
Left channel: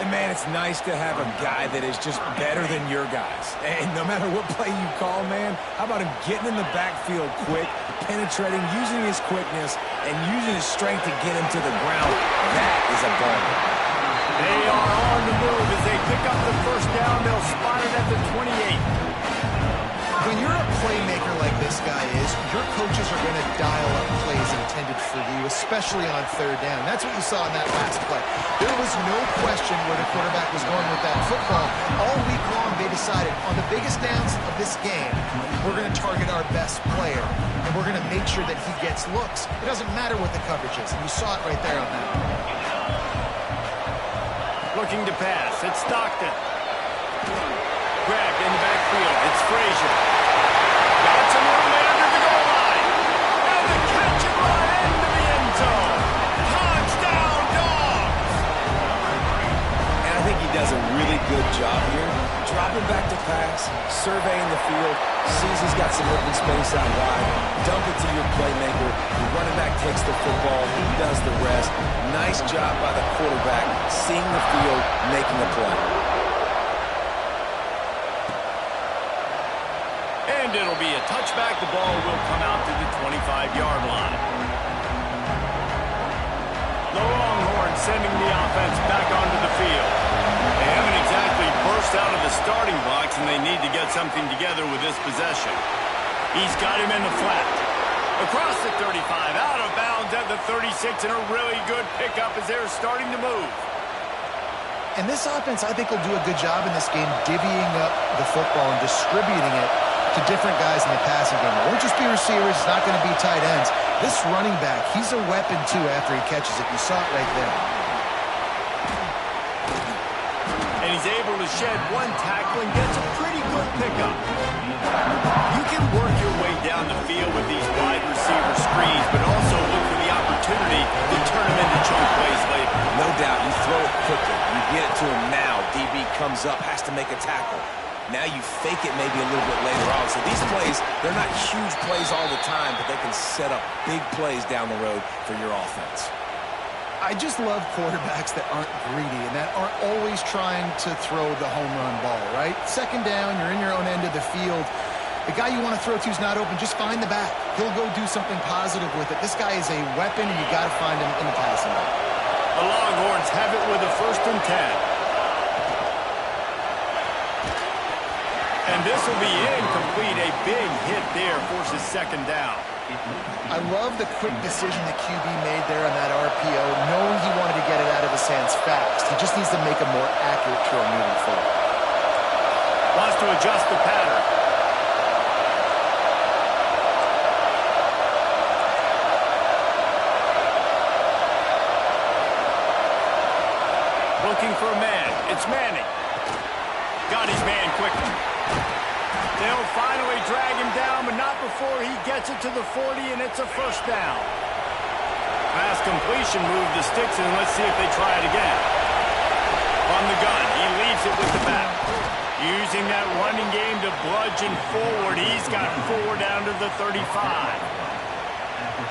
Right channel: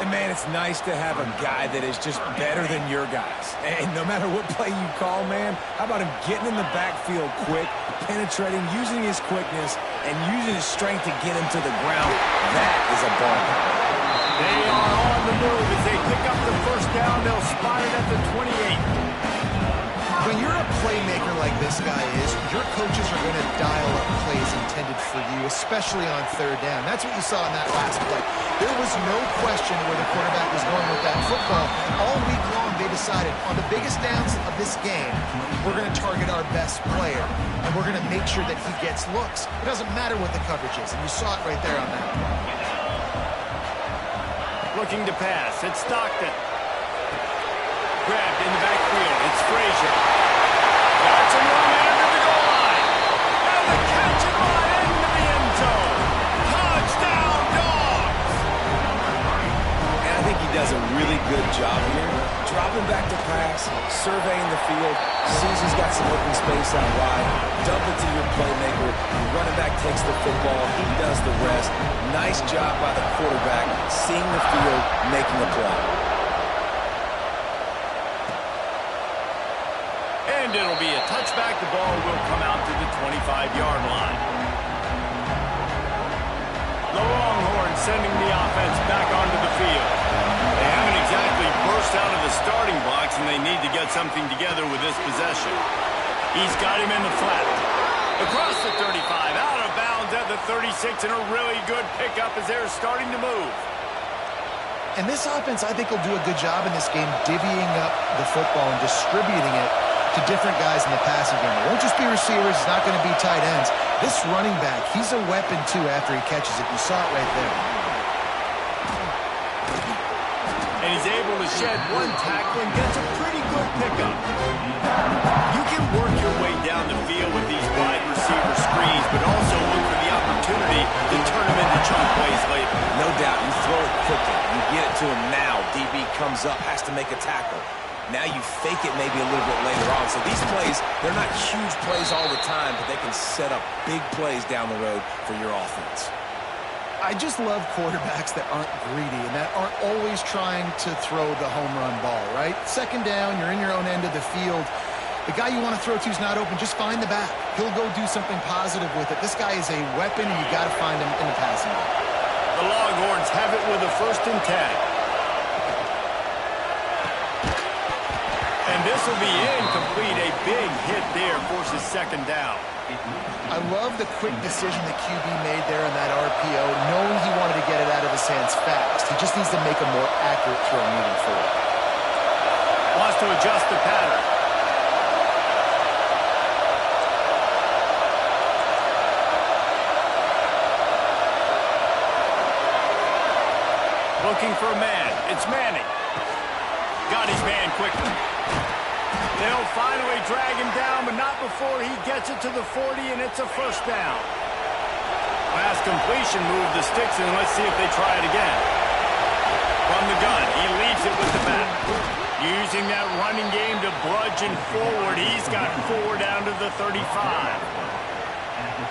And, man, it's nice to have a guy that is just better than your guys. And no matter what play you call, man, how about him getting in the backfield quick, penetrating, using his quickness, and using his strength to get him to the ground. That is a ball. They are on the move as they pick up the first down. They'll spot it at the 28. When you're a playmaker like this guy is, your coaches are going to dial up plays intended for you, especially on third down. That's what you saw in that last play. There was no question where the quarterback was going with that football. All week long, they decided on the biggest downs of this game, we're going to target our best player, and we're going to make sure that he gets looks. It doesn't matter what the coverage is, and you saw it right there on that. Looking to pass. It's Stockton. Grabbed in the backfield. It's Frazier. Got some room in under the goal line. And the catch and run into the end zone. Touchdown, Dogs! And I think he does a really good job here. Dropping back to pass, surveying the field, sees he's got some open space out wide, dump it to your playmaker. Your running back takes the football. He does the rest. Nice job by the quarterback, seeing the field, making a play. And it'll be a touchback. The ball will come out to the 25-yard line. The Longhorns sending the offense back onto the field. They haven't exactly burst out of the starting blocks, and they need to get something together with this possession. He's got him in the flat. Across the 35, out of bounds at the 36, and a really good pickup as they're starting to move. And this offense, I think, will do a good job in this game divvying up the football and distributing it to different guys in the passing game. It won't just be receivers. It's not going to be tight ends. This running back, he's a weapon, too, after he catches it. You saw it right there. And he's able to shed one tackle and gets a pretty good pickup. You can work your way down the field with these wide receiver screens, but also look for the opportunity to turn them into chunk plays later. No doubt, you throw it quickly. You get it to him now. DB comes up, has to make a tackle. Now you fake it maybe a little bit later on. So these plays, they're not huge plays all the time, but they can set up big plays down the road for your offense. I just love quarterbacks that aren't greedy and that aren't always trying to throw the home run ball, right? Second down, you're in your own end of the field. The guy you want to throw to is not open. Just find the back. He'll go do something positive with it. This guy is a weapon, and you got to find him in the passing game. The Longhorns have it with a 1st and 10. And this will be incomplete. A big hit there forces 2nd down. I love the quick decision the QB made there on that RPO, knowing he wanted to get it out of his hands fast. He just needs to make a more accurate throw moving forward. Wants to adjust the pattern. Looking for a man. It's Manning. Got his man quickly. They'll finally drag him down, but not before he gets it to the 40, and it's a 1st down. Pass completion, move the sticks, and let's see if they try it again. From the gun, he leaves it with the back. Using that running game to bludgeon forward, he's got 4 down to the 35.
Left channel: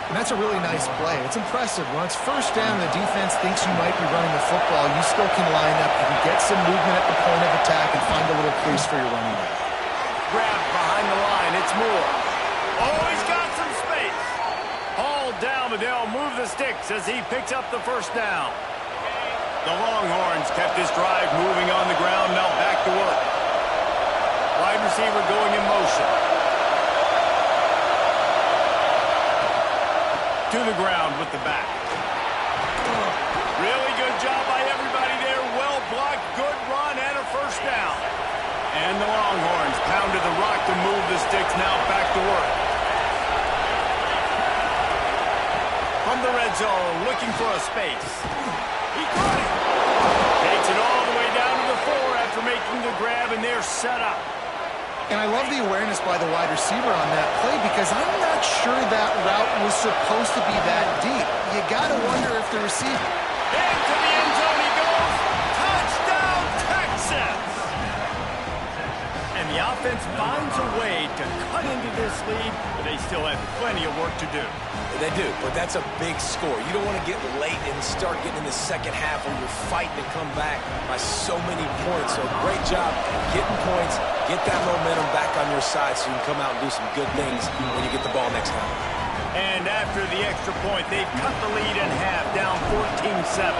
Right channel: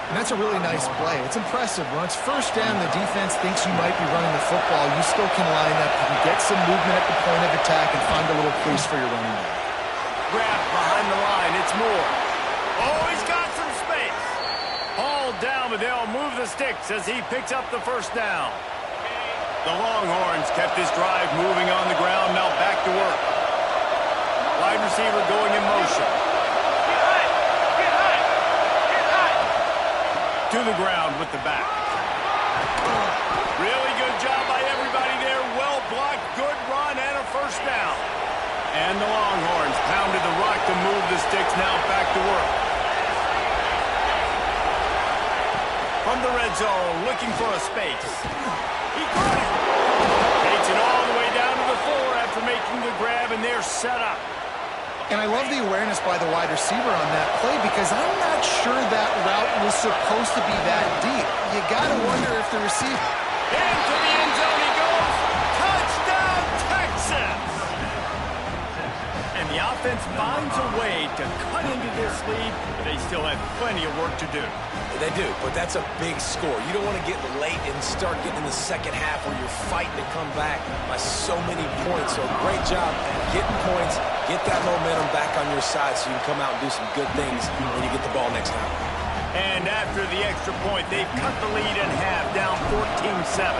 And that's a really nice play. It's impressive. When it's 1st down, the defense thinks you might be running the football. You still can line up. You can get some movement at the point of attack and find a little crease for your running back. Grabbed behind the line. It's Moore. Oh, he's got some space. Hauled down, but they'll move the sticks as he picks up the 1st down. The Longhorns kept this drive moving on the ground. Now back to work. Wide receiver going in motion. To the ground with the back. Really good job by everybody there. Well blocked, good run, and a first down. And the Longhorns pounded the rock to move the sticks. Now back to work. From the red zone, looking for a space. He caught it. Takes it all the way down to the 4 after making the grab, and they're set up. And I love the awareness by the wide receiver on that play because I'm not sure that route was supposed to be that deep. You got to wonder if the receiver... Into the end zone he goes. Touchdown, Texas! And the offense finds a way to cut into this lead, but they still have plenty of work to do. They do, but that's a big score. You don't want to get late and start getting in the second half where you're fighting to come back by so many points. So great job getting points, get that momentum back on your side so you can come out and do some good things when you get the ball next time. And after the extra point, they've cut the lead in half, down 14-7.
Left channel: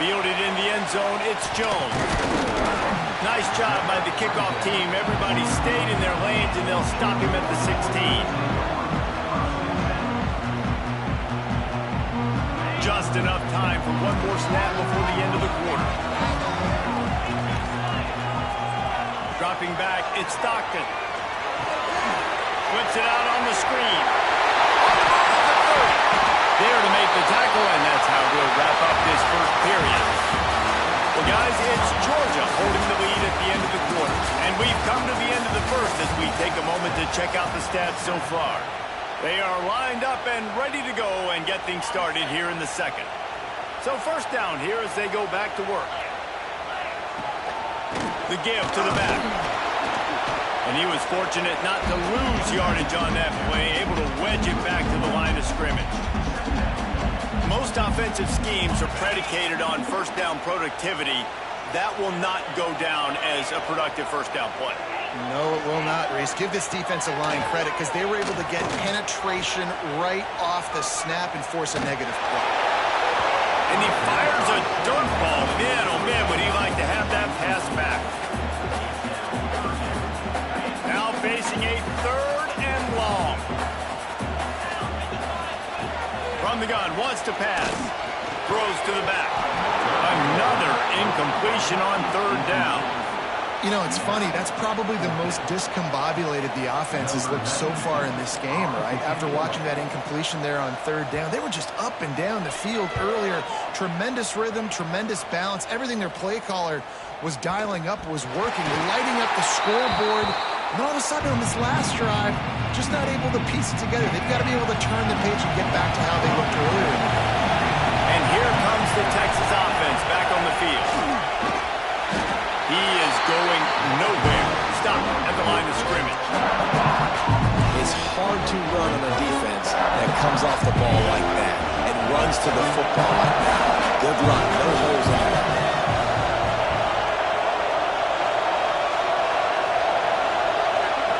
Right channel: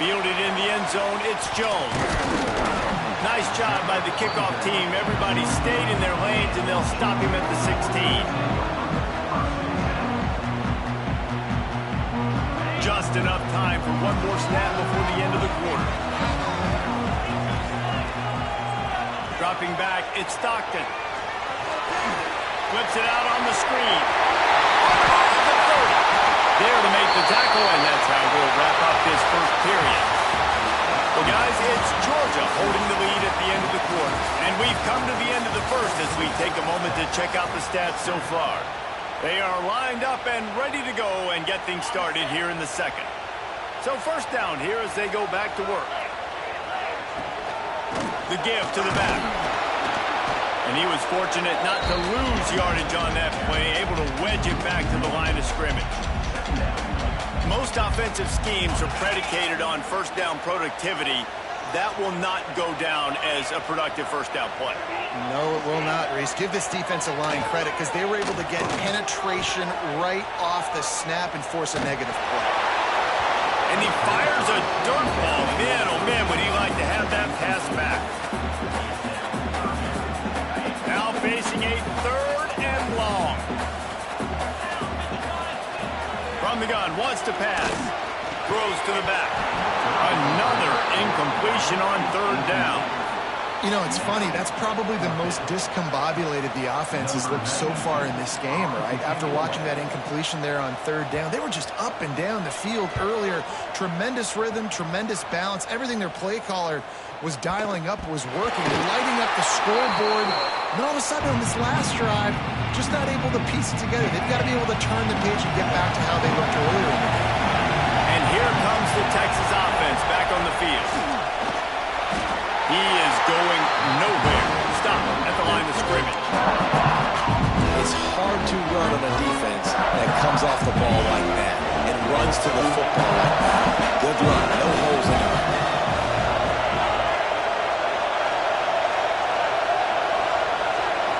Fielded in the end zone, it's Jones. Nice job by the kickoff team. Everybody stayed in their lanes, and they'll stop him at the 16. Just enough time for one more snap before the end of the quarter. Dropping back, it's Stockton. Flips it out on the screen. On the ball at the 30. There to make the tackle, and that's how we'll wrap up this first period. Well, guys, it's Georgia holding the lead at the end of the quarter. And we've come to the end of the first as we take a moment to check out the stats so far. They are lined up and ready to go and get things started here in the second. So first down here as they go back to work. The give to the back. And he was fortunate not to lose yardage on that play, able to wedge it back to the line of scrimmage. Most offensive schemes are predicated on first down productivity. That will not go down as a productive first down play. No, it will not, Reese. Give this defensive line credit because they were able to get penetration right off the snap and force a negative play. And he fires a dirt ball. Man, oh man, would he like to have that pass back. Now facing a 3rd and long. From the gun, wants to pass. Throws to the back. Another incompletion on 3rd down. You know, it's funny. That's probably the most discombobulated the offense has looked so far in this game, right? After watching that incompletion there on 3rd down, they were just up and down the field earlier. Tremendous rhythm, tremendous balance. Everything their play caller was dialing up was working, lighting up the scoreboard. And then all of a sudden on this last drive, just not able to piece it together. They've got to be able to turn the page and get back to how they looked earlier in the game. And here comes the Texas offense back on the field. He is going nowhere. Stop at the line of scrimmage. It's hard to run on a defense that comes off the ball like that and runs to the football like that. Good run. No holes anywhere.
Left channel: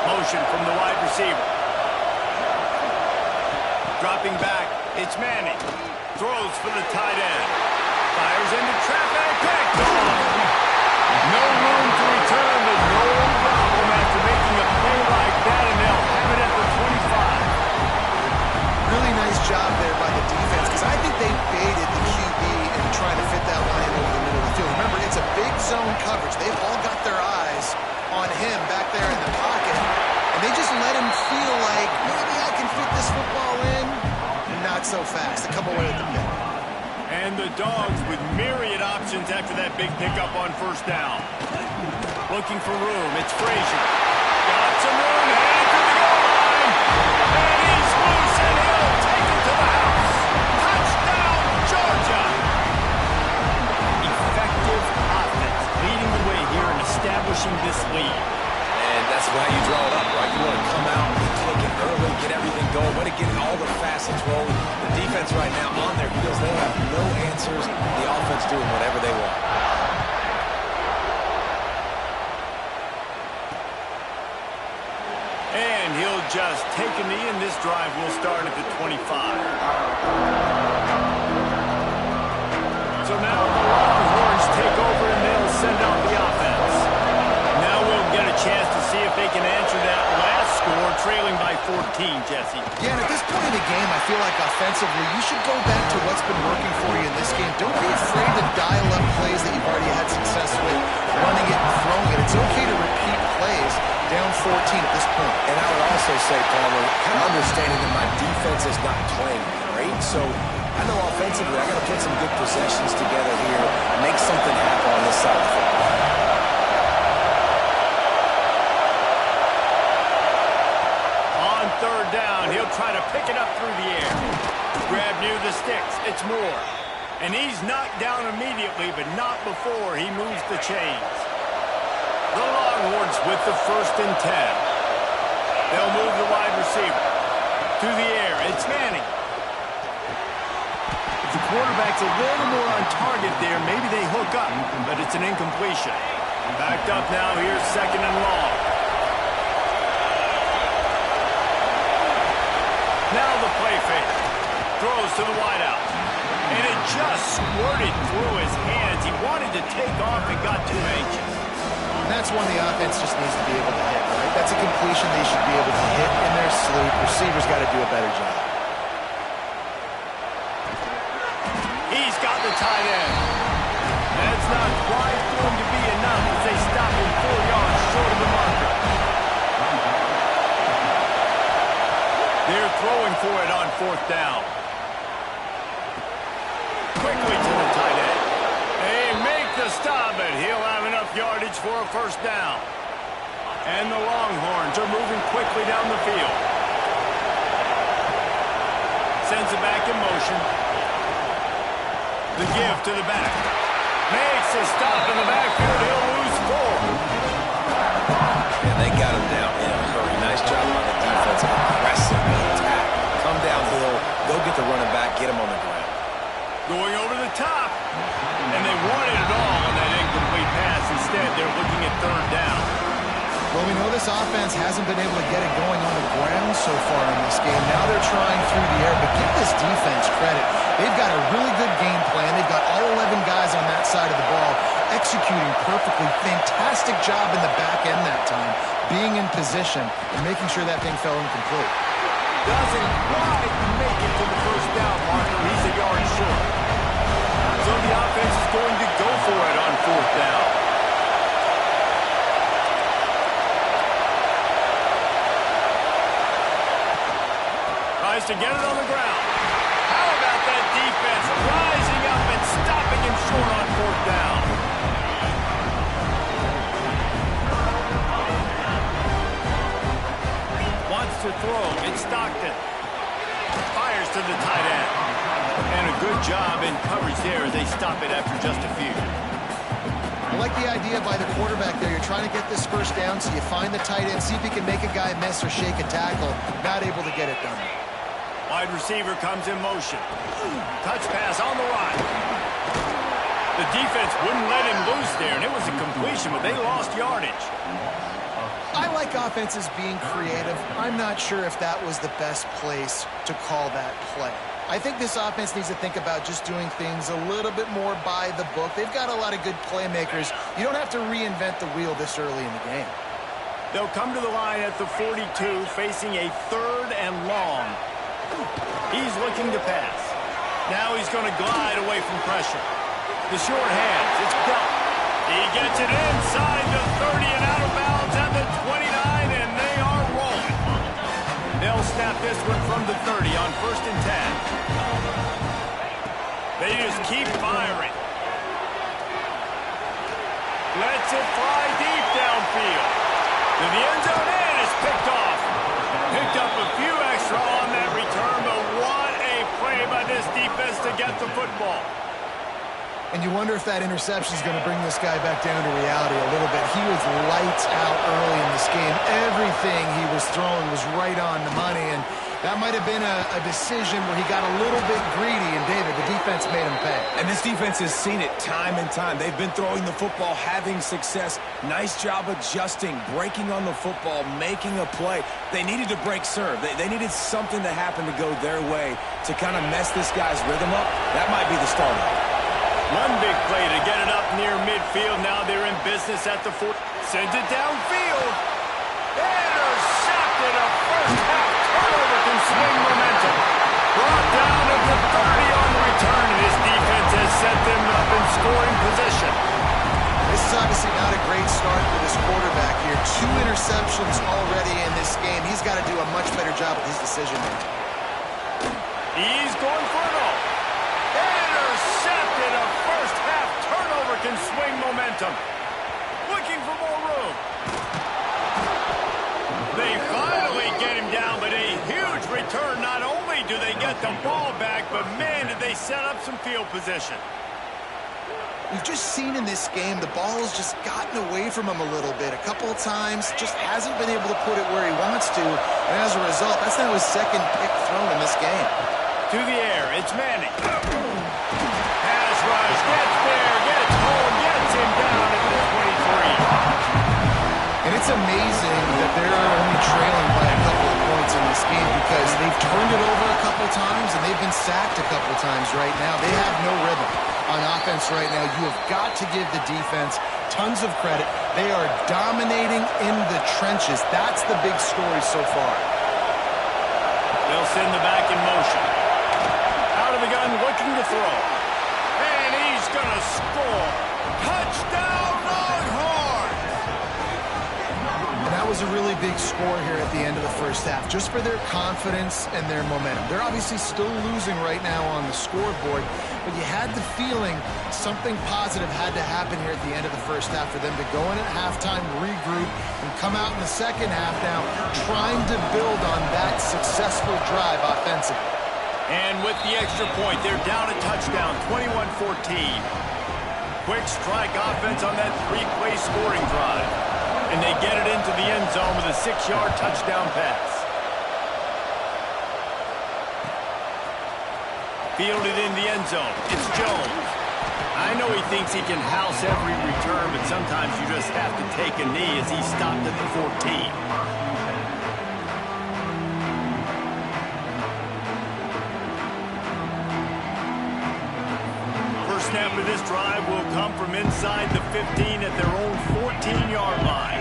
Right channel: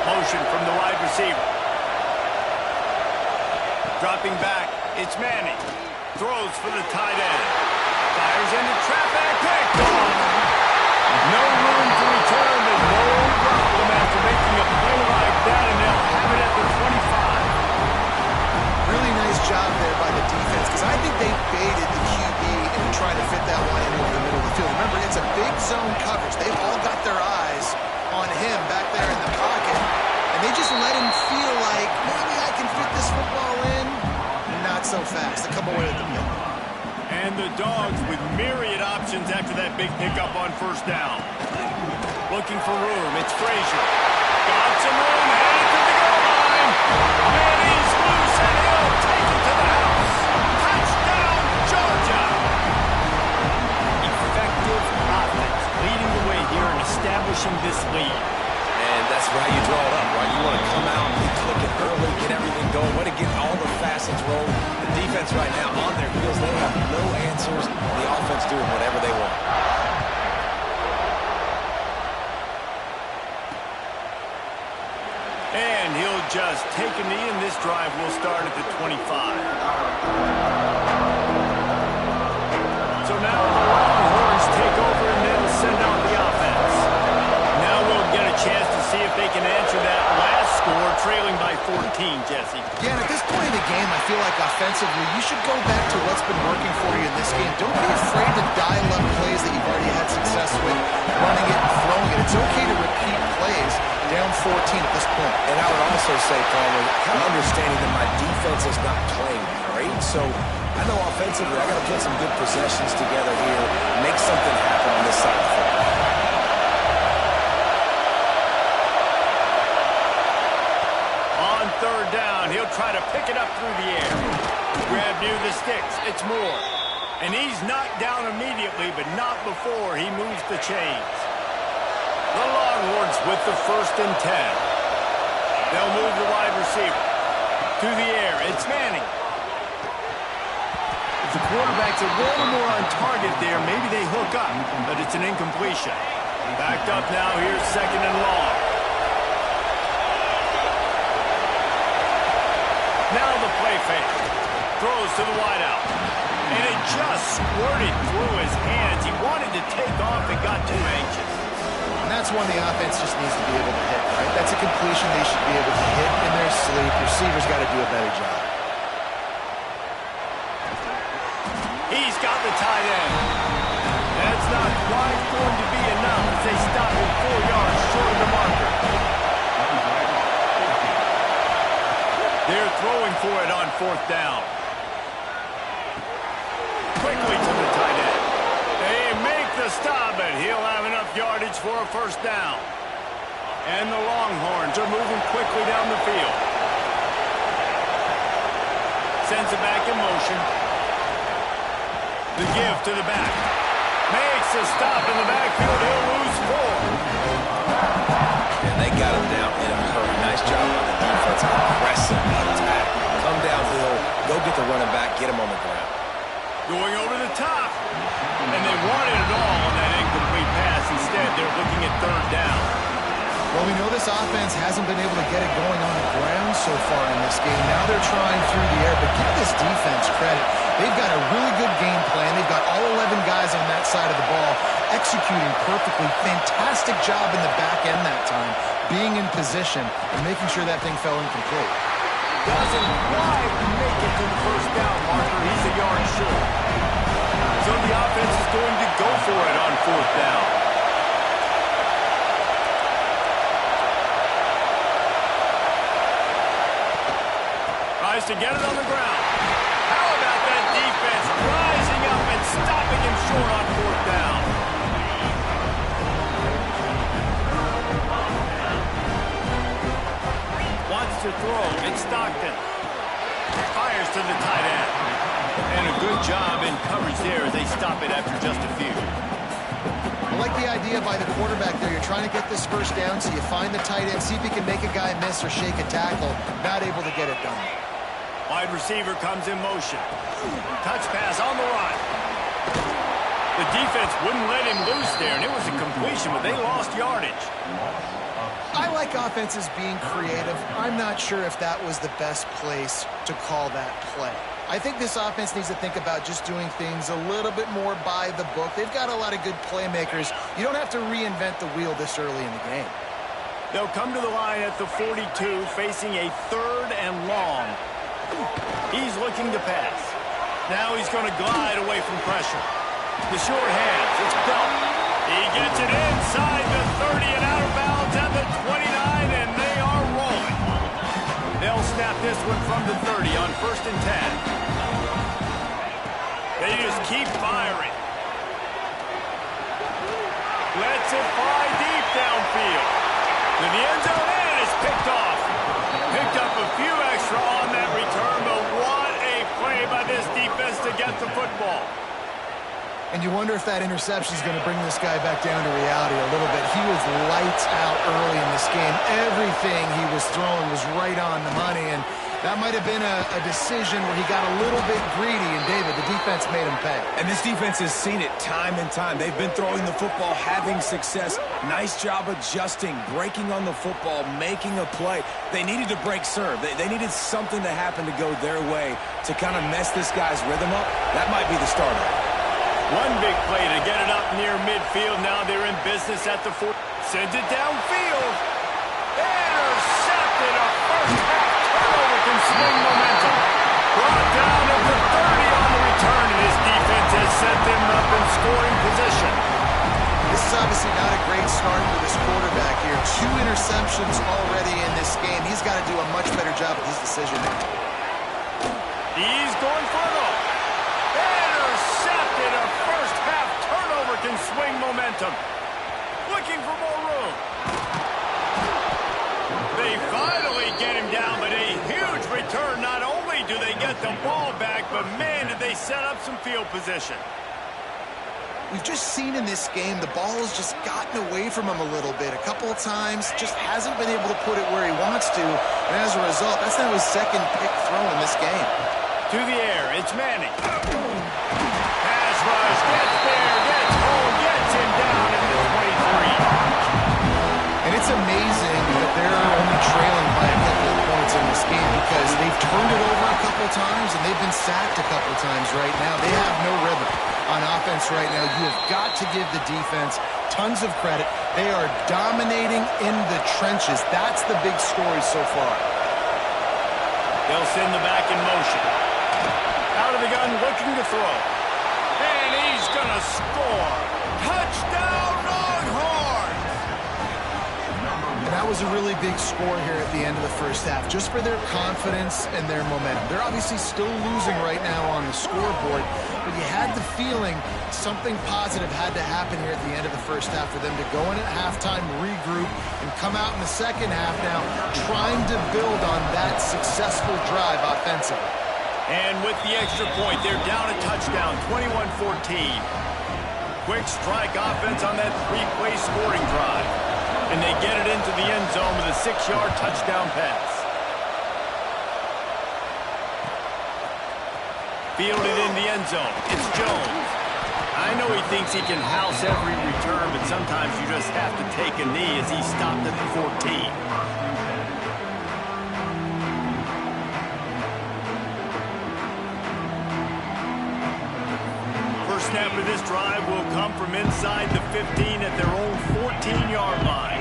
Motion from the wide receiver. Dropping back, it's Manning. Throws for the tight end. Fires into traffic. Picked off. No room to return, but no problem after making a play like that, and they'll have it at the 25. Really nice job there by the defense because I think they baited the QB and tried to fit that line in over the middle of the field. Remember, it's a big zone coverage. They've all got their eyes on him back there in the pocket, and they just let him feel like, maybe I can fit this football in, and not so fast. They come away with the pick. And the Dogs with myriad options after that big pickup on first down. Looking for room, it's Frazier. Got some room, headed to the goal line. And he's loose, and he'll take it to the house. Touchdown, Georgia! Effective offense, leading the way here and establishing this lead. And that's why you draw it up, right? You want to come out, be clicking early, get everything going, want to get all the facets rolling. The defense right now on their heels, they have no answers. The offense doing whatever they want. And he'll just take a knee, and this drive will start at the 25. So now the Longhorns take over, and they'll send out the offense. Now can answer that last score, trailing by 14, Jesse. Yeah, and at this point in the game, I feel like offensively, you should go back to what's been working for you in this game. Don't be afraid to dial up plays that you've already had success with, running it and throwing it. It's okay to repeat plays down 14 at this point. And I would also say, Palmer, kind of understanding that my defense is not playing great, so I know offensively I got to put some good possessions together here, make something happen on this side of the football. On third down, he'll try to pick it up through the air. Grab near the sticks. It's Moore. And he's knocked down immediately, but not before he moves the chains. The Longhorns with the 1st and 10. They'll move the wide receiver. To the air, it's Manning. If the quarterback's a little more on target there, maybe they hook up, but it's an incompletion. Backed up now, here's 2nd and long. Now the play fake. Throws to the wideout. And it just squirted through his hands. He wanted to take off and got too anxious. And that's one the offense just needs to be able to hit, right? That's a completion they should be able to hit in their sleep. Receivers got to do a better job. He's got the tight end. That's not quite going to be enough as they stop him 4 yards short of the marker. They're throwing for it on 4th down. Quickly to the tight end. They make the stop, but he'll have enough yardage for a 1st down. And the Longhorns are moving quickly down the field. Sends it back in motion. The give to the back. Makes a stop in the backfield. He'll lose 4. And they got him down in a hurry. Nice job by the defense. Aggressive attack. Come downhill. Go get the running back. Get him on the ground. Going over the top. And they wanted it all on that incomplete pass. Instead, they're looking at 3rd down. Well, we know this offense hasn't been able to get it going on the ground so far in this game. Now they're trying through the air, but give this defense credit. They've got a really good game plan. They've got all 11 guys on that side of the ball executing perfectly. Fantastic job in the back end that time, being in position and making sure that thing fell incomplete. Doesn't quite make it to the 1st down marker. He's a yard short. So the offense is going to go for it on 4th down. Tries to get it on the ground. How about that defense rising up and stopping him short on 4th down? Wants to throw. It's Stockton. Fires to the tight end. And a good job in coverage there as they stop it after just a few. I like the idea by the quarterback there. You're trying to get this 1st down, so you find the tight end, see if he can make a guy miss or shake a tackle. Not able to get it done. Wide receiver comes in motion. Touch pass on the run. The defense wouldn't let him loose there, and it was a completion, but they lost yardage. I like offenses being creative. I'm not sure if that was the best place to call that play. I think this offense needs to think about just doing things a little bit more by the book. They've got a lot of good playmakers. You don't have to reinvent the wheel this early in the game. They'll come to the line at the 42, facing a 3rd and long. He's looking to pass. Now he's going to glide away from pressure. The short hands, it's Belt. He gets it inside the 30 and out of bounds at the 29, and they are rolling. They'll snap this one from the 30 on 1st and 10. They just keep firing. Lets it fly deep downfield. To the end zone, and it's picked off. Picked up a few extra on that return, but what a play by this defense to get the football. And you wonder if that interception is going to bring this guy back down to reality a little bit. He was lights out early in this game. Everything he was throwing was right on the money, and that might have been a decision where he got a little bit greedy, and David, the defense made him pay. And this defense has seen it time and time. They've been throwing the football, having success. Nice job adjusting, breaking on the football, making a play. They needed to break serve. They needed something to happen to go their way to kind of mess this guy's rhythm up. That might be the start of it. One big play to get it up near midfield. Now they're in business at the 4. Sends it downfield. Intercepted. A first-half turnover can swing momentum. Brought down at the 30 on the return, and his defense has set them up in scoring position. This is obviously not a great start for this quarterback here. 2 interceptions already in this game. He's got to do a much better job with his decision-making. He's going for it all. Intercepted. A first-half turnover can swing momentum. Looking for more room. They finally get him down, but a huge return. Not only do they get the ball back, but man, did they set up some field position. We've just seen in this game the ball has just gotten away from him a little bit. A couple of times, just hasn't been able to put it where he wants to. And as a result, that's now his second pick thrown in this game. To the air, it's Manning. Pass rush, gets there, gets home, gets him down at the 23. And it's amazing that they're only trailing by a couple of points in this game because they've turned it over a couple times and they've been sacked a couple times right now. They have no rhythm on offense right now. You have got to give the defense tons of credit. They are dominating in the trenches. That's the big story so far. They'll send the back in motion. Out of the gun, looking to throw. And he's going to score. Touchdown, Longhorns! And that was a really big score here at the end of the first half, just for their confidence and their momentum. They're obviously still losing right now on the scoreboard, but you had the feeling something positive had to happen here at the end of the first half for them to go in at halftime, regroup, and come out in the second half now trying to build on that successful drive offensively. And with the extra point, they're down a touchdown, 21-14. Quick strike offense on that 3-play scoring drive. And they get it into the end zone with a 6-yard touchdown pass. Fielded in the end zone. It's Jones. I know he thinks he can house every return, but sometimes you just have to take a knee as he stopped at the 14. Snap of this drive will come from inside the 15 at their own 14-yard line.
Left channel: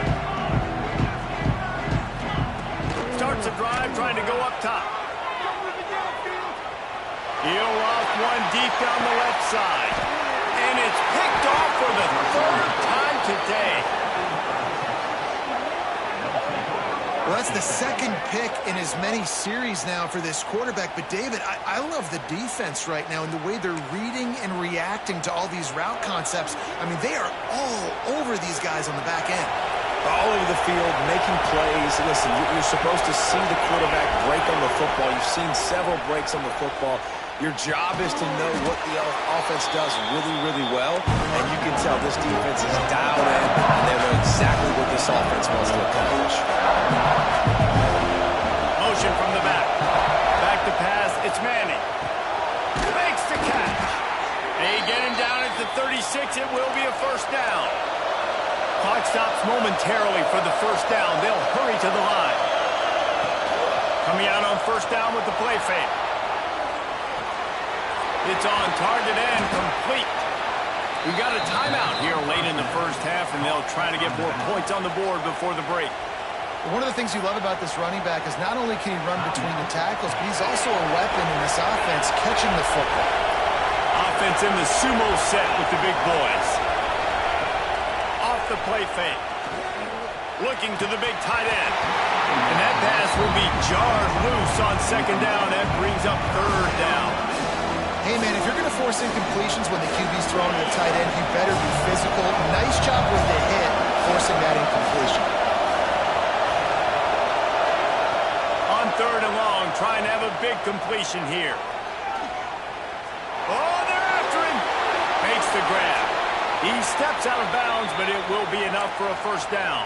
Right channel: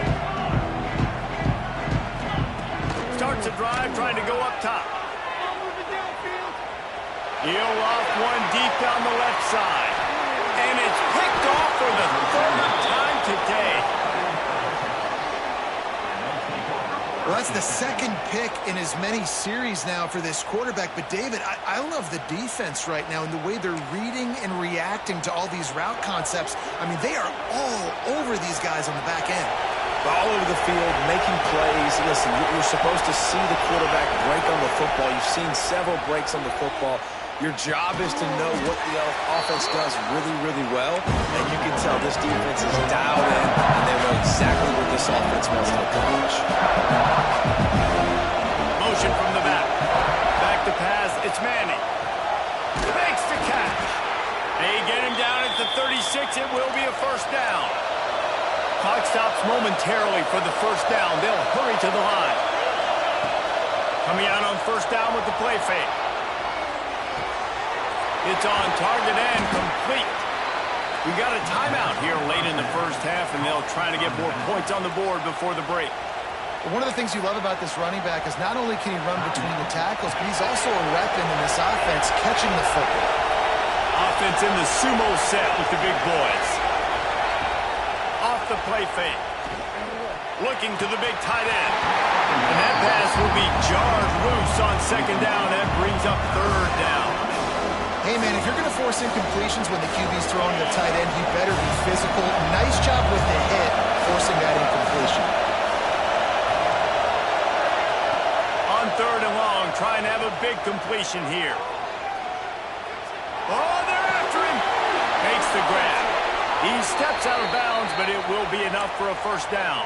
Starts the drive trying to go up top. He'll off one deep down the left side. And it's picked off for the 3rd time today. Well, that's the second pick in as many series now for this quarterback. But, David, I love the defense right now and the way they're reading and reacting to all these route concepts. I mean, they are all over these guys on the back end. All over the field, making plays. Listen, you're supposed to see the quarterback break on the football. You've seen several breaks on the football. Your job is to know what the offense does really, really well, and you can tell this defense is dialed in, and they know exactly what this offense wants to accomplish. Motion from the back. Back to pass, it's Manning. Makes the catch. They get him down at the 36. It will be a first down. Clock stops momentarily for the first down. They'll hurry to the line. Coming out on first down with the play fake. It's on target and complete. We got a timeout here late in the first half, and they'll try to get more points on the board before the break. One of the things you love about this running back is not only can he run between the tackles, but he's also a weapon in this offense catching the football. Offense in the sumo set with the big boys. Off the play fake. Looking to the big tight end. And that pass will be jarred loose on second down. That brings up third down. Hey, man, if you're going to force incompletions when the QB's throwing to the tight end, you better be physical. Nice job with the hit, forcing that incompletion. On third and long, trying to have a big completion here. Oh, they're after him. Makes the grab. He steps out of bounds, but it will be enough for a first down.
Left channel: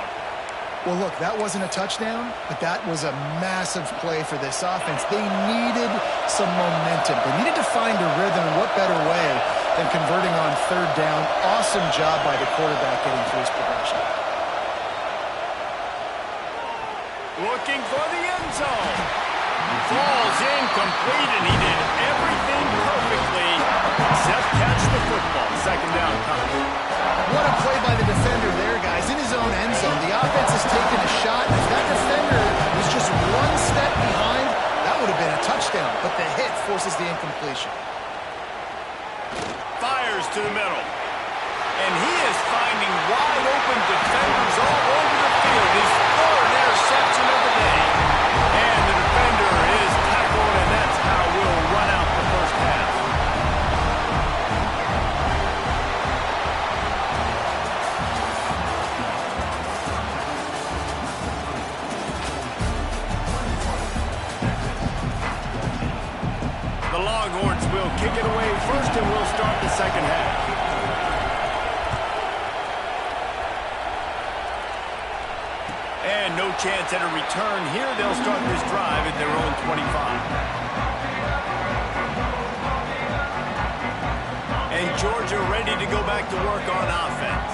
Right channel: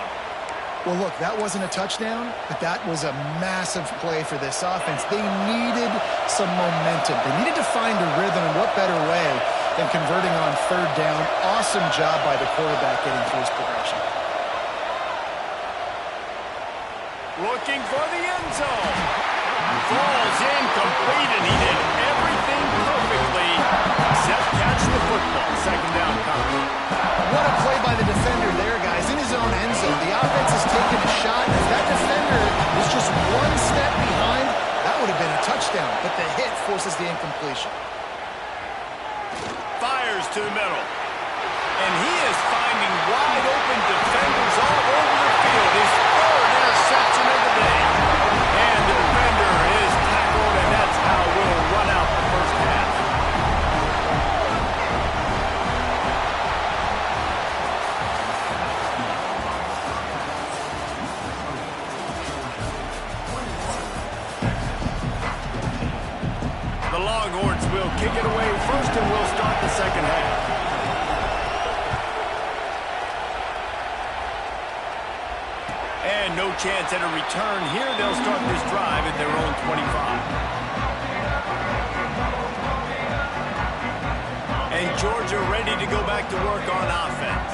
Well, look, that wasn't a touchdown, but that was a massive play for this offense. They needed some momentum. They needed to find a rhythm, and what better way than converting on third down. Awesome job by the quarterback getting through his progression. Looking for the end zone. Falls incomplete, and he did everything perfectly set, catch the football. Second down coming. What a play by the defender there, guys. In his own end zone, the offense has taken a shot, and if that defender was just one step behind, that would have been a touchdown, but the hit forces the incompletion. Fires to the middle. And he is finding wide open defenders all over the field. His third interception of the day. And the defender is tackled, and that's how we'll run out the first half. The Longhorns will kick it away first, and we'll start the second half. And no chance at a return here. They'll start this drive at their own 25. And Georgia ready to go back to work on offense.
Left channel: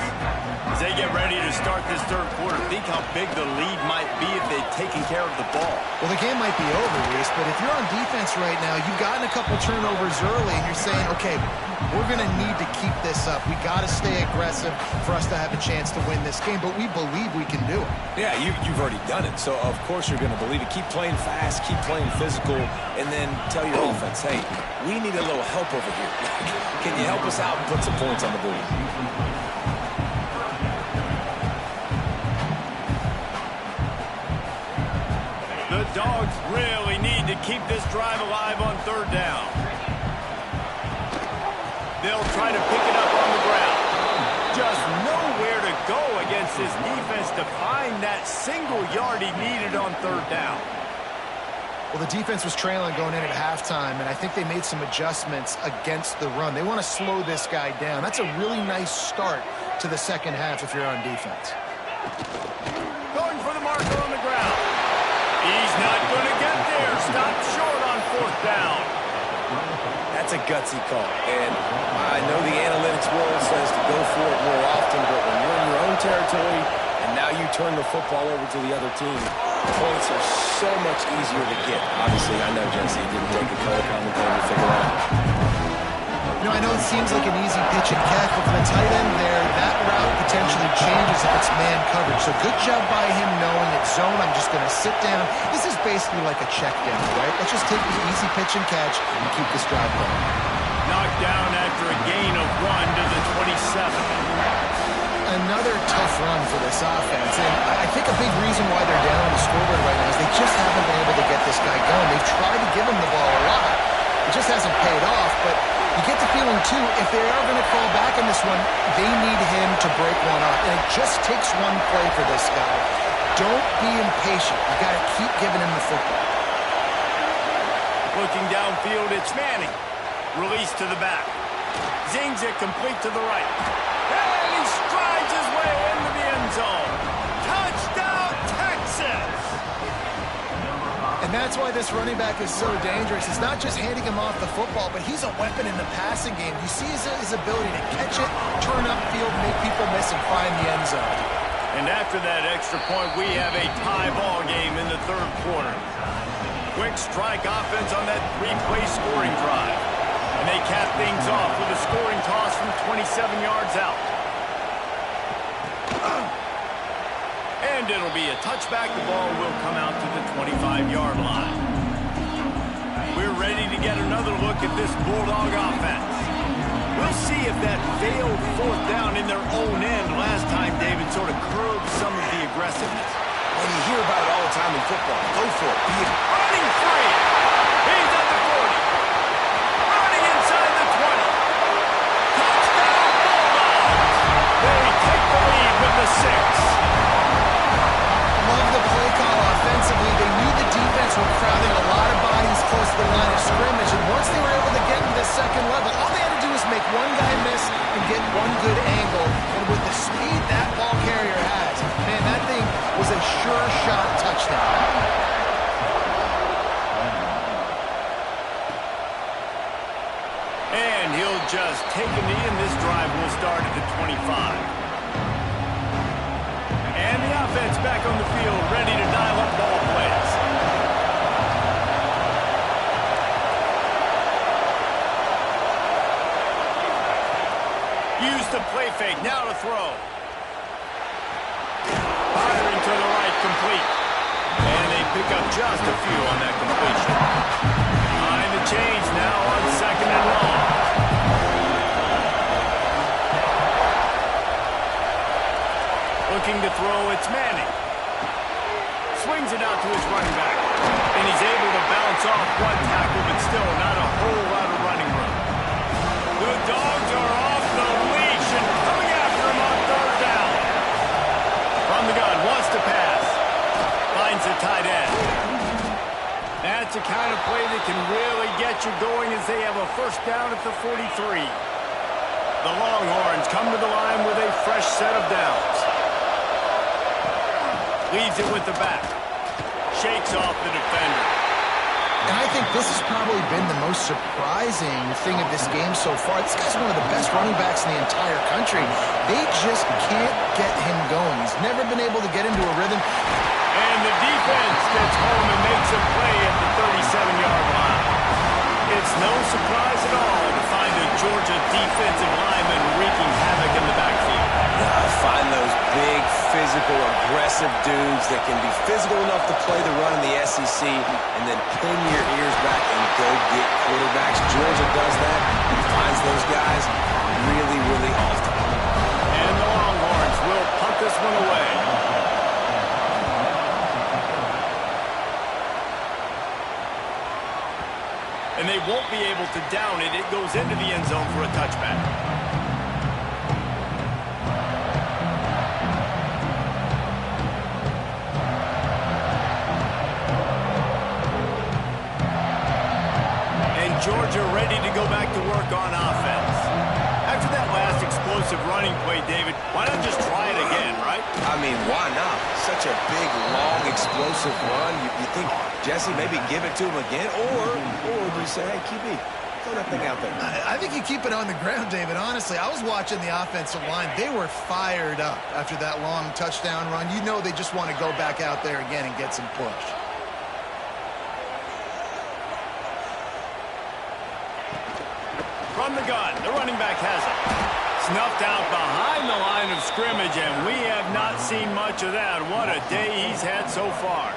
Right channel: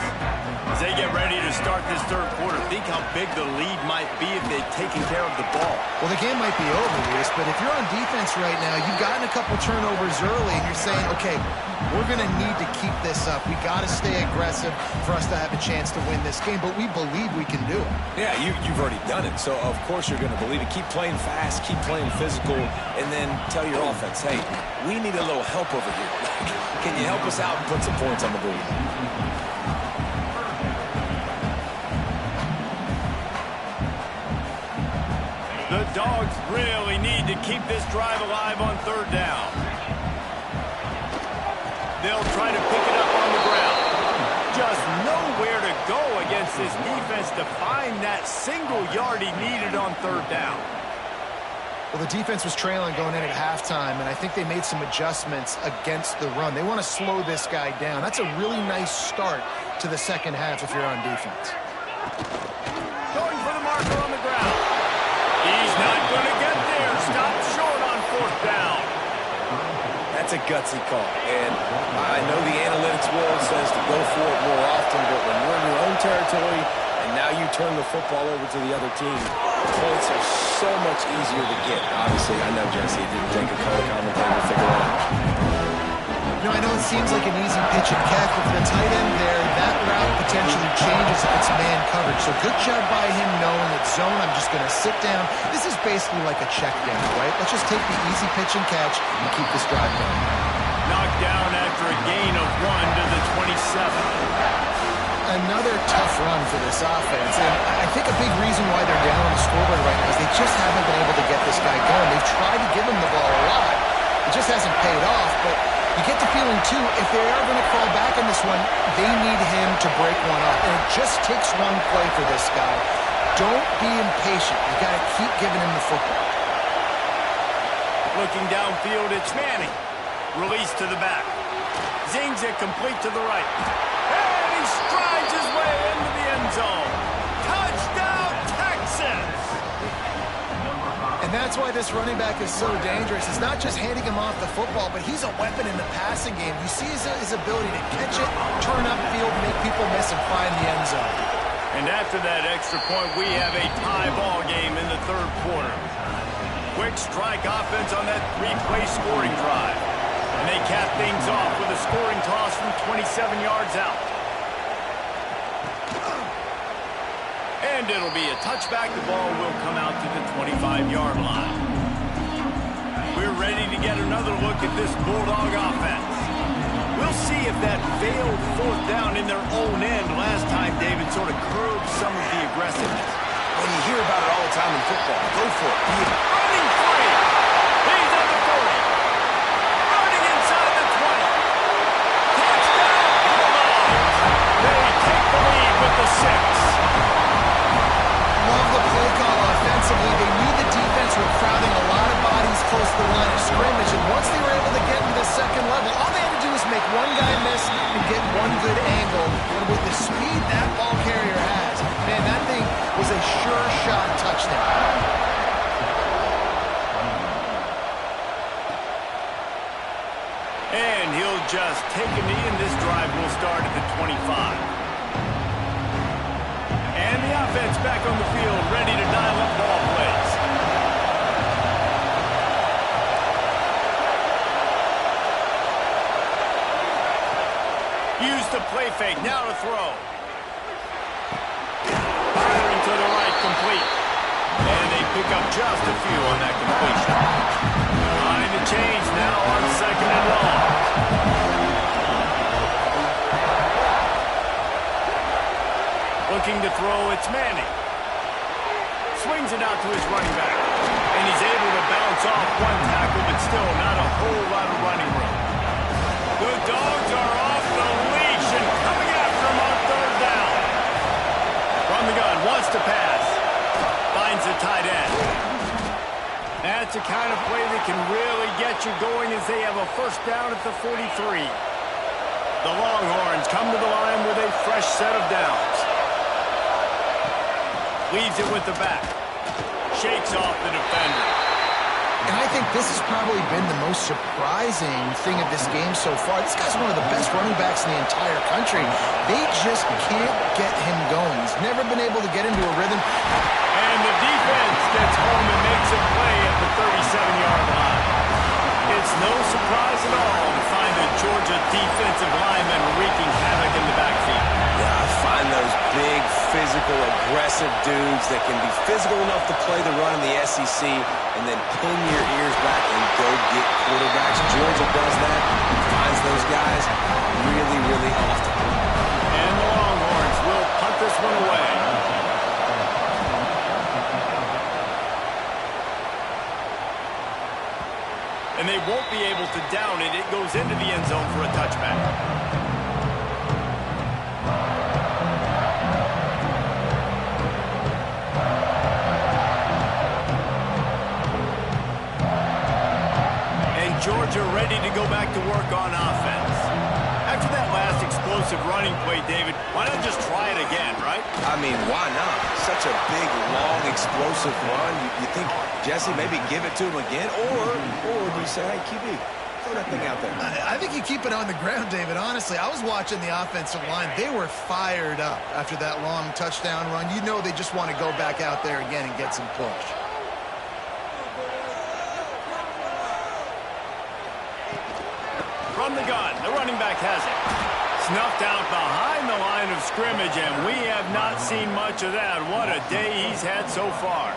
As they get ready to start this third quarter, think how big the lead might be if they've taken care of the ball. Well, the game might be over, Reese, but if you're on defense right now, you've gotten a couple turnovers early, and you're saying, okay, we're going to need to keep this up. We got to stay aggressive for us to have a chance to win this game, but we believe we can do it. Yeah, you've already done it, so of course you're going to believe it. Keep playing fast, keep playing physical, and then tell your offense, hey, we need a little help over here. Can you help us out and put some points on the board? The Dogs really need to keep this drive alive on third down. They'll try to pick it up on the ground. Just nowhere to go against this defense to find that single yard he needed on third down. Well, the defense was trailing going in at halftime, and I think they made some adjustments against the run. They want to slow this guy down. That's a really nice start to the second half if you're on defense. Going for the marker on the ground. He's not going to get there. Stop short on fourth down. That's a gutsy call, and I know the analytics world says to go for it more often, but when you're in your own territory and now you turn the football over to the other team, points are so much easier to get. Obviously, I know, Jesse, it didn't take a color commentator to figure that out. You know, I know it seems like an easy pitch and catch, but for the tight end there, that route potentially changes if it's man coverage. So good job by him knowing it's zone. I'm just going to sit down. This is basically like a check down, right? Let's just take the easy pitch and catch and keep this drive going. Knocked down after a gain of 1 to the 27. Another tough run for this offense, and I think a big reason why they're down on the scoreboard right now is they just haven't been able to get this guy going. They've tried to give him the ball a lot. It just hasn't paid off, but you get the feeling, too, if they are going to crawl back in this one, they need him to break one off. And it just takes one play for this guy. Don't be impatient. You got to keep giving him the football. Looking downfield, it's Manning. Release to the back. Zings it complete to the right. And he strides his way into the end zone. Touchdown, Texas! And that's why this running back is so dangerous. It's not just handing him off the football, but he's a weapon in the passing game. You see his ability to catch it, turn upfield, make people miss, and find the end zone. And after that extra point, we have a tie ball game in the third quarter. Quick strike offense on that three-play scoring drive. And they cap things off with a scoring toss from 27 yards out. And it'll be a touchback. The ball will come out to the 25-yard line. We're ready to get another look at this Bulldog offense. We'll see if that failed fourth down in their own end last time, David, sort of curbed some of the aggressiveness. Well, you hear about it all the time in football. Go for it. Be it. Running free. He's at the 40. Running inside the 20. Touchdown, Bulldogs. They take the lead with the 6. Love the play call offensively. They knew the defense were crowding a lot of bodies close to the line of scrimmage, and once they were able to get into the second level, all they had to do was make one guy miss and get one good angle. And with the speed that ball carrier has, man, that thing was a sure shot touchdown. And he'll just take a knee, and this drive will start at the 25. And the offense back on the field, ready to dial up ball plays. the play fake. Now to throw. Firing to the right, complete. And they pick up just a few on that completion. Behind the chains now on 2nd and long. Looking to throw, it's Manning. Swings it out to his running back. And he's able to bounce off one tackle, but still not a whole lot of running room. The Dogs are off the leash and coming after him on 3rd down. From the gun, wants to pass. Finds the tight end. That's the kind of play that can really get you going as they have a 1st down at the 43. The Longhorns come to the line with a fresh set of downs. Leaves it with the back. Shakes off the defender. And I think this has probably been the most surprising thing of this game so far. This guy's one of the best running backs in the entire country. They just can't get him going. He's never been able to get into a rhythm. And the defense gets home and makes a play at the 37-yard line. It's no surprise at all to find a Georgia defensive lineman wreaking havoc in the backfield. Yeah, I find those big, physical, aggressive dudes that can be physical enough to play the run in the SEC and then pin your ears back and go get quarterbacks. Georgia does that and finds those guys really, really often. And the Longhorns will punt this one away. And they won't be able to down it. It goes into the end zone for a touchback. And Georgia ready to go back to work on offense. After that last explosive running play, David, why not just try it again, right? I mean, why not? Such a big, long, explosive run. You think, Jesse, maybe give it to him again? Or do you say, hey, QB, throw that thing out there? I think you keep it on the ground, David. Honestly, I was watching the offensive line. They were fired up after that long touchdown run. You know they just want to go back out there again and get some push. From the gun, the running back has it. Snuffed out behind the line of scrimmage, and we have not seen much of that. What a day he's had so far.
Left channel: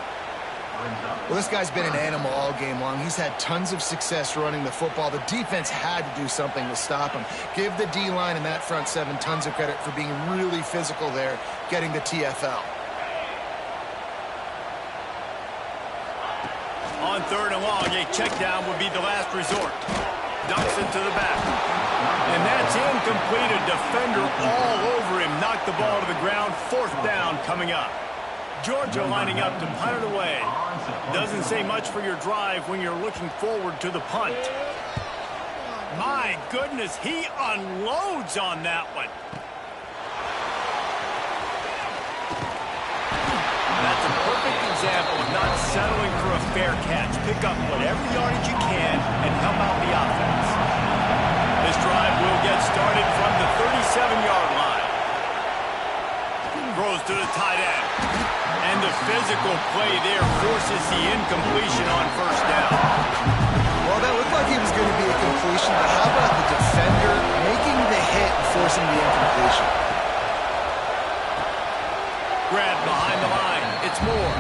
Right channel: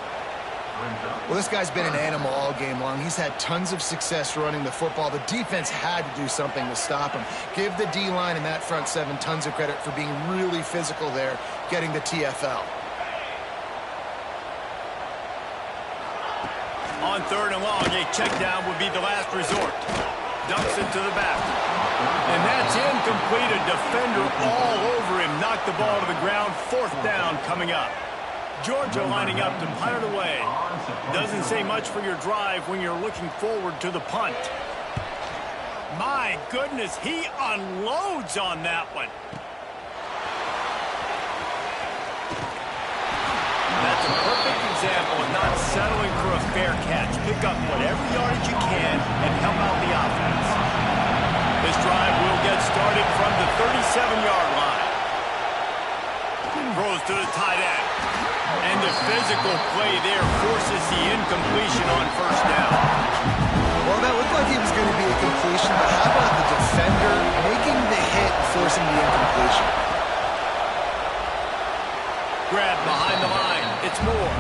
Well, this guy's been an animal all game long. He's had tons of success running the football. The defense had to do something to stop him. Give the D-line and that front seven tons of credit for being really physical there, getting the TFL. On 3rd and long, a check down would be the last resort. Dumps it to the back. And that's incomplete. A defender all over him. Knocked the ball to the ground. 4th down coming up. Georgia lining up to punt it away. Doesn't say much for your drive when you're looking forward to the punt. My goodness, he unloads on that one. That's a perfect example of not settling for a fair catch. Pick up whatever yardage you can and help out the offense. This drive will get started from the 37-yard line. Throws to the tight end. And the physical play there forces the incompletion on 1st down. Well, that looked like he was going to be a completion, but how about the defender making the hit and forcing the incompletion? Grab behind the line. It's Moore.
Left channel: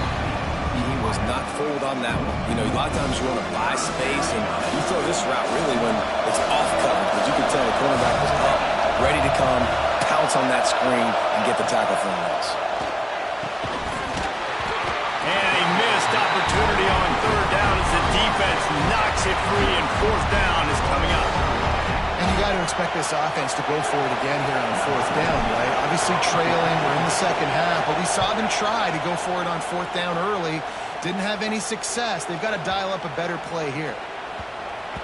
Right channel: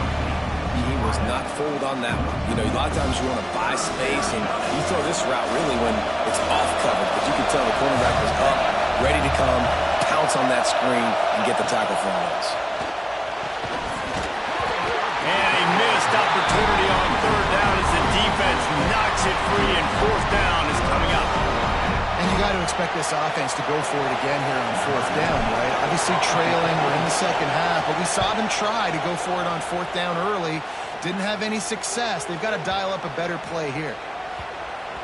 He was not fooled on that one. You know, a lot of times you want to buy space, and you throw this route really when it's off coverage. But you can tell the cornerback was up, ready to come, pounce on that screen, and get the tackle for a loss. And a missed opportunity on 3rd down as the defense knocks it free, and 4th down is coming up. And you got to expect this offense to go for it again here on 4th down, right? Obviously trailing, we're in the 2nd half, but we saw them try to go for it on 4th down early. Didn't have any success. They've got to dial up a better play here.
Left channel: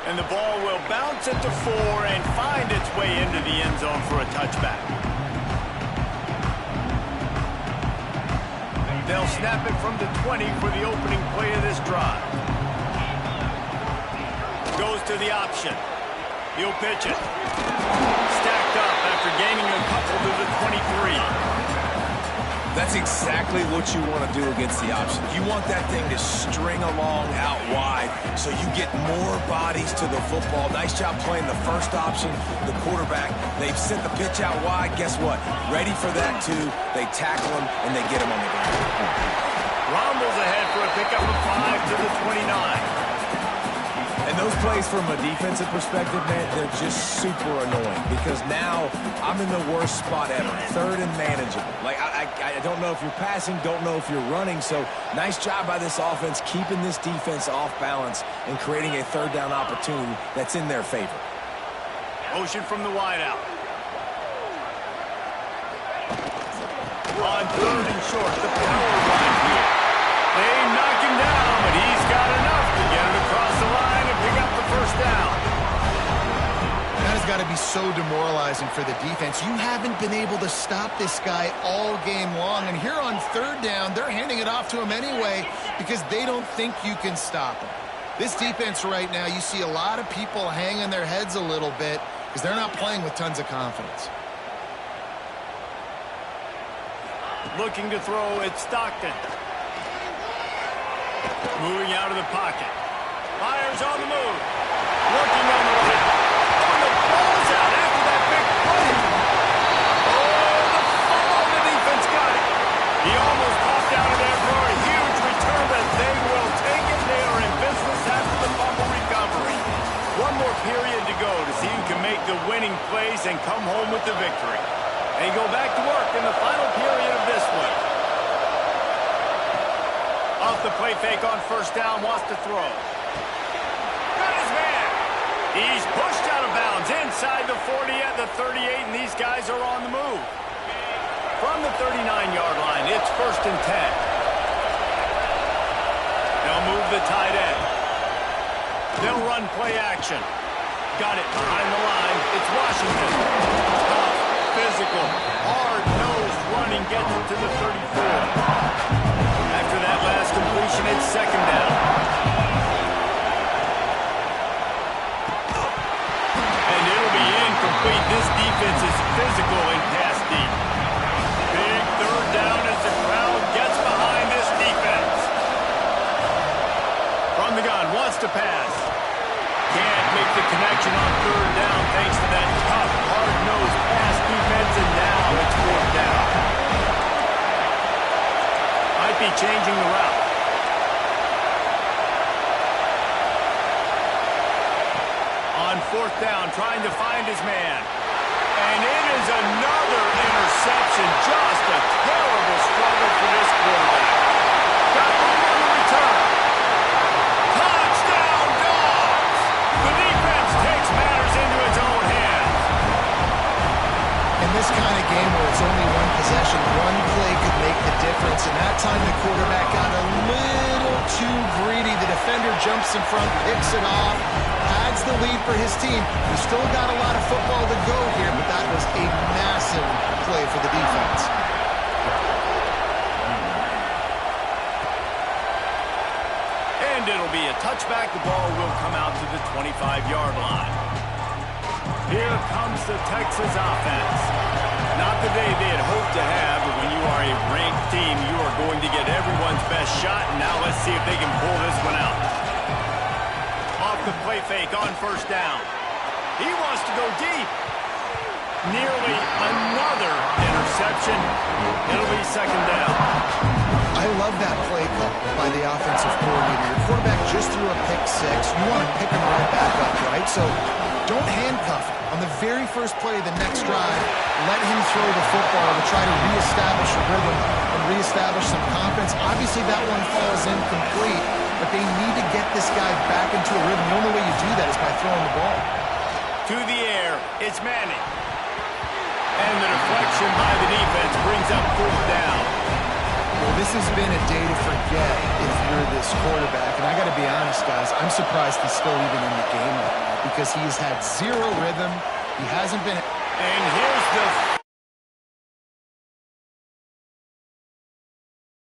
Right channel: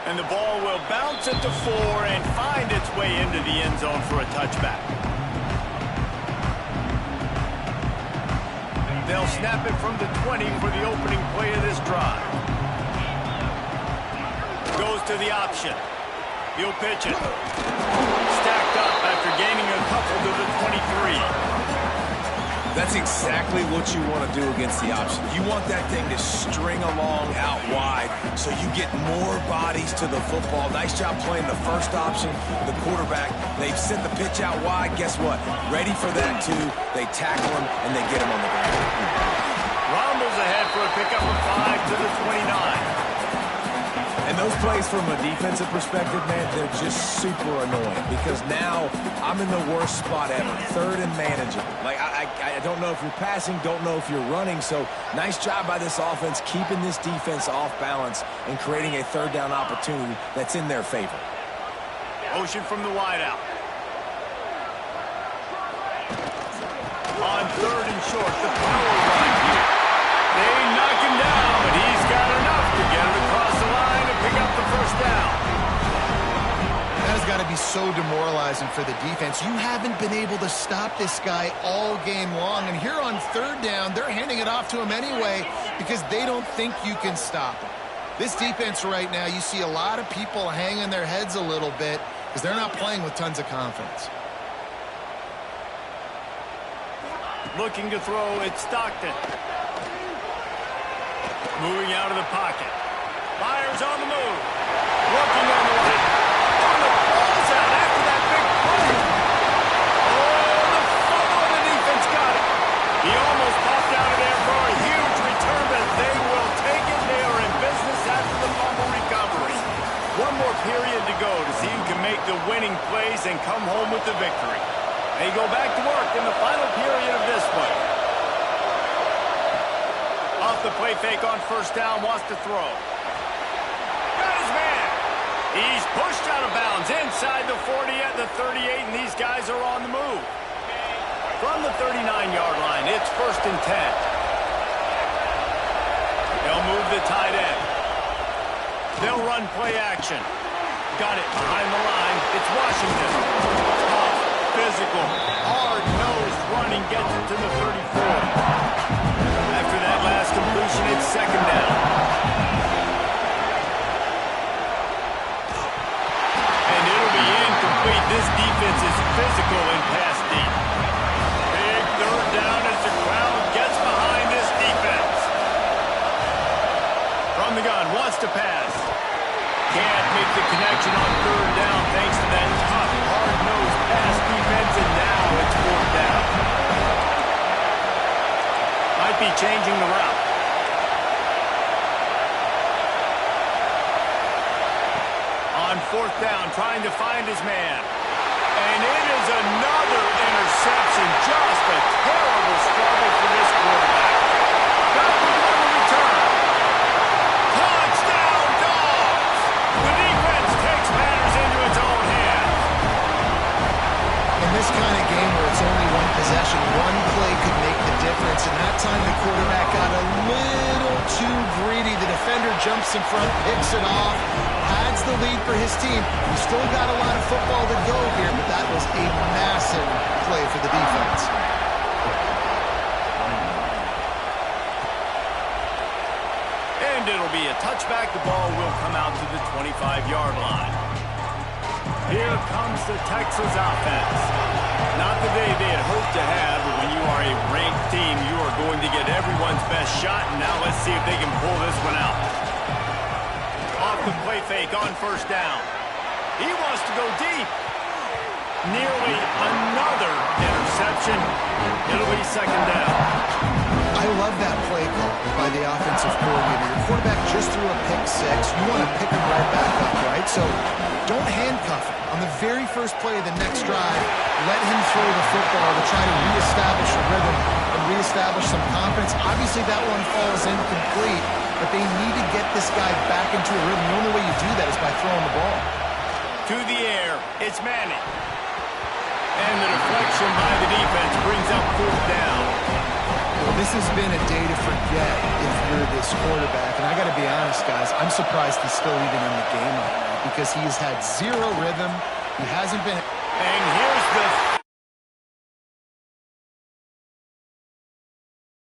And the ball will bounce at the 4 and find its way into the end zone for a touchback. They'll snap it from the 20 for the opening play of this drive. Goes to the option. He'll pitch it. Stacked up after gaining a couple to the 23. That's exactly what you want to do against the option. You want that thing to string along out wide so you get more bodies to the football. Nice job playing the first option, the quarterback. They've sent the pitch out wide. Guess what? Ready for that, too. They tackle him, and they get him on the ground. Rumbles ahead for a pickup of 5 to the 29. And those plays from a defensive perspective, man, they're just super annoying because now I'm in the worst spot ever, third and manageable. Like, I don't know if you're passing, don't know if you're running, so nice job by this offense keeping this defense off balance and creating a third down opportunity that's in their favor. Motion from the wideout. On third and short, the power run here. They knock him down, but he's got enough to get it across the line and pick up the first down. That has got to be so demoralizing for the defense. You haven't been able to stop this guy all game long, and here on third down, they're handing it off to him anyway because they don't think you can stop him. This defense right now, you see a lot of people hanging their heads a little bit because they're not playing with tons of confidence. Looking to throw, it's Stockton. Moving out of the pocket. Myers on the move. Working on the right. Oh, the ball's out after that big play. Oh, the fumble, the defense got it. He almost popped out of there for a huge return, but they will take it. They are in business after the fumble recovery. One more period to go to see who can make the winning plays and come home with the victory. They go back to work in the final period of this one. Off the play fake on first down, wants to throw. Got his man. He's pushed out of bounds inside the 40 at the 38, and these guys are on the move. From the 39-yard line, it's 1st and 10. They'll move the tight end. They'll run play action. Got it behind the line. It's Washington. Tough, physical, hard-nosed running gets it to the 34. After that last completion, it's 2nd down. And it'll be incomplete. This defense is physical in pass deep. Big 3rd down as the crowd gets behind this defense. From the gun, wants to pass. Can't make the connection on 3rd down thanks to that tough, hard-nosed pass defense, and now it's 4th down. Might be changing the route. On 4th down, trying to find his man. And it is another interception. Just a terrible struggle for this quarterback. Got room on the return. Touchdown, Dogs! The defense takes matters into its own hands. In this kind of game where it's only one possession, one play could make the difference. And that time the quarterback got a little too greedy. The defender jumps in front, picks it off, adds the lead for his team. We still got a lot of football to go here, but that was a massive play for the defense. And it'll be a touchback. The ball will come out to the 25-yard line. Here comes the Texas offense. Not the day they had hoped to have, but when you are a ranked team, you are going to get everyone's best shot. And now let's see if they can pull this one out. Off the play fake on 1st down. He wants to go deep. Nearly another interception. It'll be 2nd down. I love that play call by the offensive coordinator. Your quarterback just threw a pick 6. You want to pick him right back up, right? So don't handcuff him. On the very first play of the next drive, let him throw the football to try to reestablish a rhythm and reestablish some confidence. Obviously, that one falls incomplete, but they need to get this guy back into a rhythm. The only way you do that is by throwing the ball. To the air, it's Manning. And the deflection by the defense brings up 4th down. Well, this has been a day to forget if you're this quarterback. And I got to be honest, guys, I'm surprised he's still even in the game right now because he has had zero rhythm. He hasn't been... And here's the